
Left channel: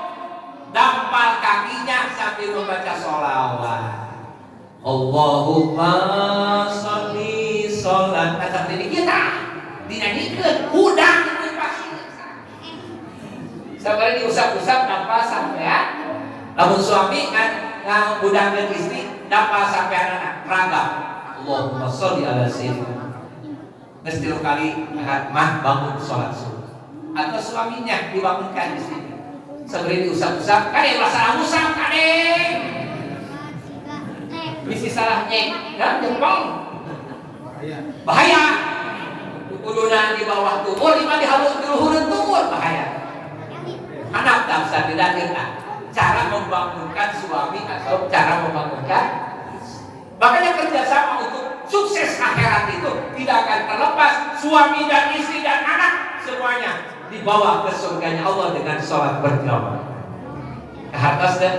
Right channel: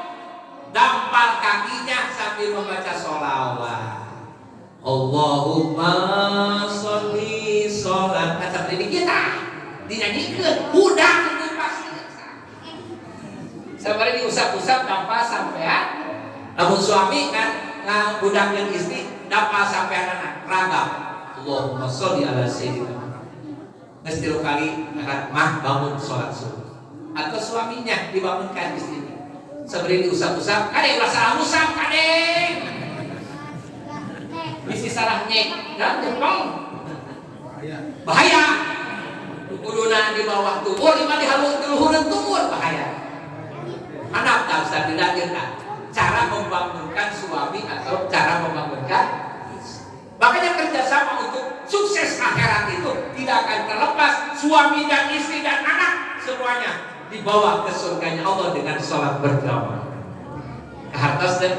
dampal kakinya sambil membaca sholawat. Allahumma sholli sholat. Seperti kita dinyanyikan, udah itu pasti. Sabar diusap-usap dampal sampai ya. Lamun suami kan udangkan istri dampal sampai anak raga. Allahumma sholli ala sayyidina. Mesti kali mah bangun sholat subuh. Atau suaminya dibangunkan di sini. Seberi diusap-usap, kadang salah usap kadang. Misi salahnya, dan jempol. Bahaya. Tukuluna di bawah tumur, lima di halus keruhuran tumur bahaya. Anak tak bisa tidak cara membangunkan suami atau cara membangunkan. Makanya kerjasama untuk sukses akhirat itu tidak akan terlepas suami dan istri dan anak semuanya dibawa ke surganya Allah dengan sholat berjamaah. Ke atasnya,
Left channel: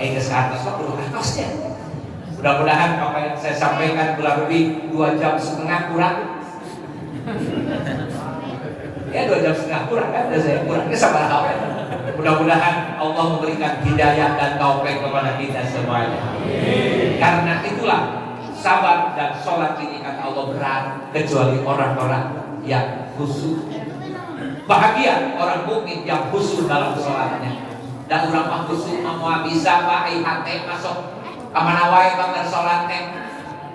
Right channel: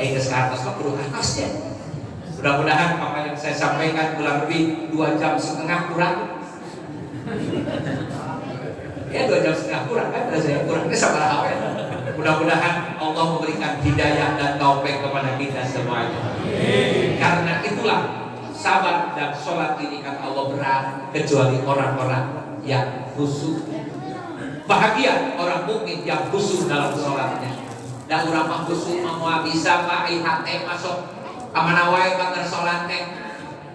ke atas mah perlu atasnya. Mudah-mudahan apa yang saya sampaikan kurang lebih 2,5 jam kurang. Ya 2,5 jam kurang kan? Saya kurangnya sama awal. Mudah-mudahan Allah memberikan hidayah dan taufik kepada kita semuanya. Karena itulah sabar dan sholat ini kata Allah berat kecuali orang-orang yang khusyuk. Bahagia orang mukmin yang khusyuk dalam sholatnya. Dan orang mah khusyuk mau bisa Pak hati masuk kamana wae bakal sholat teh.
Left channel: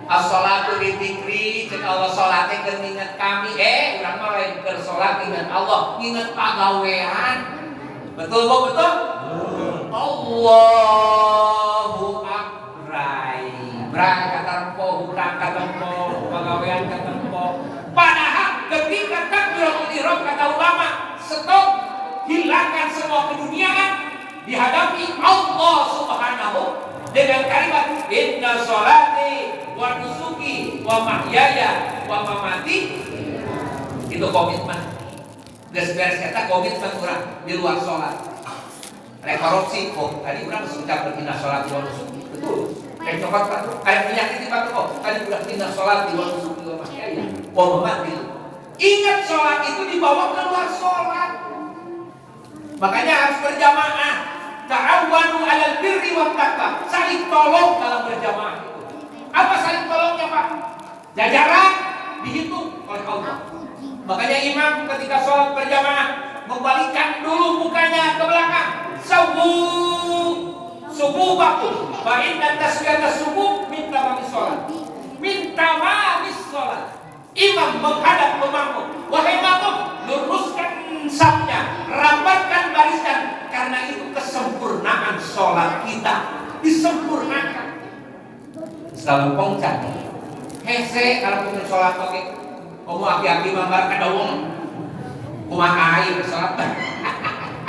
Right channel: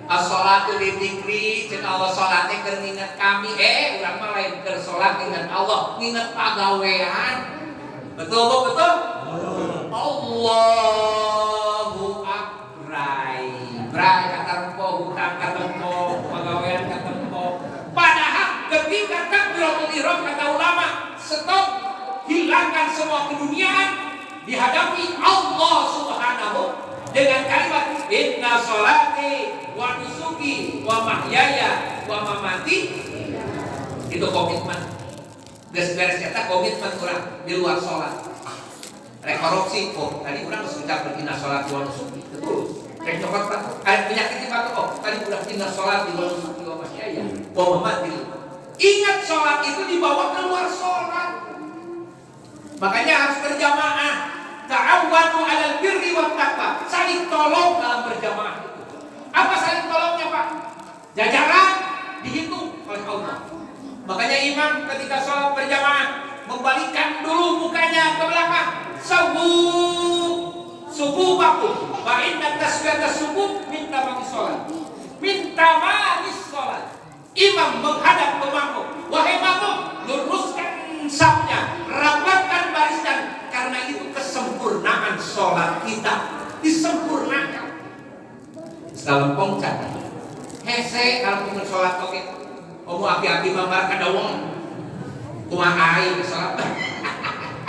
As-sholatu li dzikri, cek Allah sholatnya keur nginget kami. Urang mah lain keur sholat ingat Allah, ingat pagawean. Betul Bu, betul? Allahu akbar. Brai kata rempo, hutang kata rempo, pagawean kata rempo. Padahal ketika takbiratul ihram kata ulama, stop, hilangkan semua keduniaan, dihadapi Allah Subhanahu dengan kalimat inna sholati wa nusuki wa mahyaya wa mamati. Itu komitmen. Beres-beres kata komitmen orang di luar sholat. Rekorupsi, tadi orang sudah inna sholati wa nusuki, betul. Coklat patu, ada penyakit di patu. Tadi udah inna sholati wa nusuki wa mahyaya wa mamati. Ingat sholat itu dibawa keluar sholat. Makanya harus berjamaah. Ta'awwanu 'alal birri wat taqwa. Saling tolong dalam berjamaah itu. Apa saling tolongnya, Pak? Jajaran dihitung oleh Allah. Makanya imam ketika sholat berjamaah membalikkan dulu mukanya ke belakang. Subuh bakum. Fa inna tasbihata subuh min tamamis sholat. Min tamamis sholat. Imam menghadap ke makmum. Wahai makmum, luruskan safnya, rapatkan barisan, karena itu kesempurnaan sholat kita disempurnakan. Salam pongcat. Hese kalau punya sholat oke. Kamu aki-aki mambar kada wong. Kumaha air sholat.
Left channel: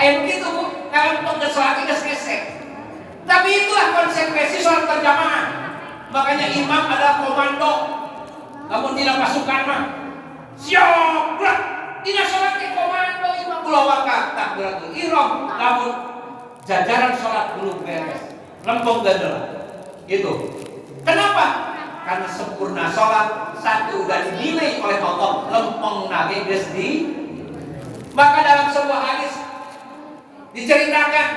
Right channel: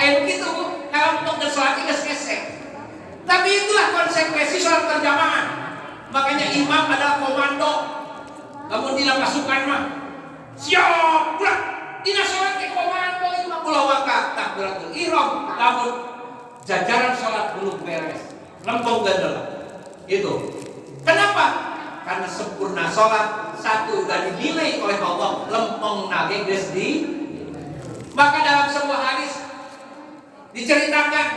Ayo begitu Bu. Kalau untuk sholat itu hese. Tapi itulah konsekuensi sholat berjamaah. Makanya imam adalah komando. Namun tidak pasukan mah siap gerak. Tidak sholat ke komando imam bulawaka takbiratul ihram. Namun jajaran sholat belum beres. Lempung gadel. Itu. Kenapa? karena sempurna sholat. Satu udah dinilai oleh Allah lempeng nage geus di. Maka dalam sebuah hadis diceritakan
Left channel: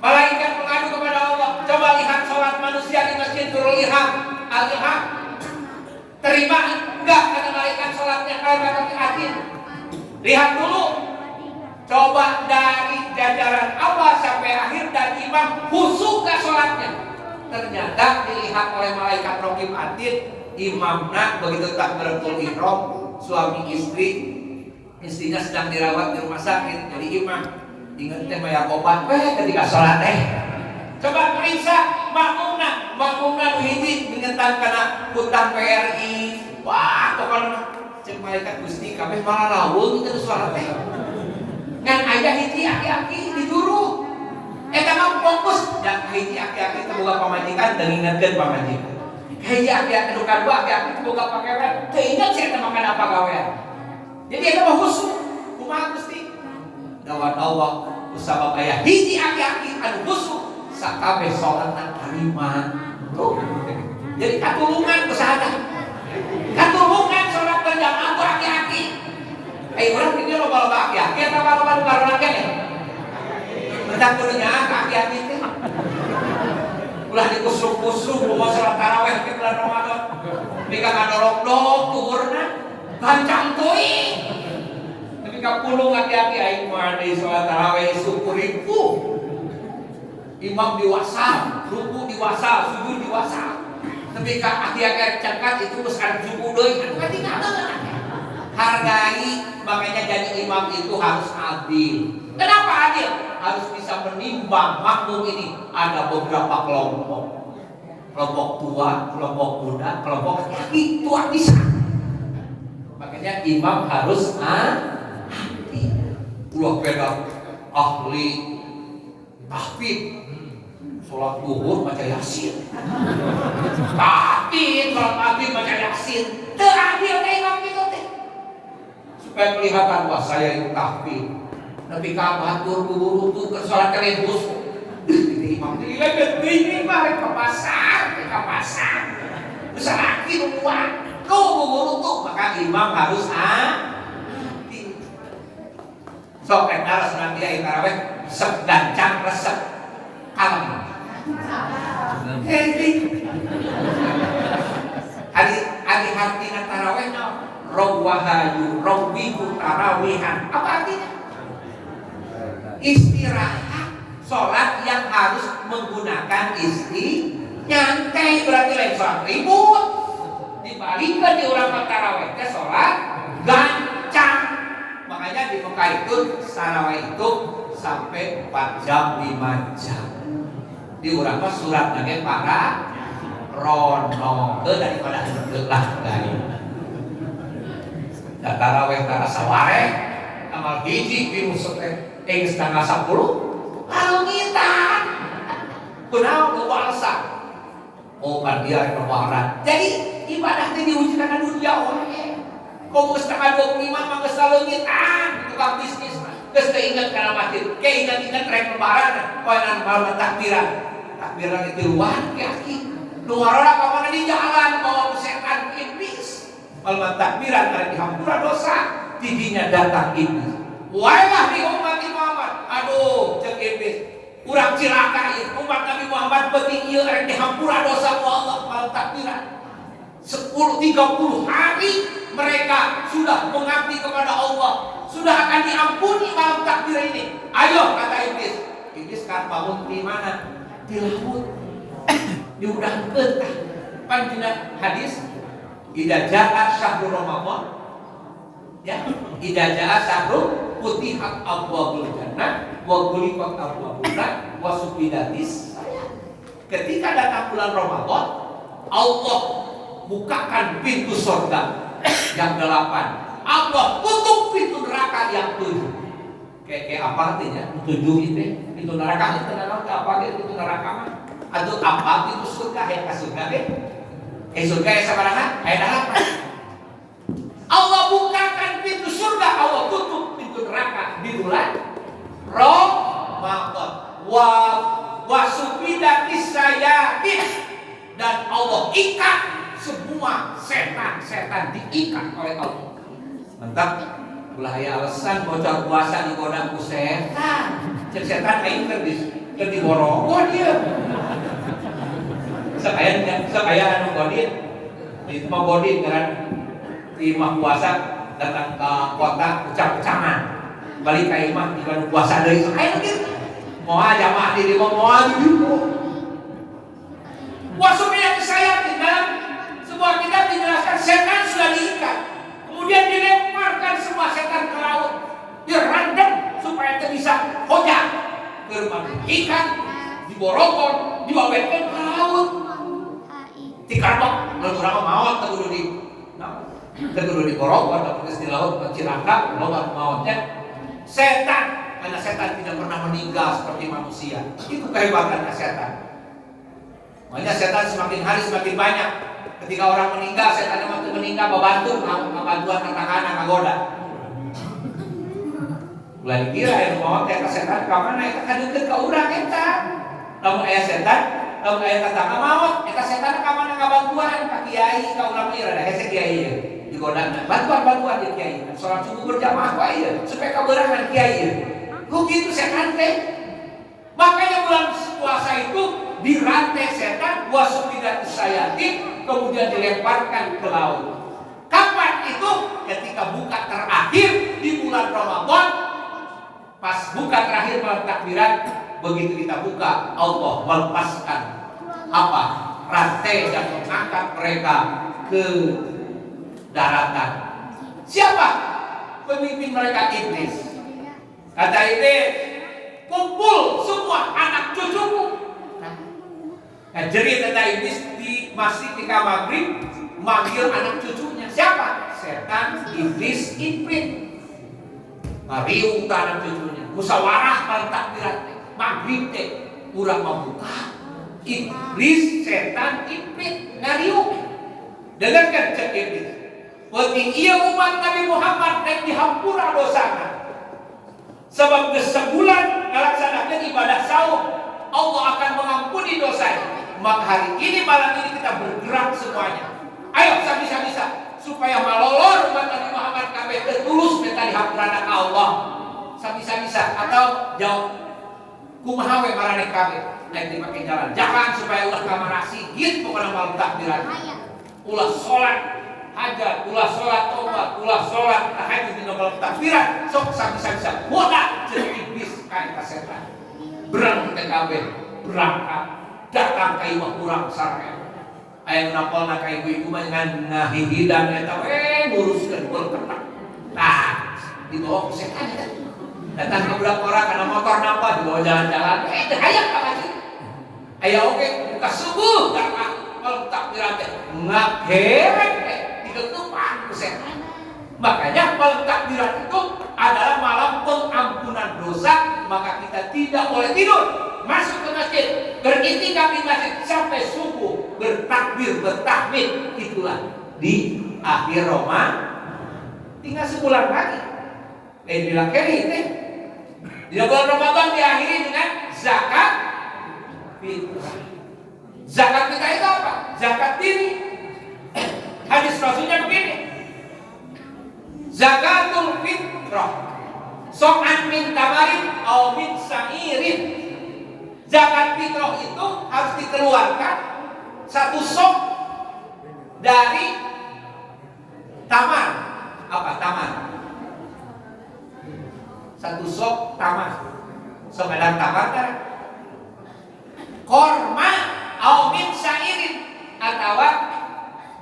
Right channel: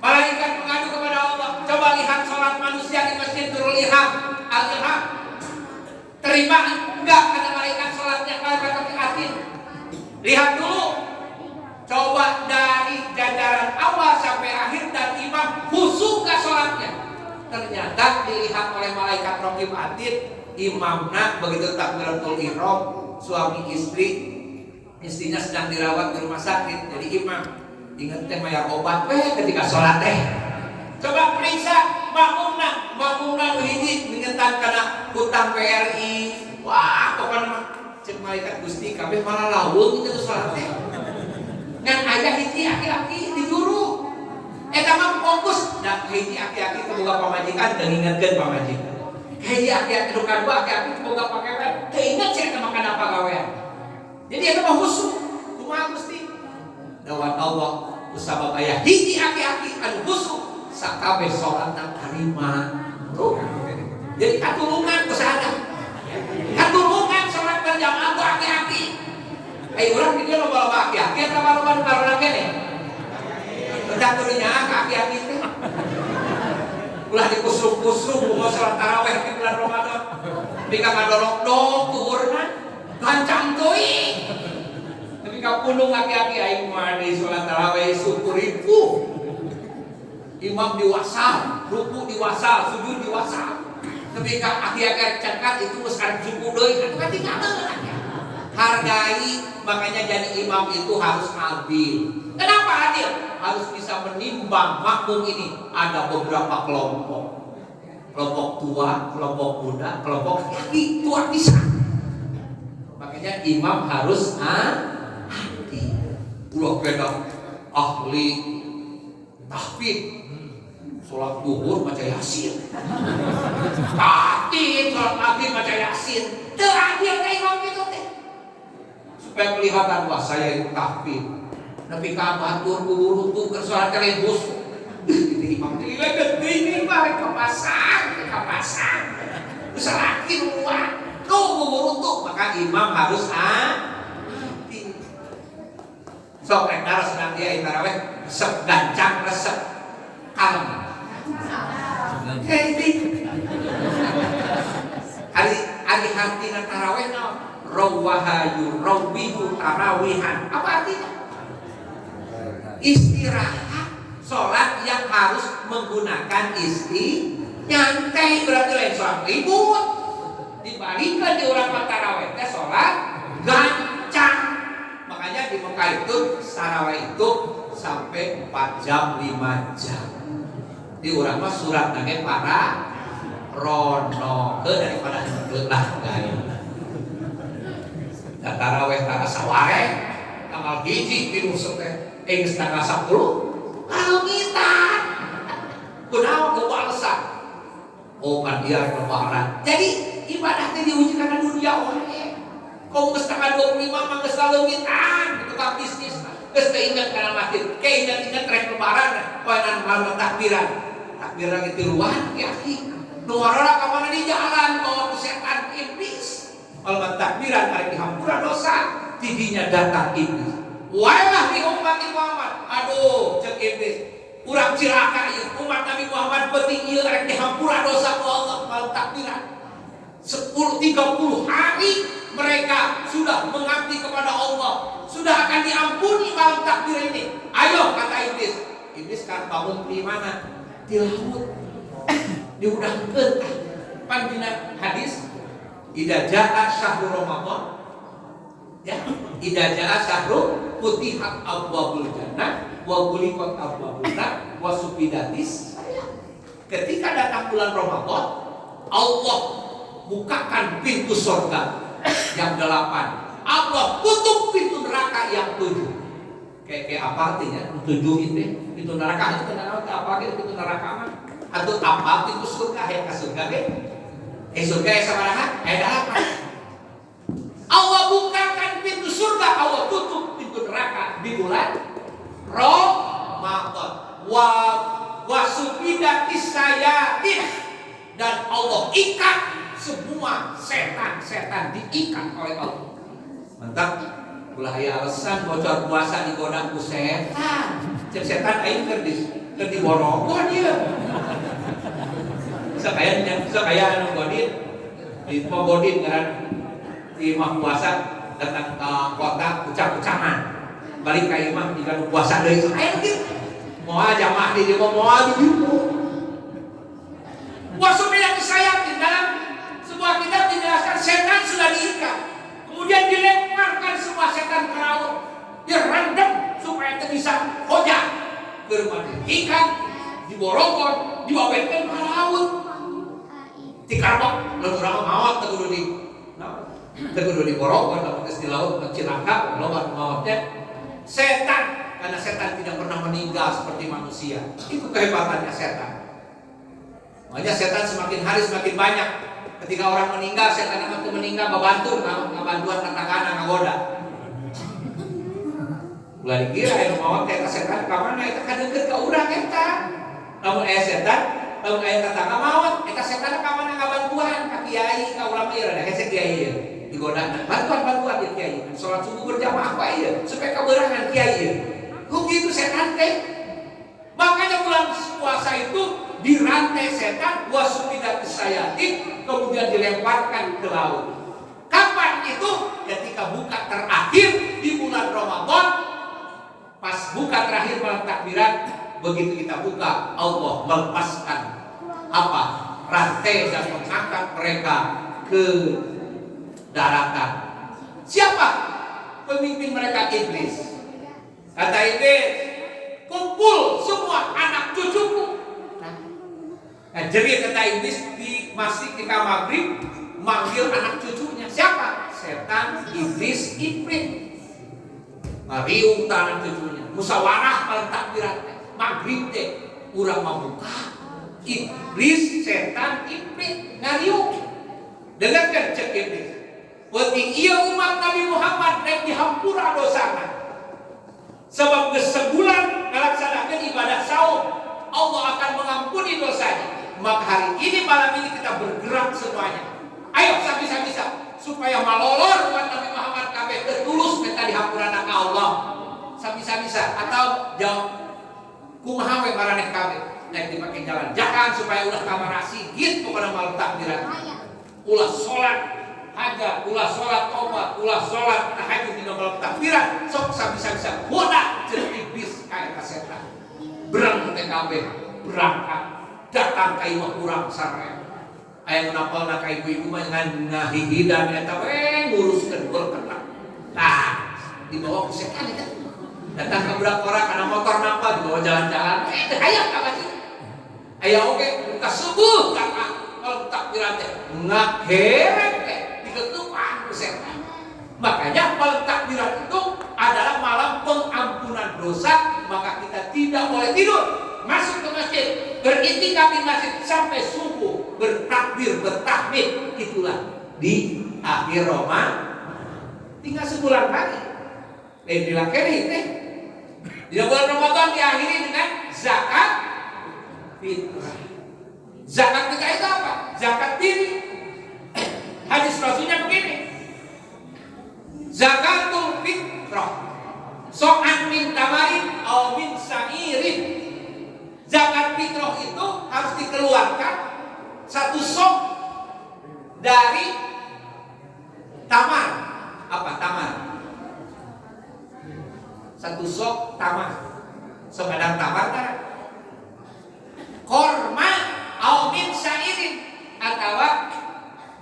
malaikat mengadu kepada Allah, coba lihat sholat manusia di Masjidul Al-Ihram, terima enggak kata malaikat sholatnya kayak kata atin. Lihat dulu, coba dari jajaran awal sampai akhir dan imam khusyuk gak sholatnya. Ternyata dilihat oleh malaikat Raqib Atid, imamnya begitu takbiratul ihram, suami istri, istrinya sedang dirawat di rumah sakit, jadi imam ingat teh bayar obat ketika sholat teh. Coba periksa makmumna hiji ngingetan kana hutang PRI. Wah, pokoknya cek malaikat Gusti kabeh malah lawung itu sholat teh. Ngan aya hiji aki-aki di juru. Eta mah fokus da hiji aki-aki teu boga pamajikan dan ingatkeun pamajikan. Hiji aki-aki nu kadua aki-aki teu boga pakewe, teu inget sia eta mah kana pagawean. Jadi eta mah khusyuk. Kumaha Gusti? Dawat Allah kusabab aya hiji aki-aki anu khusyuk sakabeh salatna tarima. Tuh. Jadi katulungan kusada. Katulungan salat berjamaah ku aki-aki. Ai urang pikir loba-loba aki-aki eta loba baru kene. Bedak kudunya aki-aki teh. Ulah dikusruk-kusruk mau salat tarawih di bulan Ramadan. Mika ngadorok-dok kuurna gancang teuing. Tapi kapulung aki-aki aing mah di salat tarawih syukuriku. Imam diwasal, ruku diwasal, sujud diwasal. Tapi aki-aki cangkat itu geus arep suku deui, atuh kan tinggalkeun. Hargai, makanya jadi imam itu harus adil. Kenapa adil? Harus bisa menimbang makmum ini. Ada beberapa kelompok. Kelompok tua, kelompok muda, kelompok laki, tua bisa. Makanya imam harus adil. Ulah beda ahli tahfidz. Sholat duhur baca yasin. Tahfidz, sholat maghrib baca yasin. Teu adil ka imam kitu teh. Supaya kelihatan wah saya itu tahfidz. Tapi kabatur kubur-kubur ke sholat kelebus. Itu imam itu ini balik ke pasar. Besar lagi rumah. Kubur-kubur maka imam harus hati. Sok rek naros nanti ya tarawih resep gancang resep kalem. Adi hartina tarawih rawahayu rawihu tarawihan. Apa artinya? Istirahat, sholat yang harus menggunakan nyantai berarti lain sholat ribut. Dibalikkan di urang tarawih teh sholat gancang. Makanya di Mekah itu tarawih itu sampai 4 jam 5 jam. Di urang mah surat nage para rono ke daripada henteu lah gawe. Da tarawih tara saware amal hiji di musuh teh setengah 10 kalungitan. Kunaon ku balsa. Oh kan dia lebaran. Jadi ibadah teh diuji kana dunia wae. Kau geus tanggal 25 mah geus kalungitan, tukang bisnis mah. Geus teu inget kana masjid, inget rek lebaran, poenan malam takbiran. Takbiran itu luar aki. Luarana ka mana di jalan bawa setan iblis. Malam takbiran arek dihampura dosa, tidinya datang iblis. Wailah di umat Muhammad. Aduh, cek iblis. Urang cilaka ieu umat Nabi Muhammad penting ieu arek dihampura dosa ku Allah malam takbiran. 30 hari mereka sudah mengabdi kepada Allah. Sudah akan diampuni malam takbir ini. Ayo kata iblis. Iblis kan bangun di mana? Di laut. Diudangkeun tah. Pan dina hadis idza jaa syahrul Ramadan. Ya, idza jaa syahrul futihat abwabul jannah wa ghuliqat abwabun nar wa sufidatis. Ketika datang bulan Ramadan, Allah bukakan pintu surga yang 8. Allah tutup pintu neraka yang 7. Kayak apa artinya? 7 itu pintu neraka itu apa pintu neraka mah? Atau apa pintu surga yang ke surga deh? Surga yang sabaraha? Aya 8. Allah bukakan pintu surga, Allah tutup pintu neraka di bulan Ramadan. Wa sufidatis sayatin, dan Allah ikat semua setan-setan diikat oleh Allah. Mantap. Ulah aya alasan bocor puasa digoda ku setan. Cek setan aing keur diborogo dia. Sakaya anu godin. Di godin kan di imah puasa datang ke kota ucap-ucapan. Balik ka imah di puasa deui aing kieu. Moal jamaah di dieu moal di dieu. Puasa yang saya di dalam sebuah kitab dijelaskan setan sudah diikat. Kemudian dilemparkan semua setan ke laut, direndam supaya bisa hojah ke rumah ikan, diborongkan, diawetkan ke laut. Tikarbok, lalu orang maut tegudu diborongkan, tapi di laut Cirangka, laut mautnya setan, karena setan tidak pernah meninggal seperti manusia. Itu kehebatannya setan. Makanya setan semakin hari semakin banyak. Ketika orang meninggal, setan yang meninggal membantu bantuan tetangga ngagoda. Ulah dikira yang mau eta setan ka mana eta ka deukeut ka urang eta. Lamun aya setan, lamun aya tetangga maot, eta setan ka mana ngabantuan ka kiai, ka urang ieu rada hese kiai ieu. Digodana, bantuan ieu kiai. Salat subuh berjamaah wae ieu supaya kabeurangan kiai ieu. Ku kitu setan teh. Makanya bulan puasa itu dirantai setan wasumidat sayatin, kemudian dilemparkan ke laut. Kapan itu? Ketika buka terakhir di bulan Ramadan. Pas buka terakhir malam takbiran, begitu kita buka, Allah melepaskan apa? Rantai dan mengangkat mereka ke daratan. Siapa? Pemimpin mereka iblis. Kata iblis, kumpul semua anak cucuku. Nah, jerit kata iblis masih di maghrib manggil anak cucunya. Siapa? Setan, iblis, ifrit. Mariung anak cucunya. Musyawarah malam takbiran maghrib teh urang membuka. Iblis, setan, ifrit ngariung. Dengarkan cek iblis. Penting iya umat Nabi Muhammad rek dihampura dosana. Sebab sebulan melaksanakan ibadah saum, Allah akan mengampuni dosanya. Maka hari ini malam ini kita bergerak semuanya. Ayo sabisa-bisa supaya malolor umat Nabi Muhammad kabeh tulus minta dihampurana ka Allah. Sabisa-bisa atau jawab kumaha we maraneh kabeh naik dipake jalan. Jangan supaya ulah kamar sigit pokona malam takbiran. Ulah salat hajat, ulah salat tobat, ulah salat tahajud dina malam takbiran. Sok sabisa-bisa bodak jeung iblis ka eta setan. Berang teh kabeh berangkat datang ka imah urang sareng. Aya napalna ka ibu-ibu mah ngahihidan eta we nguruskeun berketak. Tah, dibawa ku setan eta. Datang ke budak orang kana motor napa dibawa jalan-jalan. Teh hayang ka lagi. Aya oge buka subuh dakah malam takbiran teh ngagerek teh diketupan ku setan. Makanya malam takbiran itu adalah malam pengampunan dosa, maka kita tidak boleh tidur. Masuk ke masjid, beriktikaf di masjid sampai subuh, bertakbir, bertahmid. Itulah di akhir Ramadan. Tinggal sebulan lagi. Dilakeri teh. Di bulan Ramadan diakhiri dengan zakat fitrah. Zakat fitrah itu apa? Zakat diri. Hadis Rasulnya begini. Zakatul fitrah. So'an min tamarin au min sa'irin. Zakat fitrah itu harus dikeluarkan satu sok dari tamar. Apa tamar? Satu sok tamar. Sok ada tamar kan? Korma au min syairin atau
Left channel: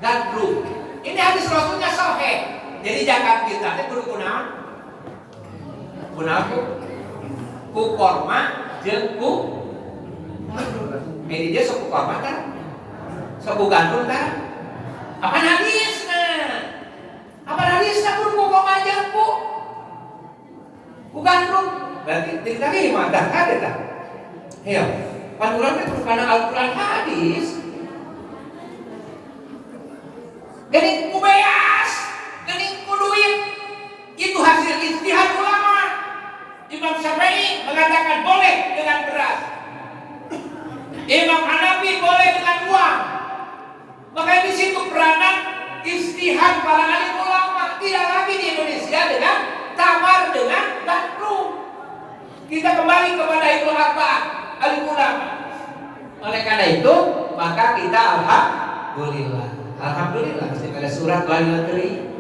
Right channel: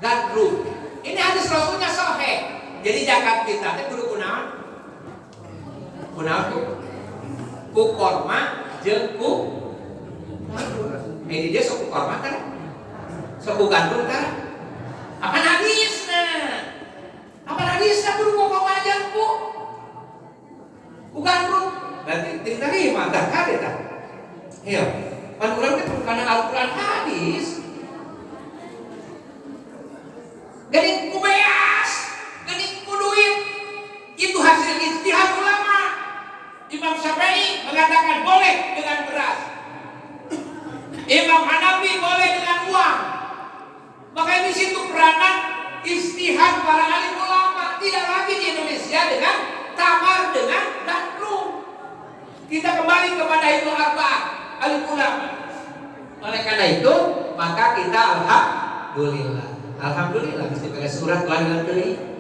gadru. Ini hadis Rasulnya sahih. Jadi zakat fitrah itu kudu kunaon? Kunaon ku korma jeung ku ini dia suku korban kan? Suku gandul kan? Apa hadisna? Apa hadisna kudu kok majang ku? Ku gandul. Berarti tadi mah dah ada tah. Iya. Pan urang teh kana Al-Qur'an hadis. Geuning ku beas, geuning ku duit. Itu hasil ijtihad ulama. Imam Syafi'i mengatakan boleh dengan beras. Imam Hanafi boleh dengan uang. Makanya di situ Diam para alim ulama, tidak lagi di Indonesia dengan tamar dengan gandrung. Kita kembali kepada itu arba'ah alim ulama. Oleh karena itu, maka kita alhamdulillah mesti pada surat walilah keri.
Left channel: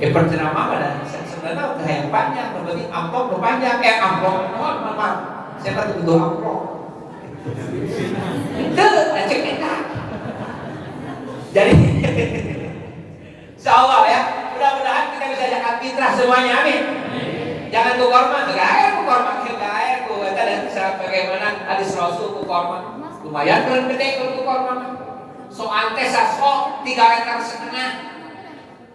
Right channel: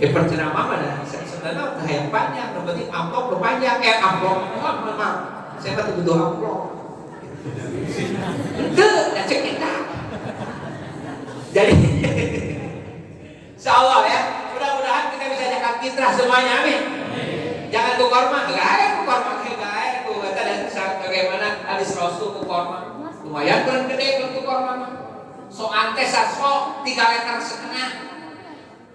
Percenama pada sebenarnya yang panjang, berarti amplop berpanjang, amplop, maaf, saya pasti butuh amplop. Itu, cek kita. Jadi, insyaallah ya, mudah-mudahan kita bisa jaga fitrah semuanya, amin. Jangan ku korma, enggak ku kata dan bagaimana hadis Rasul ku korma. Lumayan berat gede ku korma. So antes saso 3,5 meter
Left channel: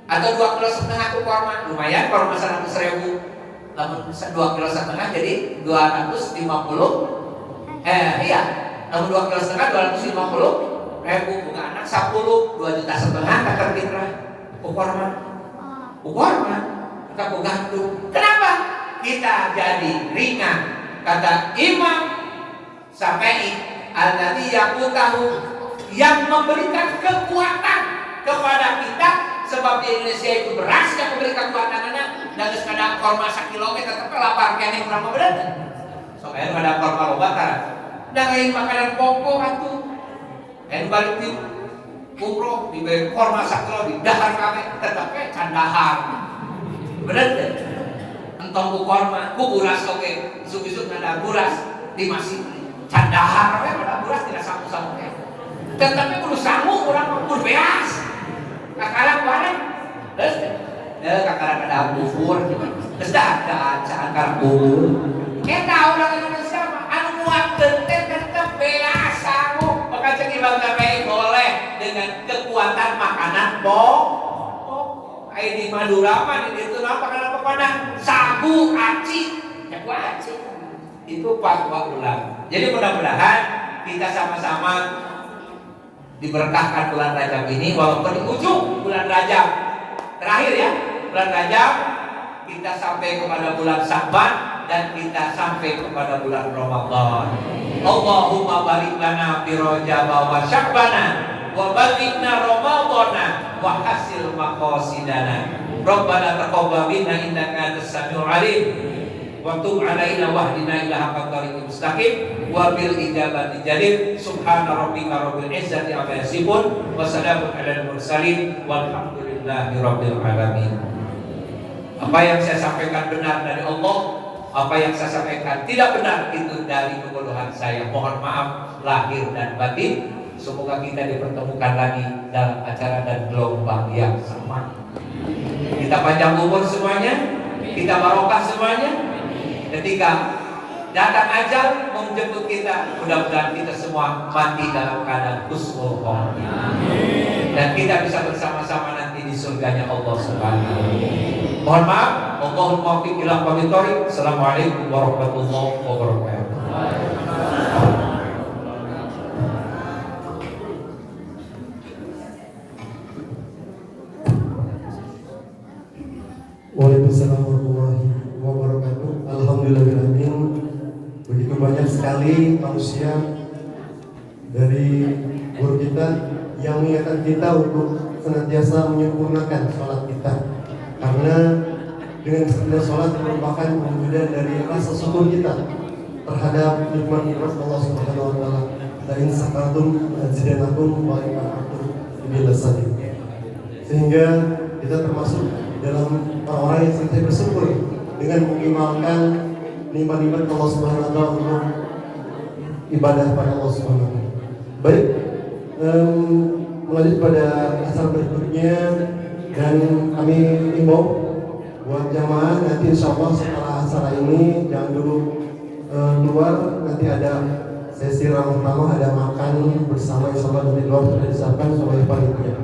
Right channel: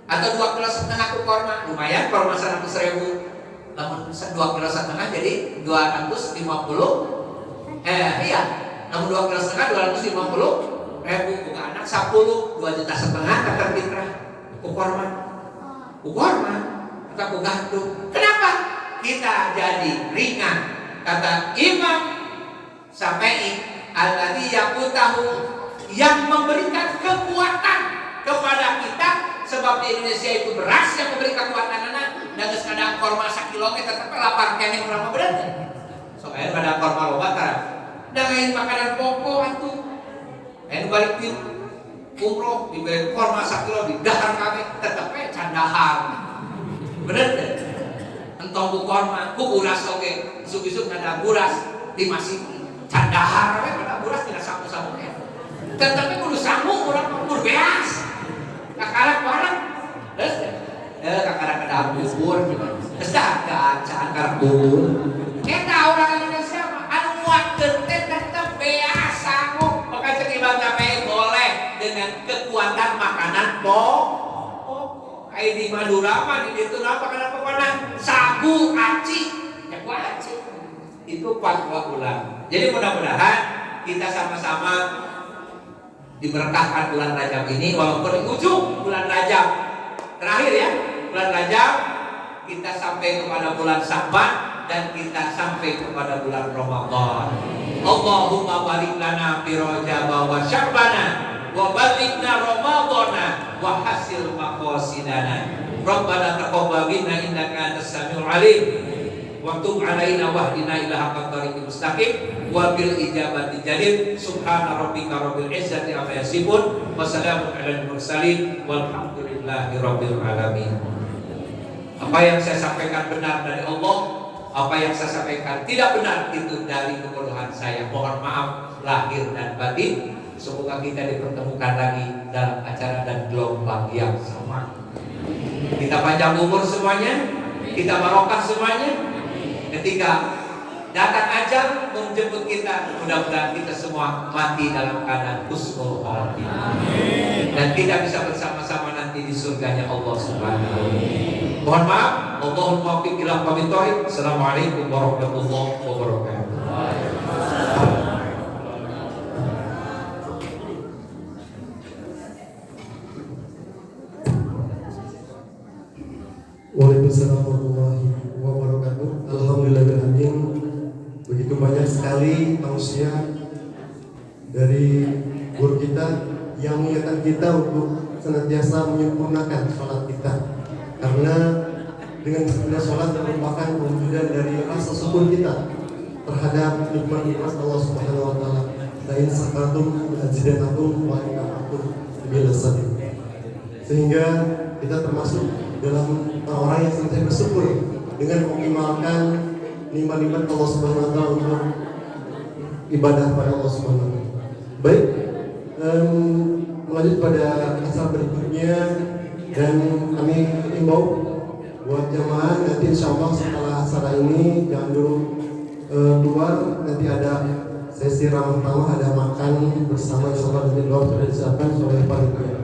atau 2,5 kilo ku korma. Lumayan korma 100.000. Namun 2,5 kilo jadi 250. Iya. Namun 2,5 kilo 250.000 bukan anak 10 2,5 juta kata fitrah. Ku korma. Kita ku gantung. Kenapa? Kita jadi ringan. Kata Imam Syafi'i, alladzi yaqutahu, yang memberikan kekuatan kepada kita. Sebab di Indonesia itu beras yang memberikan kekuatan anak. Dan kadang korma 1 kilo tetap lapar kene urang berat. Soalnya pada korma lobatan. Dan lain makanan pokok atuh. Ayo balik di umroh diberi korma 1 kilo di dahar kami tetap candahar. Bener deh. Entong ku korma, ku buras oke. Isuk-isuk ada buras di masih candahar we pada buras tidak samu-samu teh. Tetapi kudu samu urang kudu beas. Kakarang bareng. Terus kakarang ada bubur. Geus da acaan karang bubur. Eta urang Indonesia mah anu muatkeun teh tetep beas samu. Maka ceuk Imam Syafi'i boleh dengan kekuatan makanan pokok. Ai di Madura mah di ditu makanan pokokna sagu, aci, jago aci. Itu fatwa ulama. Jadi mudah-mudahan kita sama-sama diberkahkan bulan Rajab ini, walaupun di ujung bulan Rajab terakhir ya, bulan Rajab kita sampai kepada bulan Sya'ban dan kita sampai kepada bulan Ramadan. Allahumma barik lana fi Rajab wa Sya'bana wa balighna Ramadana wa hasil maqasidana. Rabbana taqabbal minna innaka antas samiul alim. Wa tub alaina wahdina ila haqqat thariqil mustaqim wa bil ijabati jadir. Subhana rabbika rabbil izzati amma yasifun wa salamun alal mursalin walhamdulillahi rabbil alamin. Apa yang saya sampaikan benar dari Allah, apa yang saya sampaikan tidak benar itu dari kebodohan saya. Mohon maaf lahir dan batin. Semoga kita dipertemukan lagi dalam acara dan gelombang yang sama. Kita panjang umur semuanya, kita barokah semuanya. Ketika datang ajal menjemput kita, mudah-mudahan kita semua mati dalam keadaan husnul khotimah. Dan kita bisa bersama-sama nanti di surganya Allah Subhanahu wa taala. Mohon maaf, Allahul muwaffiq ila aqwamit thoriq. Assalamualaikum warahmatullahi wabarakatuh. Waalaikumsalam warahmatullahi wabarakatuh. Alhamdulillahirrahmanirrahim. Begitu banyak sekali tausiah dari guru kita yang mengingatkan kita untuk senantiasa menyempurnakan sholat kita, karena dengan sempurna sholat merupakan wujud dari rasa syukur kita terhadap nikmat Allah Subhanahu wa taala. Lain sakatum azidanakum wa in kafartum bilasati. Sehingga kita termasuk dalam orang yang sangat bersyukur dengan mengimbankan nikmat-nikmat Allah Subhanahu wa taala untuk ibadah pada Allah Subhanahu wa taala. Baik, melanjut pada asal berikutnya, dan kami imbau buat jamaah nanti insyaallah setelah acara ini jangan dulu keluar, nanti ada sesi ramah-ramah, ada makan bersama insyaallah di luar sudah disiapkan oleh panitia.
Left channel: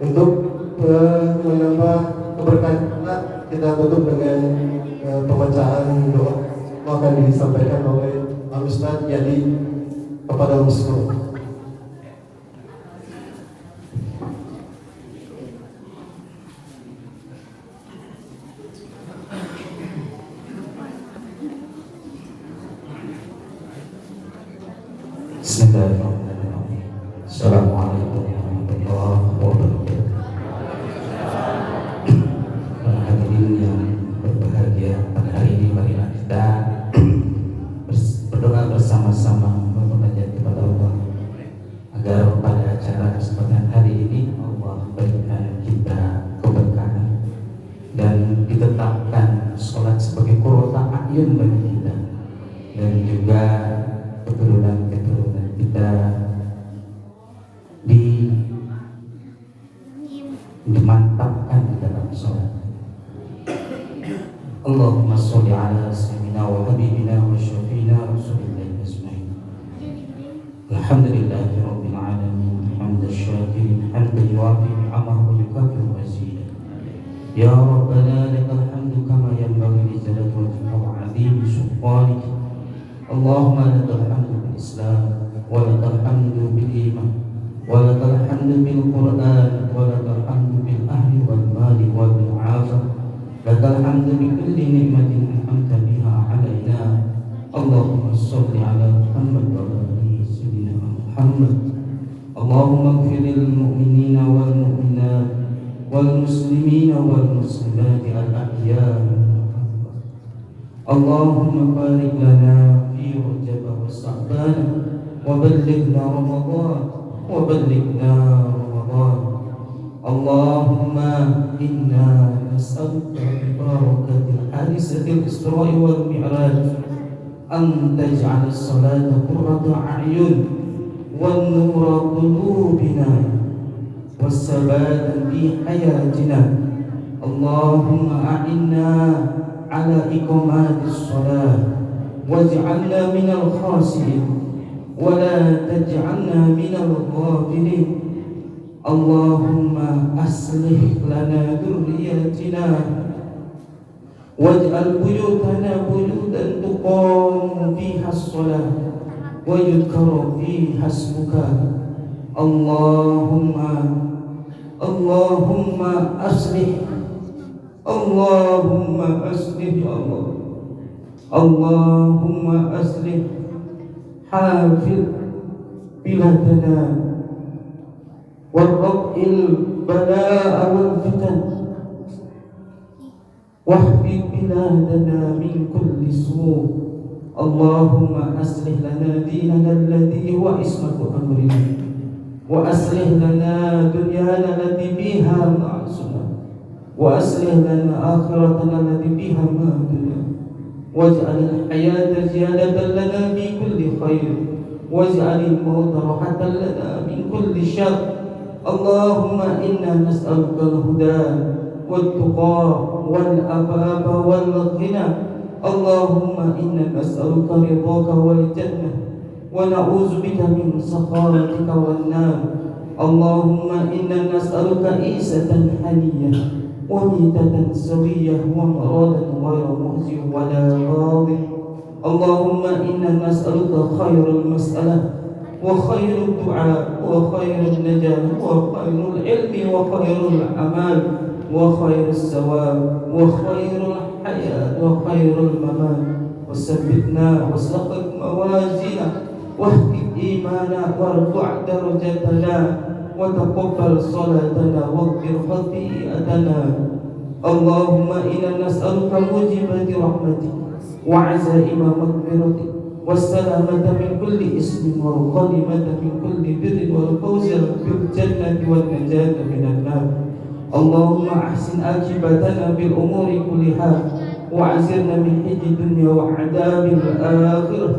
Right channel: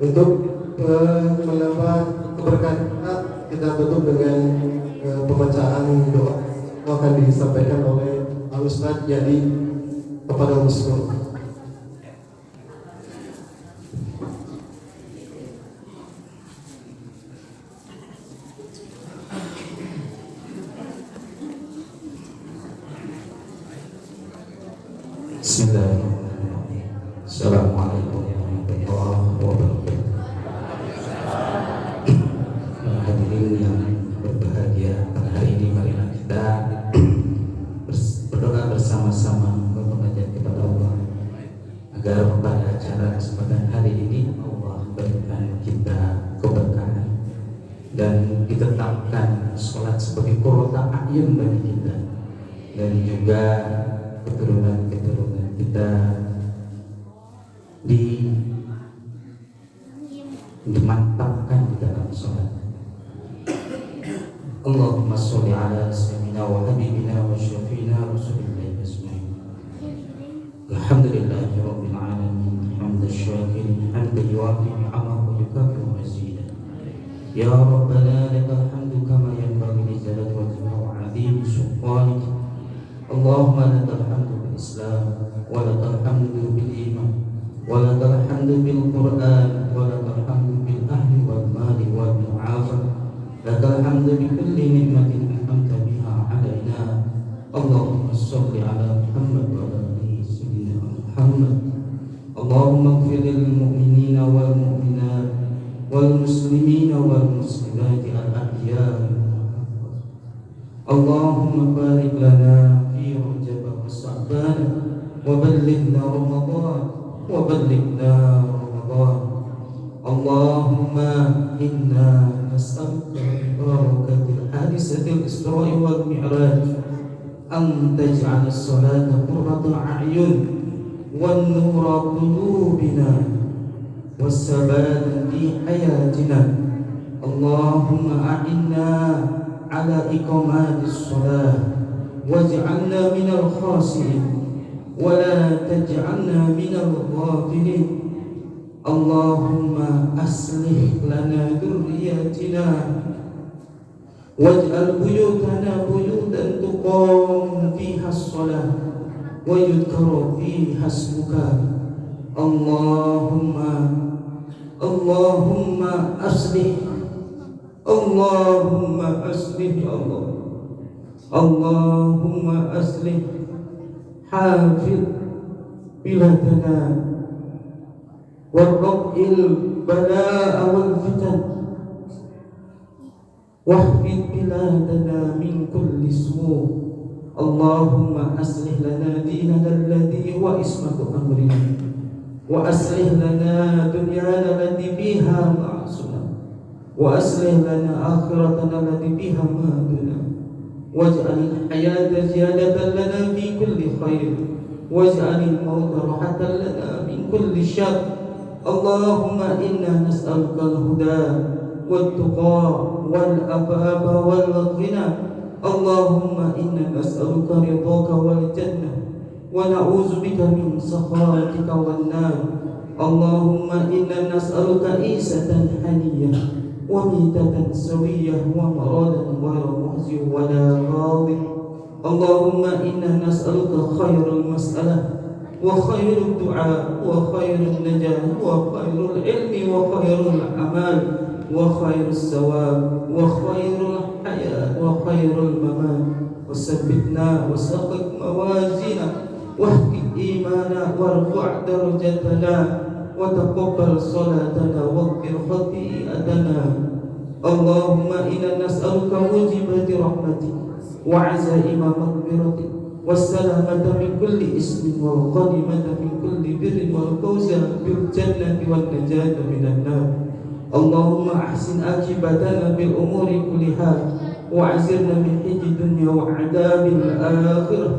Untuk menambah keberkahan kita tutup dengan pembacaan doa akan disampaikan oleh Al-Ustaz Yadi kepada muslim. Bismillahirrahmanirrahim. Assalamualaikum warahmatullahi wabarakatuh. yang berbahagia pada hari ini, marilah kita berdoa bersama-sama memunajat kepada Allah agar pada acara kesempatan hari ini Allah berikan kita keberkahan dan ditetapkan sholat sebagai qurrata a'yun bagi kita, dan juga keturunan-keturunan kita dimantapkan di dalam sholat. Allahumma sholli ala sayyidina wa habibina wa syafiina Rasulillah asma'in. Alhamdulillahi rabbil alamin, hamdan syakirin, hamdan yu'afi ni'amahu wa yukafiru mazidah. Ya Rabbana lakal hamdu kama yanbaghi li jalali wajhika wa 'azimi sultanik. Allahumma lakal hamdu bil Islam wa lakal hamdu bil iman wa lakal hamdu bil Qur'an wa lakal hamdu bil ahli wal mali wal mu'afah. Lakal hamdu bi kulli ni'matin an'amta biha 'alaina. Allahumma shalli 'ala Muhammad wa ala ali sayyidina Muhammad. Allahumma ighfir lil mu'minina wal mu'minat wal muslimina wal muslimat al ahya. Allahumma barik lana fi Rajab wa Sha'ban wa ballighna Ramadan wa ballighna Ramadan. Allahumma inna nas'aluka bi barakatil hadisatil Isra' wal Mi'raj an taj'al as-salata qurrata a'yun wan nura qulubina was-sabata fi hayatina. Allahumma a'inna ala iqamatis salat waj'alna minal khashi'in wa la taj'alna minal ghafilin. Allahumma aslih lana dhurriyyatina waj'al buyutana buyutan tuqamu fiha as-salah wa yudhkaru fiha ismuka. Allahumma aslih, Allahumma aslih ya Allah. Allahumma aslih hafid biladana warrab'il balaa wal fitan wahfid biladana min kulli su'. Allahumma aslih lana dinana alladhi huwa ismatu amrina wa aslih lana dunyana allati fiha ma'asuna wa aslih lana akhiratana allati fiha ma'aduna waj'al al-hayata ziyadatan lana fi kulli khair waj'al al-mauta rahatan lana min kulli syarr. Allahumma inna nas'aluka al-huda wat-tuqa wal-afaafa wal-ghina. Allahumma inna nas'aluka ridhaka wal jannah wa na'udzu bika min sakharatika wan nar. Allahumma inna nas'aluka isatan haniyah wa mitatan sawiyah wa maradan ghayra muhzi wa la ghadib. Allahumma inna nas'aluka khairal mas'alah wa khairud du'a wa khairun najah wa khairul ilmi wa khairul amal wa khairus sawab wa khairul hayat wa khairul mamat. Wasabbitna wasaqq mawazina wahdi imana warfa' darajatana wa taqabbal salatana waghfir khati'atana. Allahumma inna nas'aluka mujibati rahmatik wa 'azaima maghfiratik wassalamata min kulli ismin wal ghanimata min kulli birrin wal fawza bil jannati wan najata minan nar. Allahumma ahsin akibatana bil umuri kulliha wa azirna min hijji dunya wa adabil akhirah.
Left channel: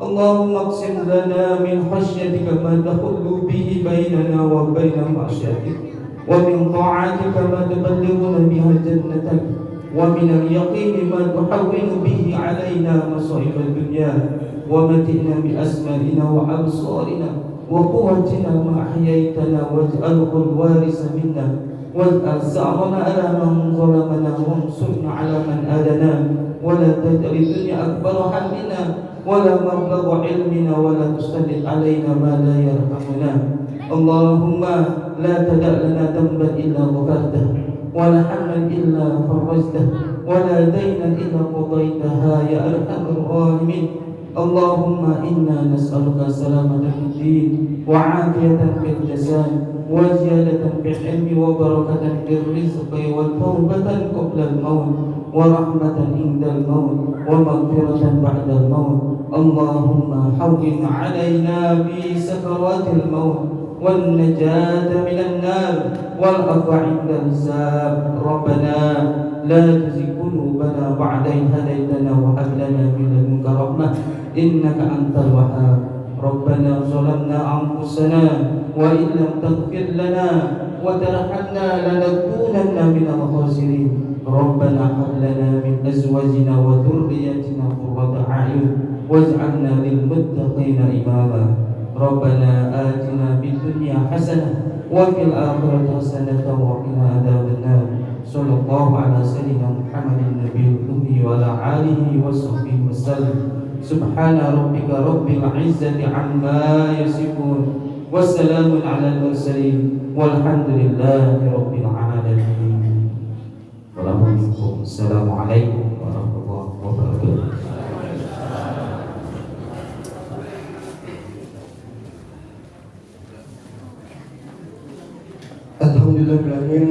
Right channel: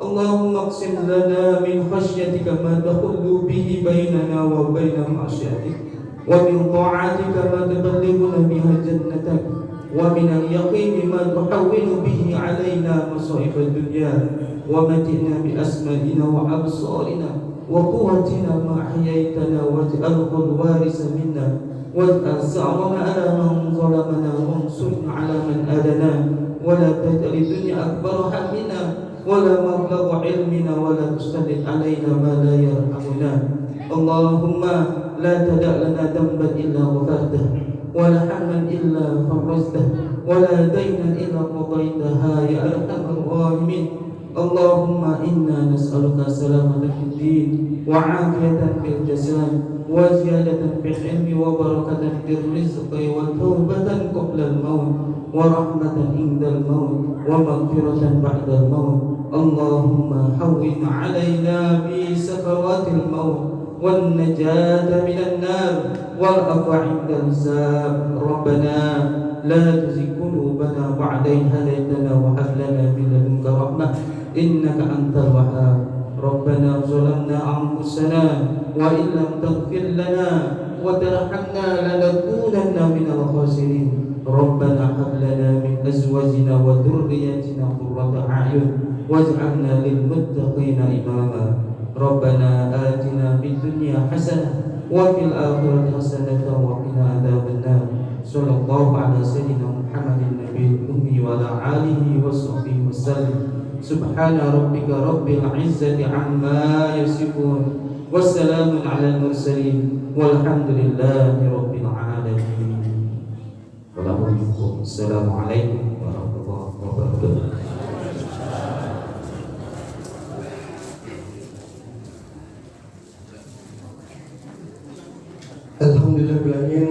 Allahumma aqsim lana min khashyatika ma tahullu bihi bainana wa baina ma'syatik wa min ta'atika ma tuballighuna biha jannatak wa min al-yaqini ma tuhawwinu bihi alaina masa'ib ad-dunya wa matina bi asma'ina wa absarina wa quwwatina ma ahyaytana waj'alhu al-warisa minna waj'al sa'rana ala man zalamana wansurna ala man adana wa la taj'al ad-dunya akbar hammina wa la mablagha ilmina wa la tusallit alaina ma la yarhamuna. Allahumma la tada' lana dhanban illa ghafartah wa la hamlan illa farajtah wa la daynan illa qadaytaha ya arhamar rahimin. اللهم إنا نسألك سلامة في الدين وعافية في الجسد وزيادة في العلم وبركة في الرزق وتوبة قبل الموت ورحمة عند الموت ومغفرة بعد الموت. اللهم هون علينا في سكرات الموت والنجاة من النار والعفو عند الحساب. ربنا لا تزغ قلوبنا بعد إذ هديتنا وهب لنا من لدنك رحمة إنك أنت الوهاب. ربنا ظلمنا أنفسنا وإن لم تغفر لنا وترحمنا لنكونن من الخاسرين. ربنا هب لنا من أزواجنا وذرياتنا قرة أعين واجعلنا للمتقين إماما. ربنا آتنا في الدنيا حسنة وفي الآخرة حسنة وقنا عذاب النار. صلى الله على سيدنا محمد النبي الأمي وعلى آله وصحبه وسلم. سبحان ربك رب العزة عما يصفون والسلام على المرسلين والحمد لله رب العالمين. السلام عليكم ورحمة الله وبركاته. Alhamdulillahirrahmanirrahim.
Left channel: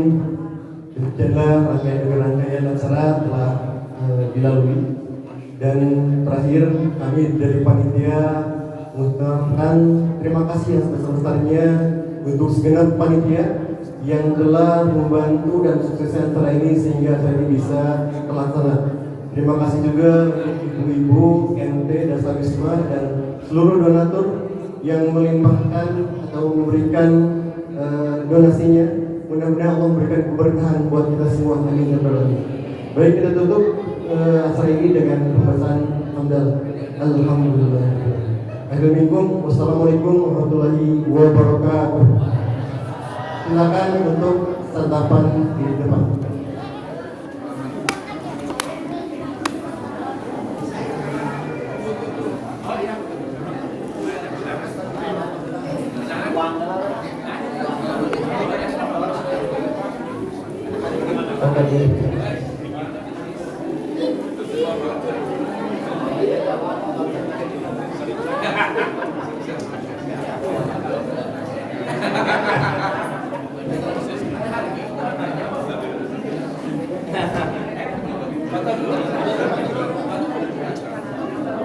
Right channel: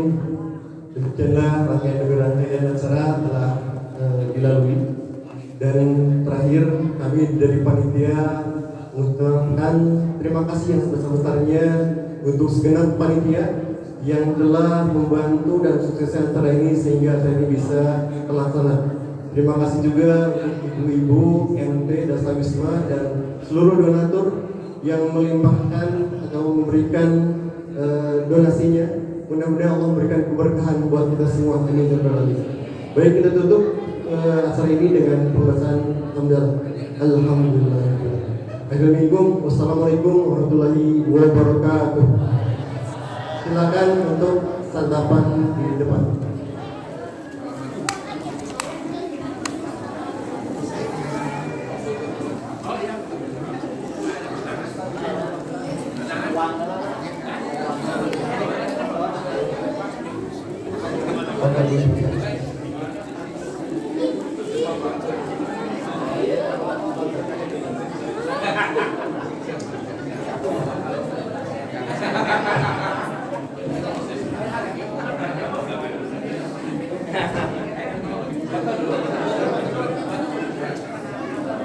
Demikianlah rangkaian acara telah dilalui, dan terakhir kami dari panitia mengucapkan terima kasih yang sebesar-besarnya untuk segenap panitia yang telah membantu dan suksesnya acara ini sehingga acara ini bisa terlaksana. Terima kasih juga ibu-ibu, NT, Dasar Wisma, dan seluruh donatur yang melimpahkan atau memberikan donasinya. Mudah-mudahan Allah memberikan keberkahan buat kita semua. Amin ya rabbal alamin. Baik, kita tutup acara ini dengan pembahasan hamdalah. Alhamdulillah. Wassalamualaikum warahmatullahi wabarakatuh. Silakan untuk santapan di depan.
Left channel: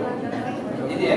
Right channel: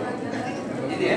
Ini ya.